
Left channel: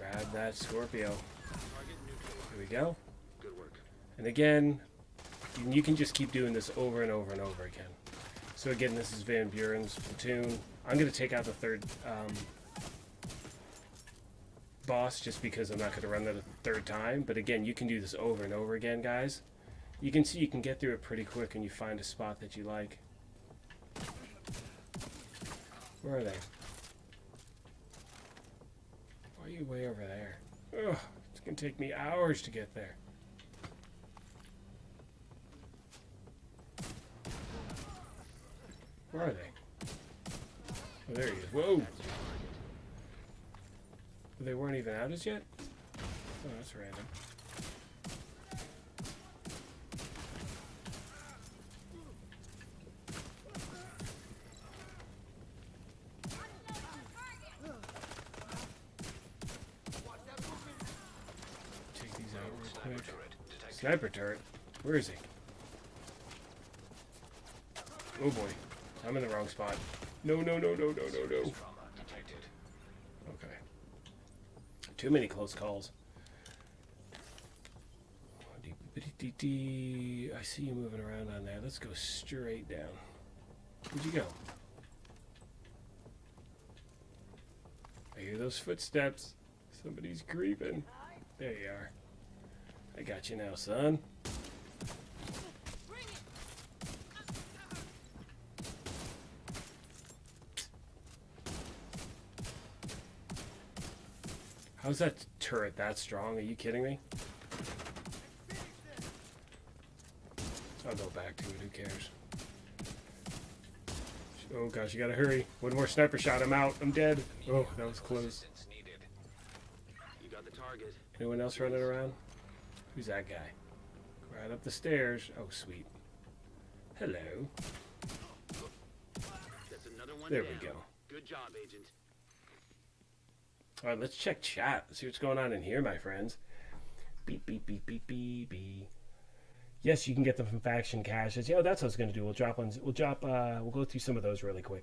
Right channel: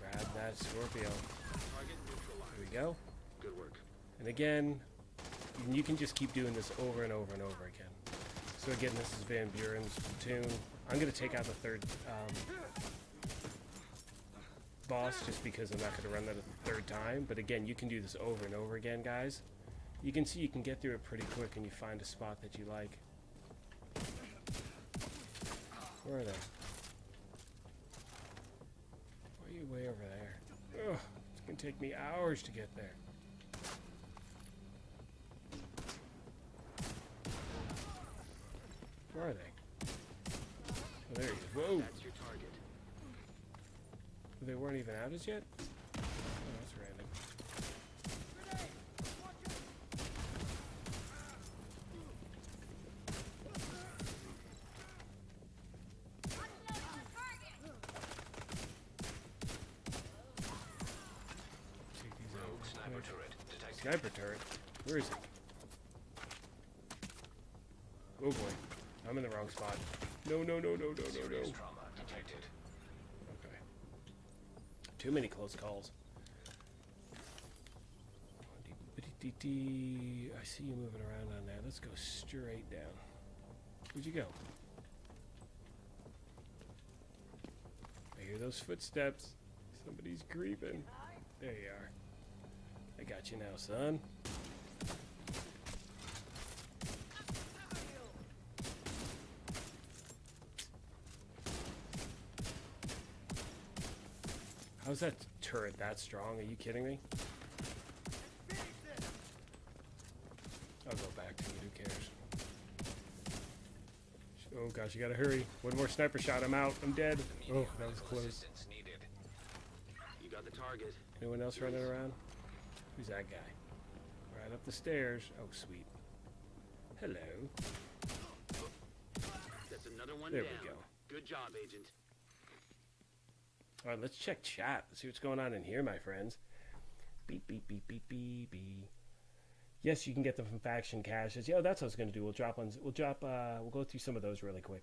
Grab that Scorpio. Here we go. Good work. And again, you can just keep doing this over and over and over again. So again, this is Van Buren's platoon. I'm going to take out the third boss just because I'm not going to run that a third time. But again, you can do this over and over again, guys. You can see you can get through it pretty quick and you find a spot that you like. Where are they? Why are you way over there? Ugh, it's going to take me hours to get there. Where are they? Oh, there he is. Whoa! That's your target. They weren't even out as yet? Oh, that's random. Take these out. Sniper turret detected. Sniper turret? Where is he? Oh boy. I'm in the wrong spot. No. Serious trauma detected. Okay. Too many close calls. I see you moving around on there. Let's go straight down. Where'd you go? I hear those footsteps. Somebody's creeping. There you are. I got you now, son. How's that turret that strong? Are you kidding me? I'll go back to it. Who cares? Oh gosh, you gotta hurry. One more sniper shot. I'm out. I'm dead. Oh, that was close. Assistance needed. You got the target. Anyone else running around? Who's that guy? Right up the stairs. Oh, sweet. Hello. That's another one There down. we go. Good job, Agent. All right, let's check chat. See what's going on in here, my friends. Beep, beep, beep, beep, beep, beep. Yes, you can get them from faction caches. Yeah, that's what I was going to do. We'll drop ones. We'll go through some of those really quick.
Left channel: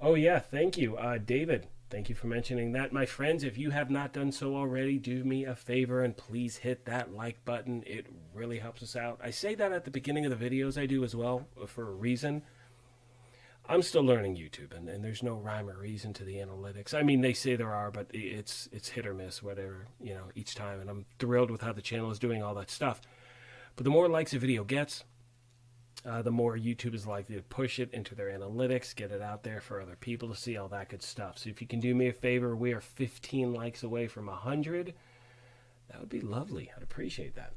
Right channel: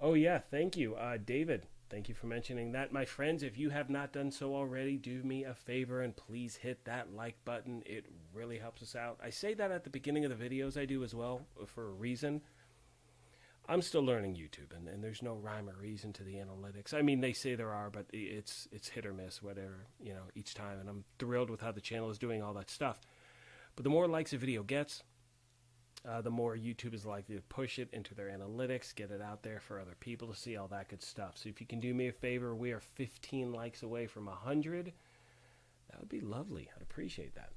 Oh yeah, thank you, David. Thank you for mentioning that. My friends, if you have not done so already, do me a favor and please hit that like button. It really helps us out. I say that at the beginning of the videos I do as well for a reason. I'm still learning YouTube, and there's no rhyme or reason to the analytics. I mean, they say there are, but it's hit or miss, whatever, you know, each time. And I'm thrilled with how the channel is doing all that stuff. But the more likes a video gets, the more YouTube is likely to push it into their analytics, get it out there for other people to see, all that good stuff. So if you can do me a favor, we are 15 likes away from 100. That would be lovely. I'd appreciate that.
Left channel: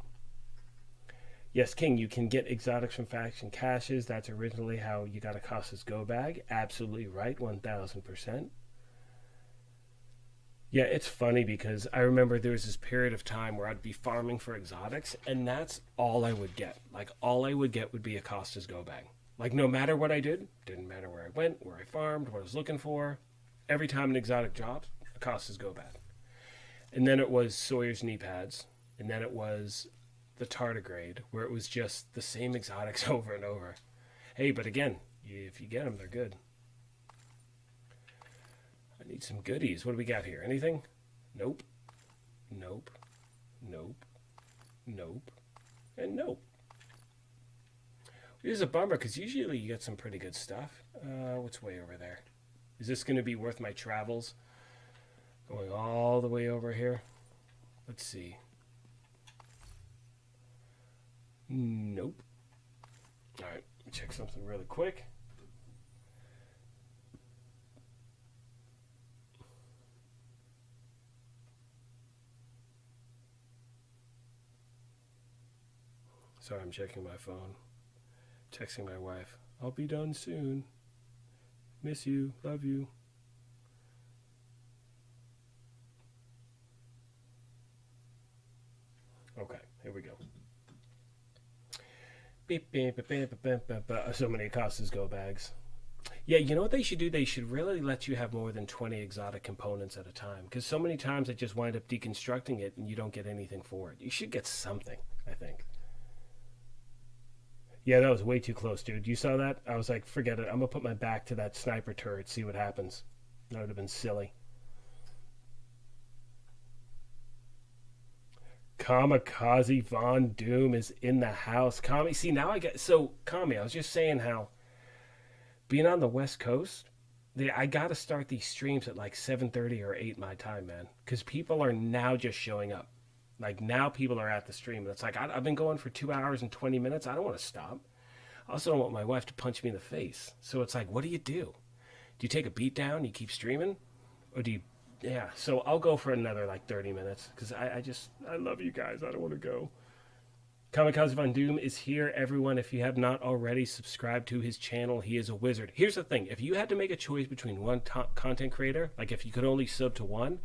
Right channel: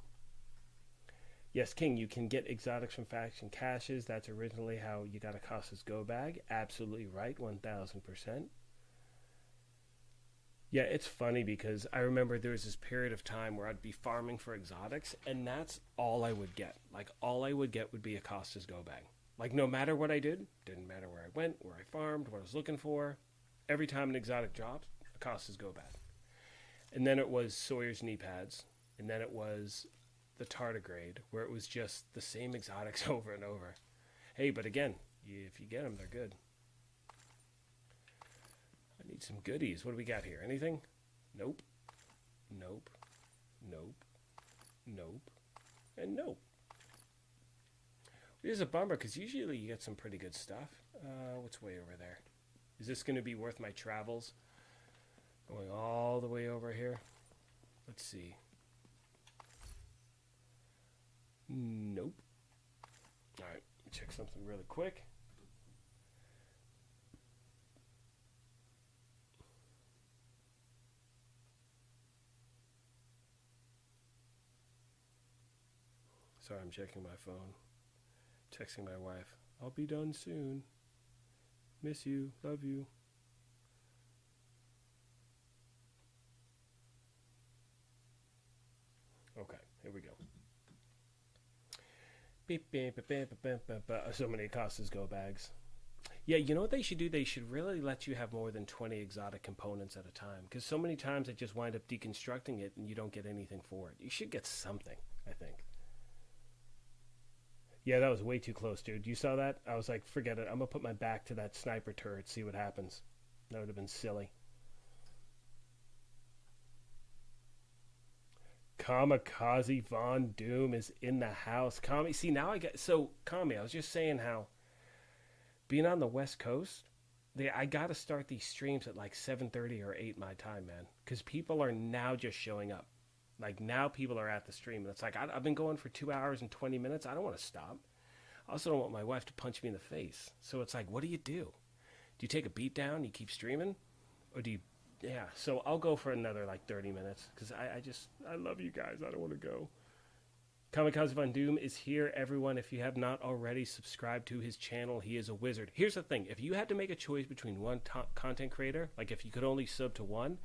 Yes, King, you can get exotics from faction caches. That's originally how you got Acostas Go Bag. Absolutely right, 1000%. Yeah, it's funny because I remember there was this period of time where I'd be farming for exotics, and that's all I would get. Like, all I would get would be Acostas Go Bag. Like, no matter what I did, didn't matter where I went, where I farmed, what I was looking for, every time an exotic dropped, Acostas Go Bag. And then it was Sawyer's knee pads, and then it was the tardigrade, where it was just the same exotics over and over. Hey, but again, if you get them, they're good. I need some goodies. What do we got here? Anything? Nope. Nope. Nope. Nope. And nope. It is a bummer, because usually you get some pretty good stuff. What's way over there? Is this going to be worth my travels? Going all the way over here? Let's see. Nope. Alright, check something really quick. Sorry, I'm checking my phone. Texting my wife. I'll be done soon. Miss you. Love you. Okay, here we go. Beep, beep, beep, beep, beep, beep, beep. So many Acostas Go Bags. Yeah, you know what they should do? They should really let you have more than 20 exotic components at a time. Because so many times I just wind up deconstructing it and you don't get anything for it. You should get something, I think. Yeah, that was way too close, dude. You saw that? I was like, forget it. I'm going to put my back to that sniper turret, see what happens. That would have been silly. Kamikaze Von Doom is in the house. Kami, see, now I get... So, Kami, I was just saying how being on the West Coast, I got to start these streams at like 7:30 or 8 my time, man. Because people are now just showing up. Like, now people are at the stream. It's like, I've been going for 2 hours and 20 minutes. I don't want to stop. I also don't want my wife to punch me in the face. So it's like, what do? Do you take a beat down? You keep streaming? Or do you... Yeah, so I'll go for another, like, 30 minutes. Because I love you guys. I don't want to go. Kamikaze Von Doom is here, everyone. If you have not already subscribed to his channel, he is a wizard. Here's the thing. If you had to make a choice between one content creator, like if you could only sub to one,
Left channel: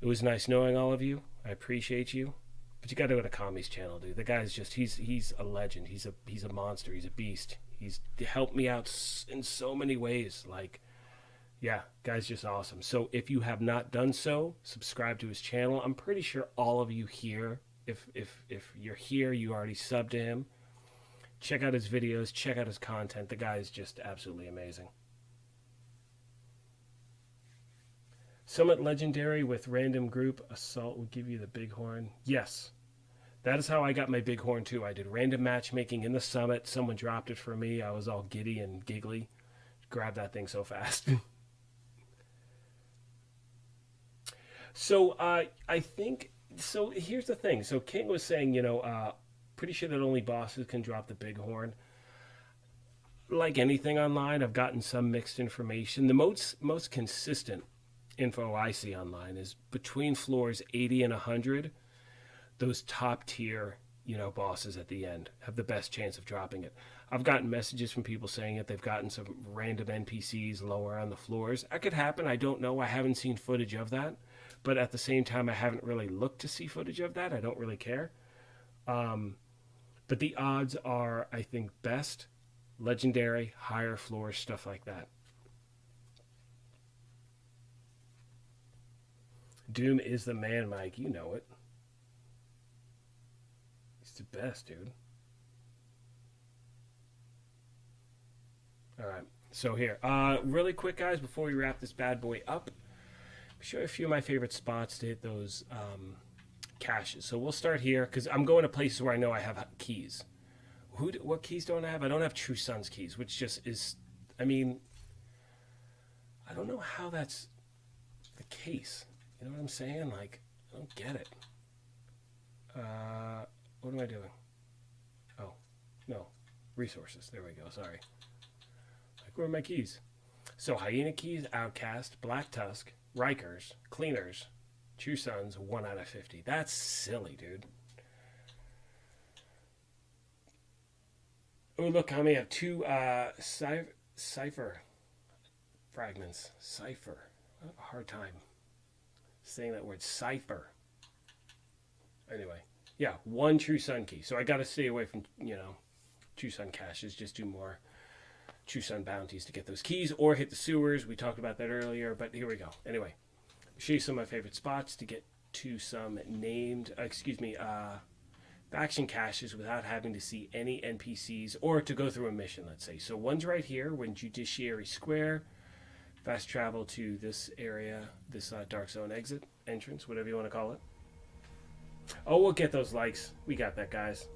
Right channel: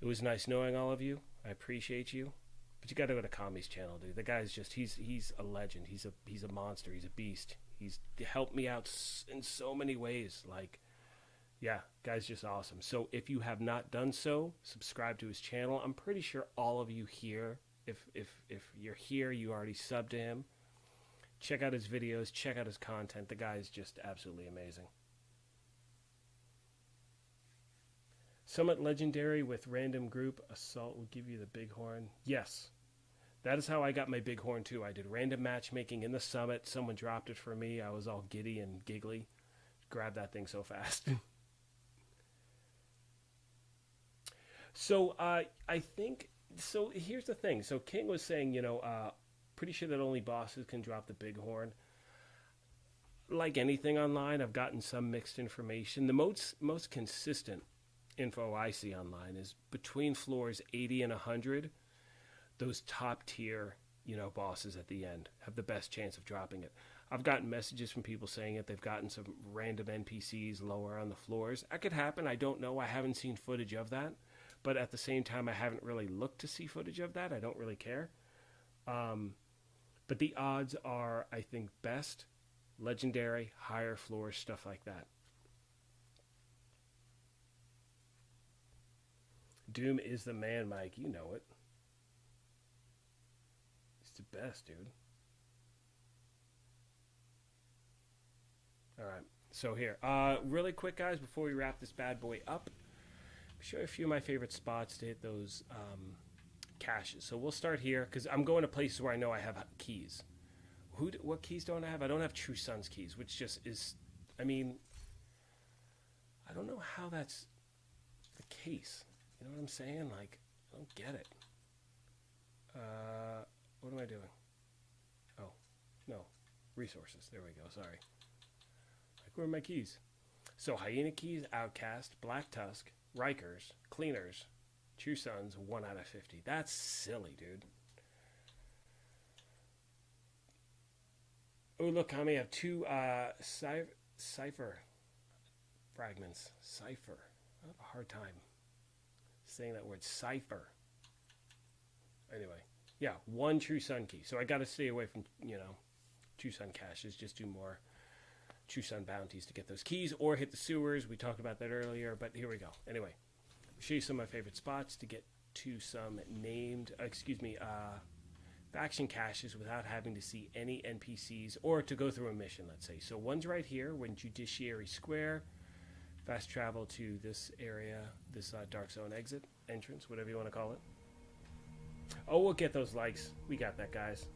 it was nice knowing all of you. I appreciate you, but you got to go to Kami's channel, dude. The guy's just, he's a legend. He's a monster. He's a beast. He's helped me out in so many ways. Like, yeah, guy's just awesome. So if you have not done so, subscribe to his channel. I'm pretty sure all of you here, if you're here, you already subbed to him. Check out his videos. Check out his content. The guy is just absolutely amazing. Summit Legendary with random group assault will give you the bighorn. Yes, that is how I got my bighorn too. I did random matchmaking in the summit. Someone dropped it for me. I was all giddy and giggly. Grabbed that thing so fast. So I think, so here's the thing. So King was saying, you know, pretty sure that only bosses can drop the bighorn. Like anything online, I've gotten some mixed information. The most consistent info I see online is between floors 80 and 100. Those top tier, bosses at the end have the best chance of dropping it. I've gotten messages from people saying that they've gotten some random NPCs lower on the floors. That could happen. I don't know. I haven't seen footage of that. But at the same time, I haven't really looked to see footage of that. I don't really care. But the odds are, I think, best legendary, higher floors, stuff like that. Doom is the man, Mike. You know it. He's the best, dude. All right. So here, really quick, guys, before we wrap this bad boy up, show you a few of my favorite spots to hit those caches. So we'll start here because I'm going to places where I know I have keys. What keys don't I have? I don't have True Sun's keys, which just is, I mean, I don't know how that's the case. You know what I'm saying? Like, I don't get it. What am I doing? Oh, no. Resources. There we go. Sorry. Like, where are my keys? So, Hyena keys, Outcast, Black Tusk, Rikers, Cleaners, True Sons, 1 out of 50. That's silly, dude. Oh, look, I only have 2 cipher fragments. Cipher. I have a hard time saying that word. Cipher. Anyway, yeah, 1 True Sun key. So I got to stay away from, True Sun caches. Just do more True Sun bounties to get those keys or hit the sewers. We talked about that earlier, but here we go. Anyway, I'll show you some of my favorite spots to get to some named, faction caches without having to see any NPCs or to go through a mission, let's say. So one's right here, when Judiciary Square. Fast travel to this area, this Dark Zone exit, entrance, whatever you want to call it. Oh, we'll get those likes. We got that, guys.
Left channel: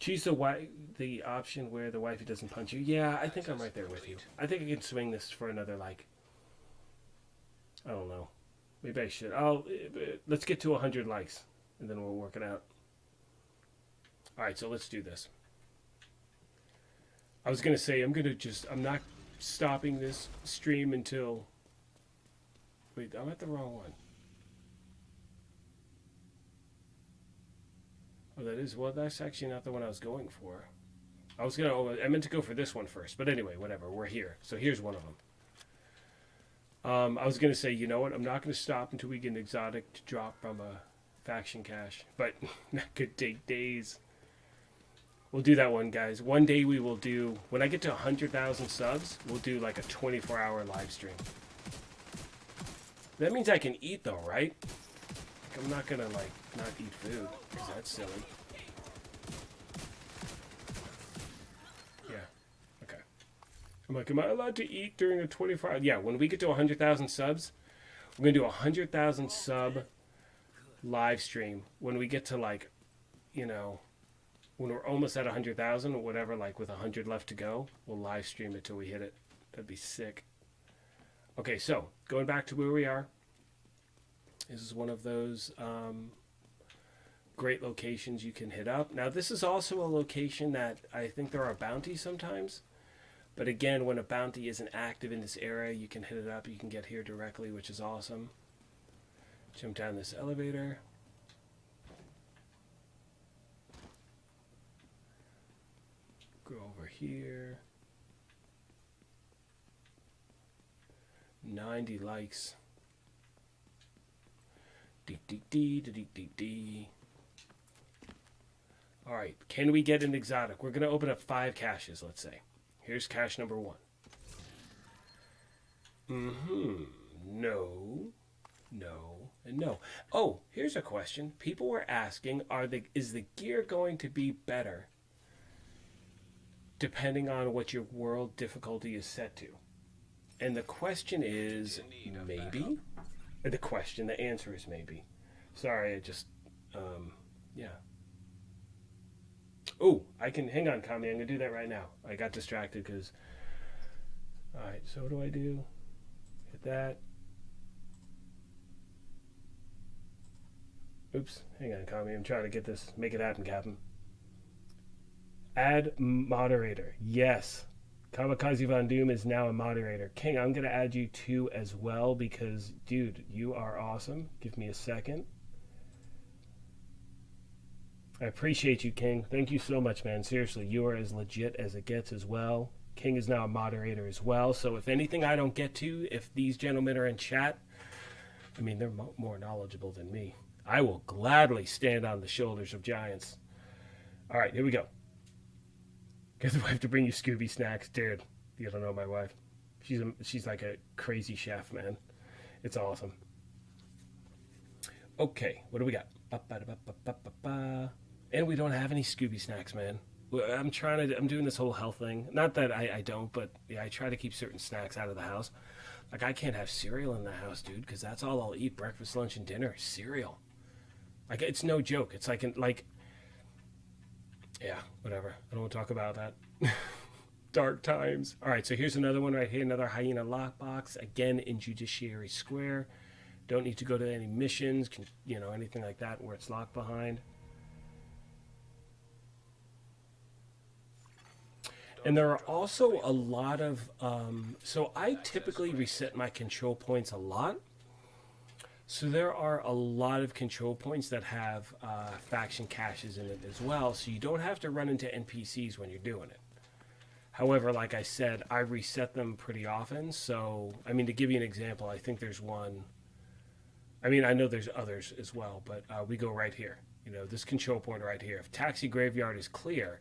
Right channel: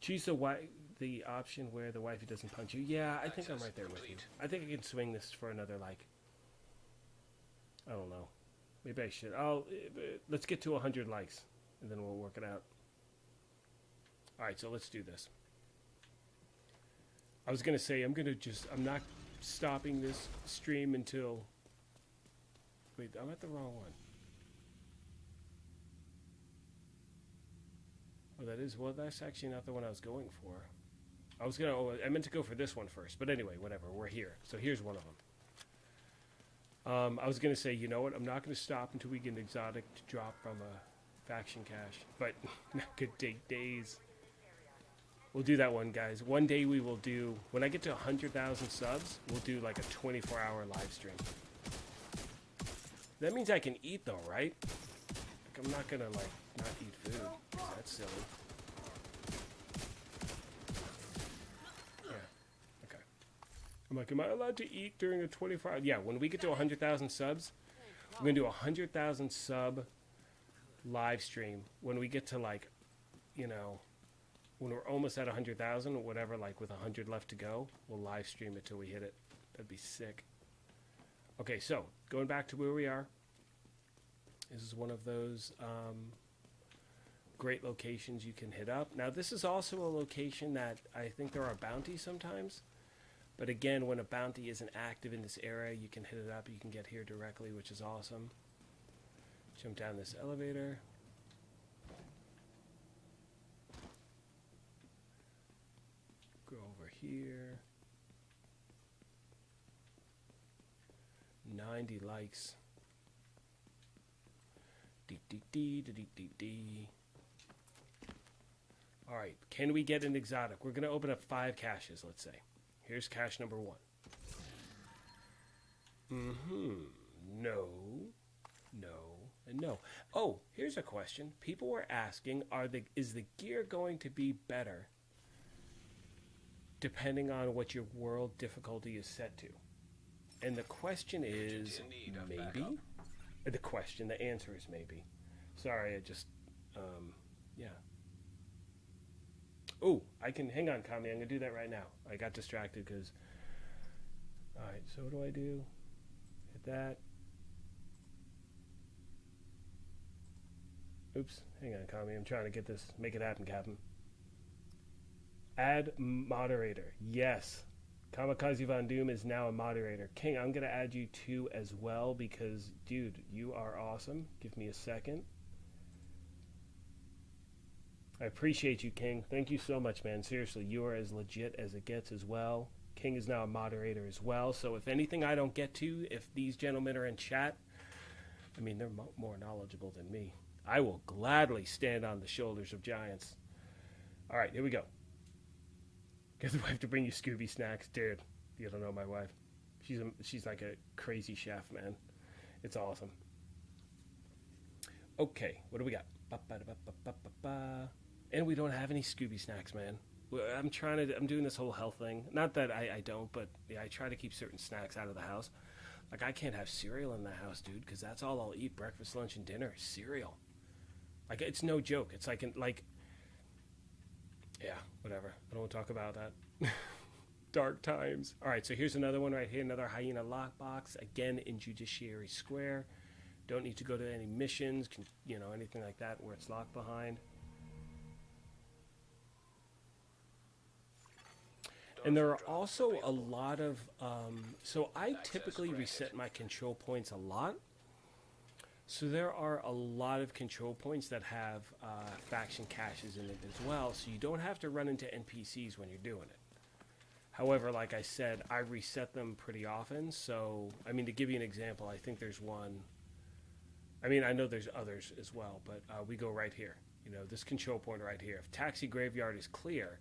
Choose the option where the wifey doesn't punch you. Yeah, I think I'm right there with you. I think I can swing this for another, I don't know. Maybe I should. Let's get to 100 likes, and then we'll work it out. All right, so let's do this. I was going to say, I'm not stopping this stream until... Wait, I'm at the wrong one. Oh, that's actually not the one I was going for. I meant to go for this one first, but anyway, whatever, we're here. So here's one of them. I was going to say, you know what, I'm not going to stop until we get an exotic to drop from a faction cache, but could take days. We'll do that one, guys. One day we will do, when I get to 100,000 subs, we'll do like a 24-hour live stream. That means I can eat though, right? I'm not gonna not eat food, because that's silly. Yeah, okay. I'm like, am I allowed to eat during a 24 hour? Yeah, when we get to 100,000 subs, we're gonna do a 100,000 sub live stream. When we get to when we're almost at 100,000 or whatever, with 100 left to go, we'll live stream it till we hit it. That'd be sick. Okay, so going back to where we are. This is one of those great locations you can hit up. Now, this is also a location that I think there are bounties sometimes. But again, when a bounty isn't active in this area, you can hit it up. You can get here directly, which is awesome. Jump down this elevator. Go over here. 90 likes. All right, can we get an exotic? We're going to open up 5 caches, let's say. Here's cache number 1. No, and no. Oh, here's a question. People were asking, is the gear going to be better depending on what your world difficulty is set to? And the question is, maybe? The answer is maybe. Sorry, yeah. Oh, hang on, Kami, I'm going to do that right now. I got distracted because, alright, so what do I do? Hit that. Oops, hang on, Kami. I'm trying to get this. Make it happen, Captain. Add moderator. Yes. Kamikaze Von Doom is now a moderator. King, I'm going to add you too as well because, dude, you are awesome. Give me a second. I appreciate you, King. Thank you so much, man. Seriously, you are as legit as it gets as well. King is now a moderator as well. So if anything I don't get to, if these gentlemen are in chat, I mean, they're more knowledgeable than me. I will gladly stand on the shoulders of giants. All right, here we go. Get the wife to bring you Scooby snacks. Dude, you don't know my wife. She's like a crazy chef, man. It's awesome. Okay, what do we got? And we don't have any Scooby snacks, man. I'm doing this whole health thing. Not that I don't, but yeah, I try to keep certain snacks out of the house. Like, I can't have cereal in the house, dude, because that's all I'll eat breakfast, lunch, and dinner is cereal. Like, it's no joke. It's like, yeah, whatever. I don't want to talk about that. Dark times. All right, so here's another one right here, another hyena lockbox, again in Judiciary Square. Don't need to go to any missions, anything like that where it's locked behind. And there are also a lot of, so I typically reset my control points a lot. So there are a lot of control points that have faction caches in it as well. So you don't have to run into NPCs when you're doing it. However, like I said, I reset them pretty often. So, I mean, to give you an example, I think there's one. I mean, I know there's others as well, but we go right here. This control point right here. If Taxi Graveyard is clear,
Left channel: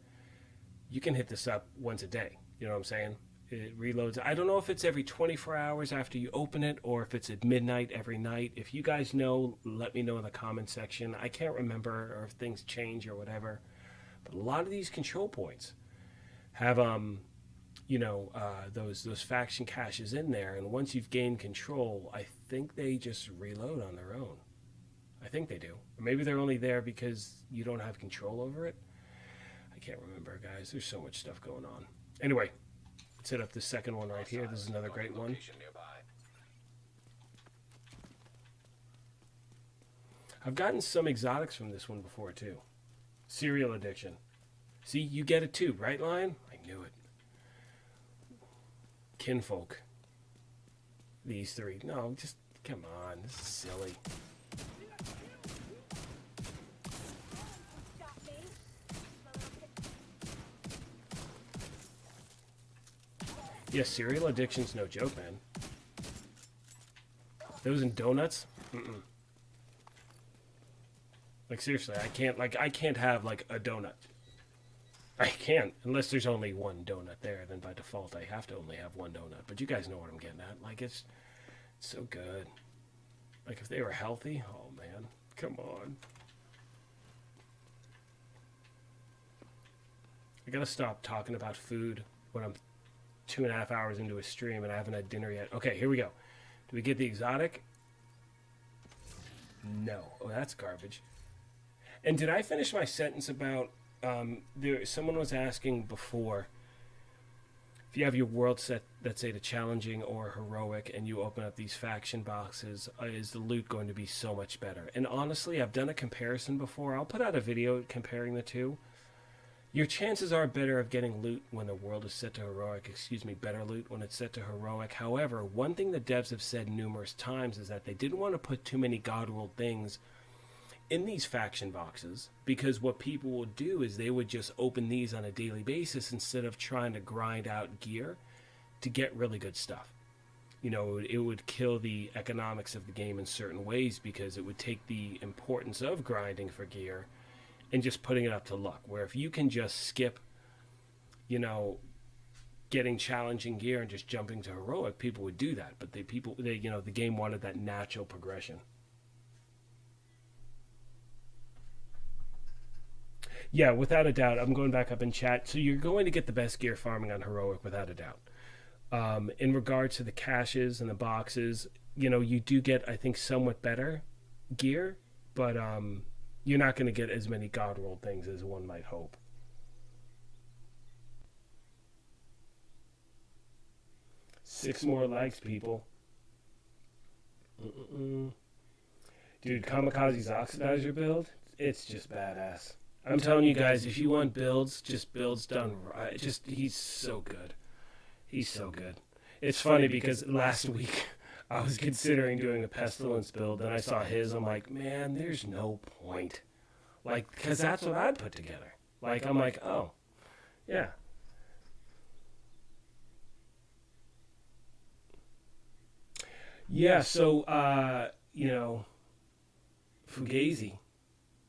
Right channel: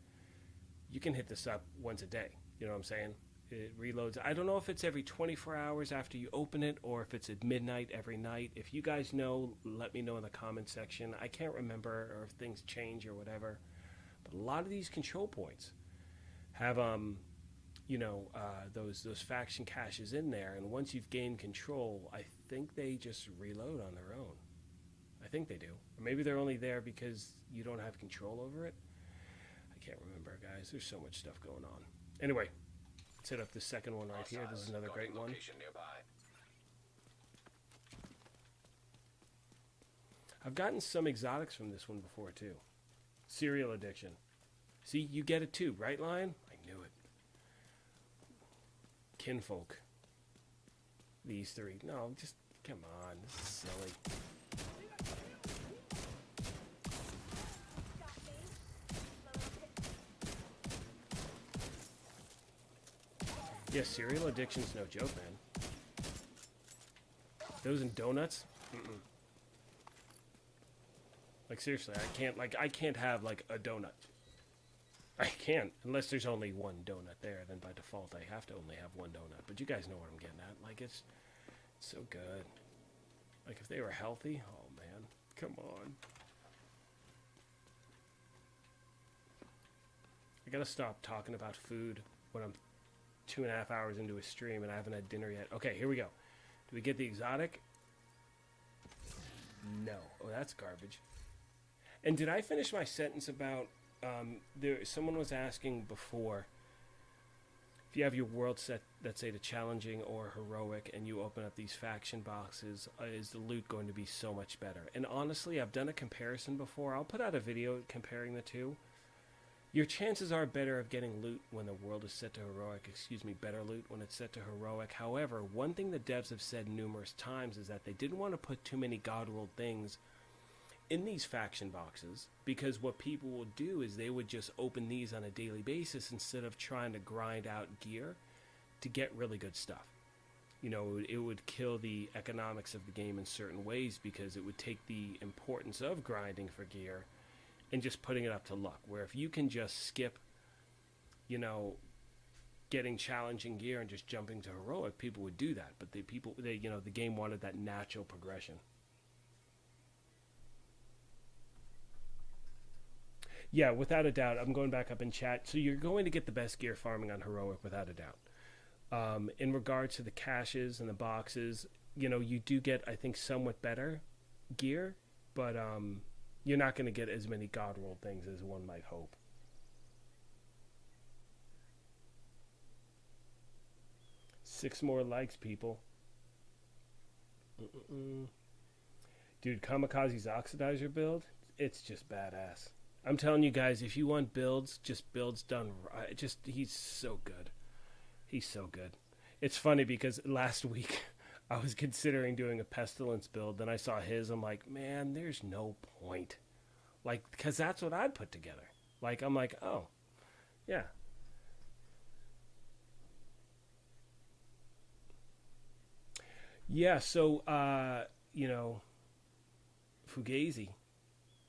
you can hit this up once a day. You know what I'm saying? It reloads. I don't know if it's every 24 hours after you open it or if it's at midnight every night. If you guys know, let me know in the comment section. I can't remember, or if things change or whatever. But a lot of these control points have, those faction caches in there. And once you've gained control, I think they just reload on their own. I think they do. Or maybe they're only there because you don't have control over it. I can't remember, guys. There's so much stuff going on. Anyway, let's hit up the second one right here. This is another great one. I've gotten some exotics from this one before, too. Cereal addiction. See, you get it too, right, Lion? I knew it. Kinfolk. These three. No, just, come on. This is silly. Yeah, cereal addiction's no joke, man. Those and donuts? Mm-mm. Like, seriously, I can't have, like, a donut. I can't, unless there's only one donut there, then by default I have to only have one donut. But you guys know what I'm getting at. Like, it's so good. Like, if they were healthy, oh, man, come on. I gotta stop talking about food when I'm 2.5 hours into a stream and I haven't had dinner yet. Okay, here we go. Do we get the exotic? No. Oh, that's garbage. And did I finish my sentence about someone was asking before, if you have your world set, let's say to challenging or heroic, and you open up these faction boxes, is the loot going to be so much better? And honestly, I've done a comparison before. I'll put out a video comparing the two. Your chances are better of getting loot when the world is set to heroic. Better loot when it's set to heroic. However, one thing the devs have said numerous times is that they didn't want to put too many god-rolled things in these faction boxes, because what people would do is they would just open these on a daily basis instead of trying to grind out gear to get really good stuff. It would kill the economics of the game in certain ways, because it would take the importance of grinding for gear and just putting it up to luck. Where if you can just skip, getting challenging gear and just jumping to heroic, people would do that. But the game wanted that natural progression. Yeah, without a doubt. I'm going back up in chat. So you're going to get the best gear farming on heroic, without a doubt. In regards to the caches and the boxes, you do get, I think, somewhat better gear, but you're not going to get as many god roll things as one might hope. Six more likes, people. Dude, Kamikaze's Oxidizer build, it's just badass. I'm telling you guys, if you want builds, just builds done right. Just, he's so good. He's so good. It's funny because last week I was considering doing a Pestilence build, and I saw his. I'm like, man, there's no point. Like, because that's what I put together. Like, I'm like, oh, yeah. Yeah, so, Fugazi,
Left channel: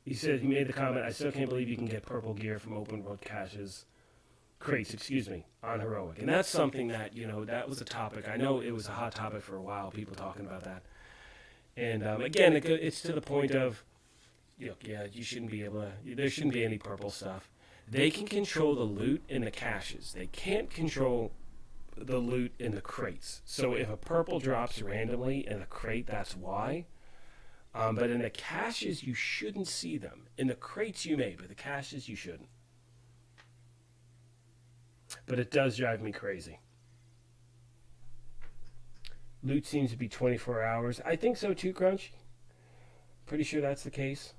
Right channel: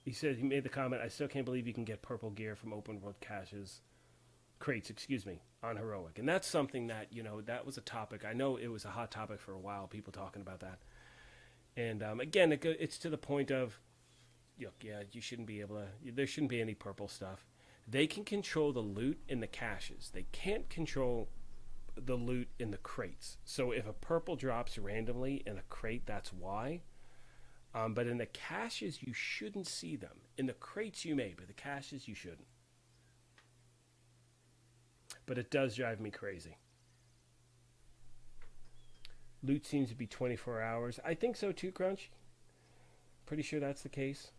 he said, he made the comment, I still can't believe you can get purple gear from open world crates, on Heroic. And that's something that, that was a topic. I know it was a hot topic for a while, people talking about that. And again, it's to the point of, you shouldn't be able to, there shouldn't be any purple stuff. They can control the loot in the caches. They can't control the loot in the crates. So if a purple drops randomly in a crate, that's why. But in the caches, you shouldn't see them. In the crates, you may, but the caches, you shouldn't. But it does drive me crazy. Loot seems to be 24 hours. I think so too, Crunch. Pretty sure that's the case.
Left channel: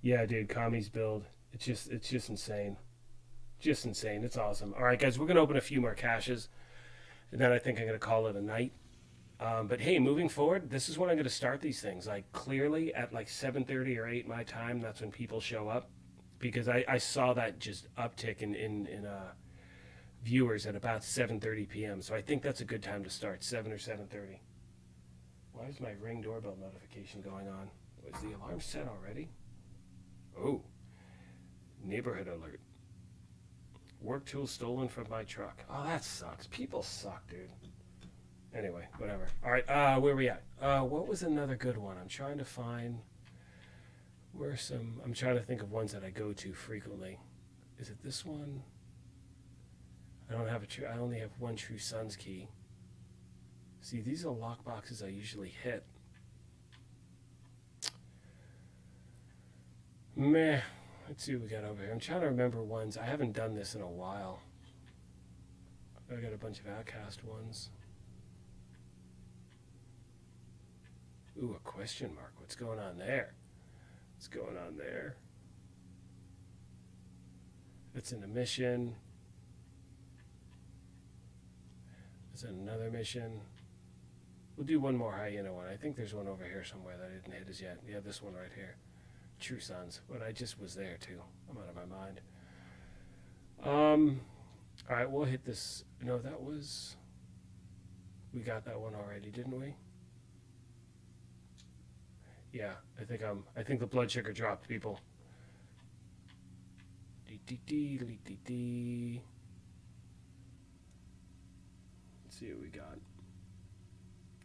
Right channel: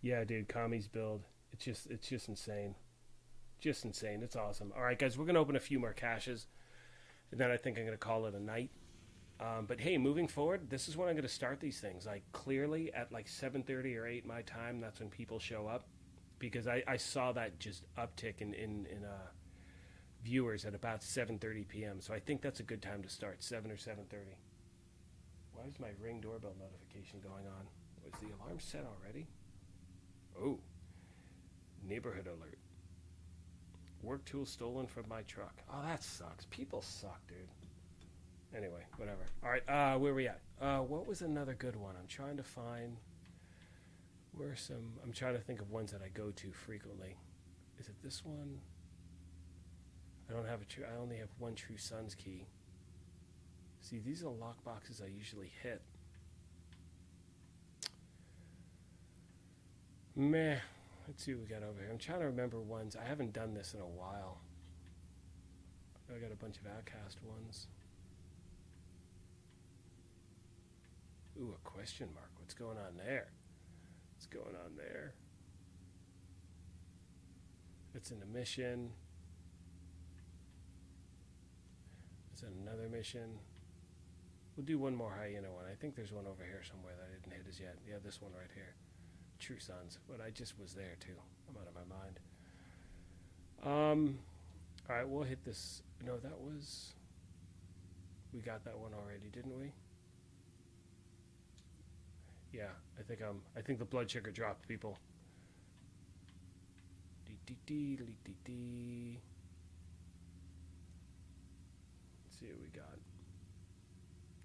Yeah, dude, Kami's build. It's just insane. Just insane. It's awesome. All right, guys, we're going to open a few more caches. And then I think I'm going to call it a night. But hey, moving forward, this is when I'm going to start these things. Like, clearly at like 7:30 or 8 my time, that's when people show up. Because I saw that just uptick in viewers at about 7:30 p.m. So I think that's a good time to start, 7 or 7:30. Why is my Ring doorbell notification going on? Was the alarm set already? Oh, neighborhood alert. Work tool stolen from my truck. Oh, that sucks. People suck, dude. Anyway, whatever. All right, where are we at? What was another good one? I'm trying to find I'm trying to think of ones that I go to frequently. Is it this one? I only have one True Sons key. See, these are lock boxes I usually hit. Meh. Let's see what we got over here. I'm trying to remember ones. I haven't done this in a while. I got a bunch of Outcast ones. Ooh, a question mark. What's going on there? What's going on there? It's in a mission. Is it another mission? We'll do one more hyena one. I think there's one over here somewhere that I didn't hit as yet. Yeah, this one right here. True Sons, but I just was there too. I'm out of my mind. All right, we'll hit this. No, we got that one already, didn't we? Yeah, I think the blood sugar dropped, people. Let's see what we got.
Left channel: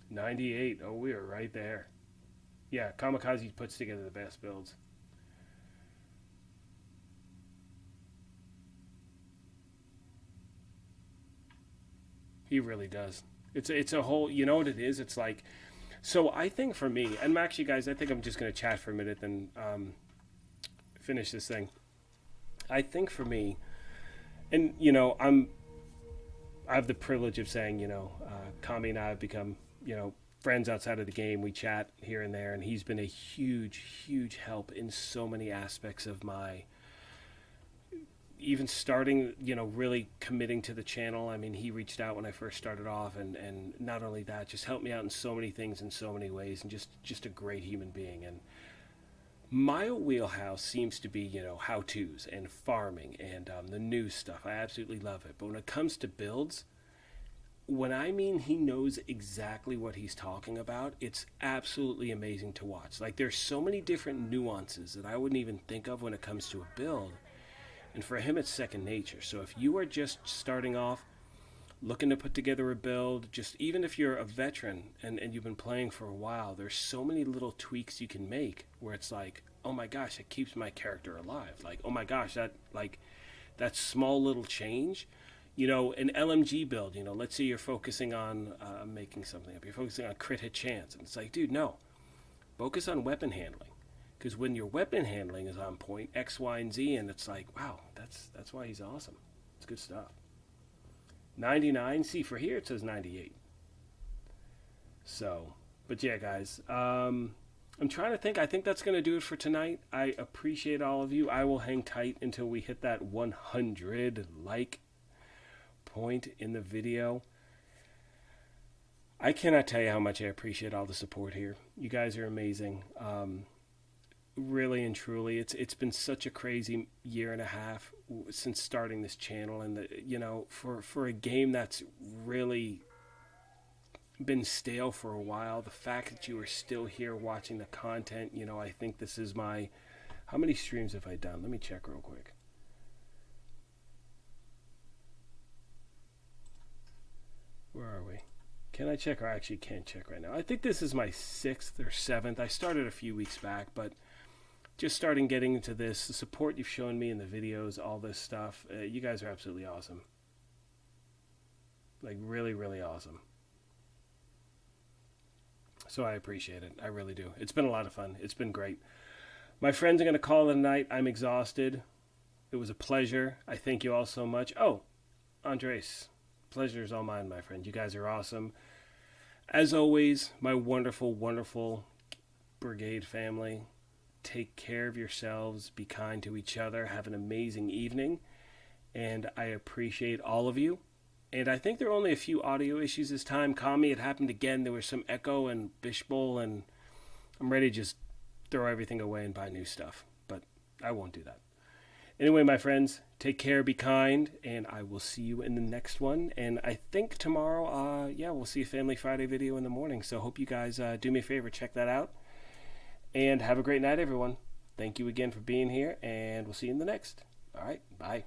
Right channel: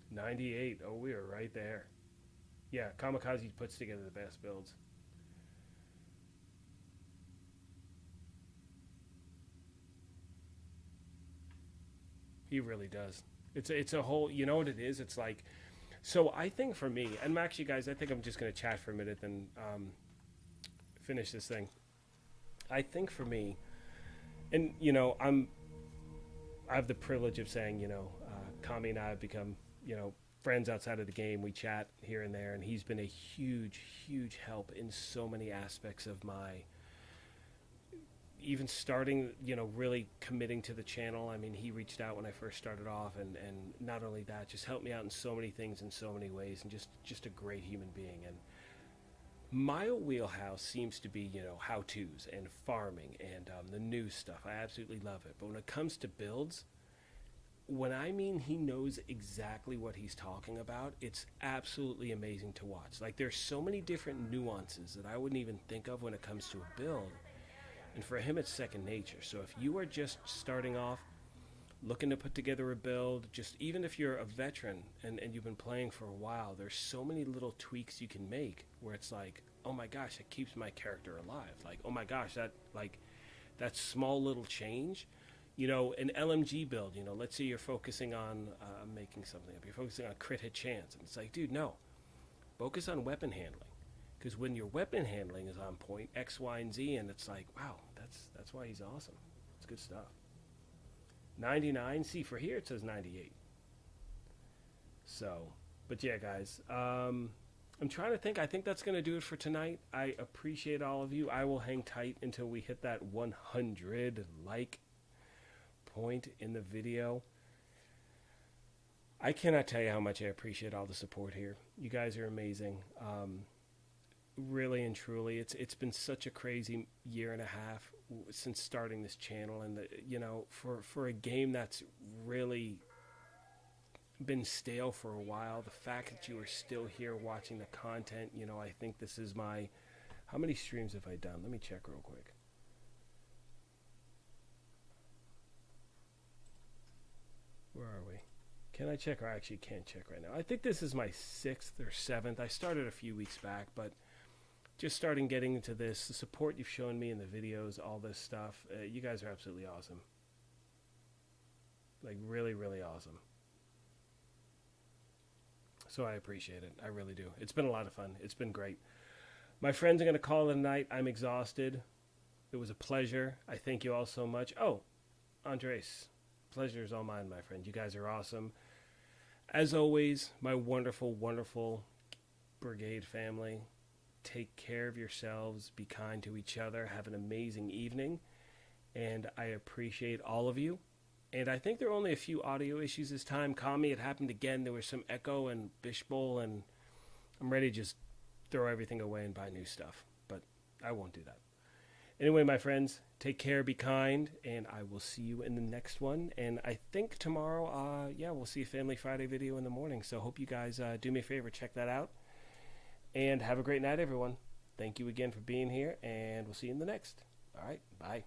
98. Oh, we are right there. Yeah, Kamikaze puts together the best builds. He really does. It's a whole, you know what it is? It's like, so I think for me, and actually, guys, I think I'm just going to chat for a minute and finish this thing. I think for me, and, I have the privilege of saying, Kami and I have become, friends outside of the game. We chat here and there, and he's been a huge, huge help in so many aspects of my, even starting, really committing to the channel. I mean, he reached out when I first started off, and not only that, just helped me out in so many things in so many ways, and just a great human being. And my wheelhouse seems to be, how-tos and farming and the new stuff. I absolutely love it. But when it comes to builds, when I mean he knows exactly what he's talking about, it's absolutely amazing to watch. Like, there's so many different nuances that I wouldn't even think of when it comes to a build. And for him, it's second nature. So if you are just starting off, looking to put together a build, just even if you're a veteran and you've been playing for a while, there's so many little tweaks you can make where it's like, oh my gosh, it keeps my character alive. Like, oh my gosh, that small little change. An LMG build, let's say you're focusing on making something up. You're focusing on crit hit chance. And it's like, dude, no. Focus on weapon handling. Because when your weapon handling is on point, X, Y, and Z, and it's like, wow, that's why he's awesome. It's good stuff. 99. See, for here it says 98. So, but yeah, guys. I'm trying to think. I think that's going to do it for tonight. I appreciate all of you. I will hang tight until we hit that 100 like point in the video. I cannot tell you how much I appreciate all the support here. You guys are amazing. Really and truly, it's been such a crazy year and a half since starting this channel, and for a game that's really been stale for a while, the fact that you are still here watching the content, I think this is my... How many streams have I done? Let me check real quick. Where are we? Can I check? Or I actually can't check right now. I think this is my 6th or 7th. I started a few weeks back, but just starting getting into this, the support you've shown me in the videos, all this stuff, you guys are absolutely awesome. Like, really, really awesome. So I appreciate it. I really do. It's been a lot of fun. It's been great. My friends are going to call it a night. I'm exhausted. It was a pleasure. I thank you all so much. Oh, Andres, pleasure is all mine, my friend. You guys are awesome. As always, my wonderful, wonderful brigade family, take care of yourselves. Be kind to each other. Have an amazing evening. And I appreciate all of you. And I think there are only a few audio issues this time. Kami, it happened again. There was some echo and Bishbul, and I'm ready to just throw everything away and buy new stuff. But I won't do that. Anyway, my friends, take care, be kind, and I will see you in the next one. And I think tomorrow, we'll see a Family Friday video in the morning. So hope you guys do me a favor, check that out. And have a great night, everyone. Thank you again for being here, and we'll see you in the next. All right, bye.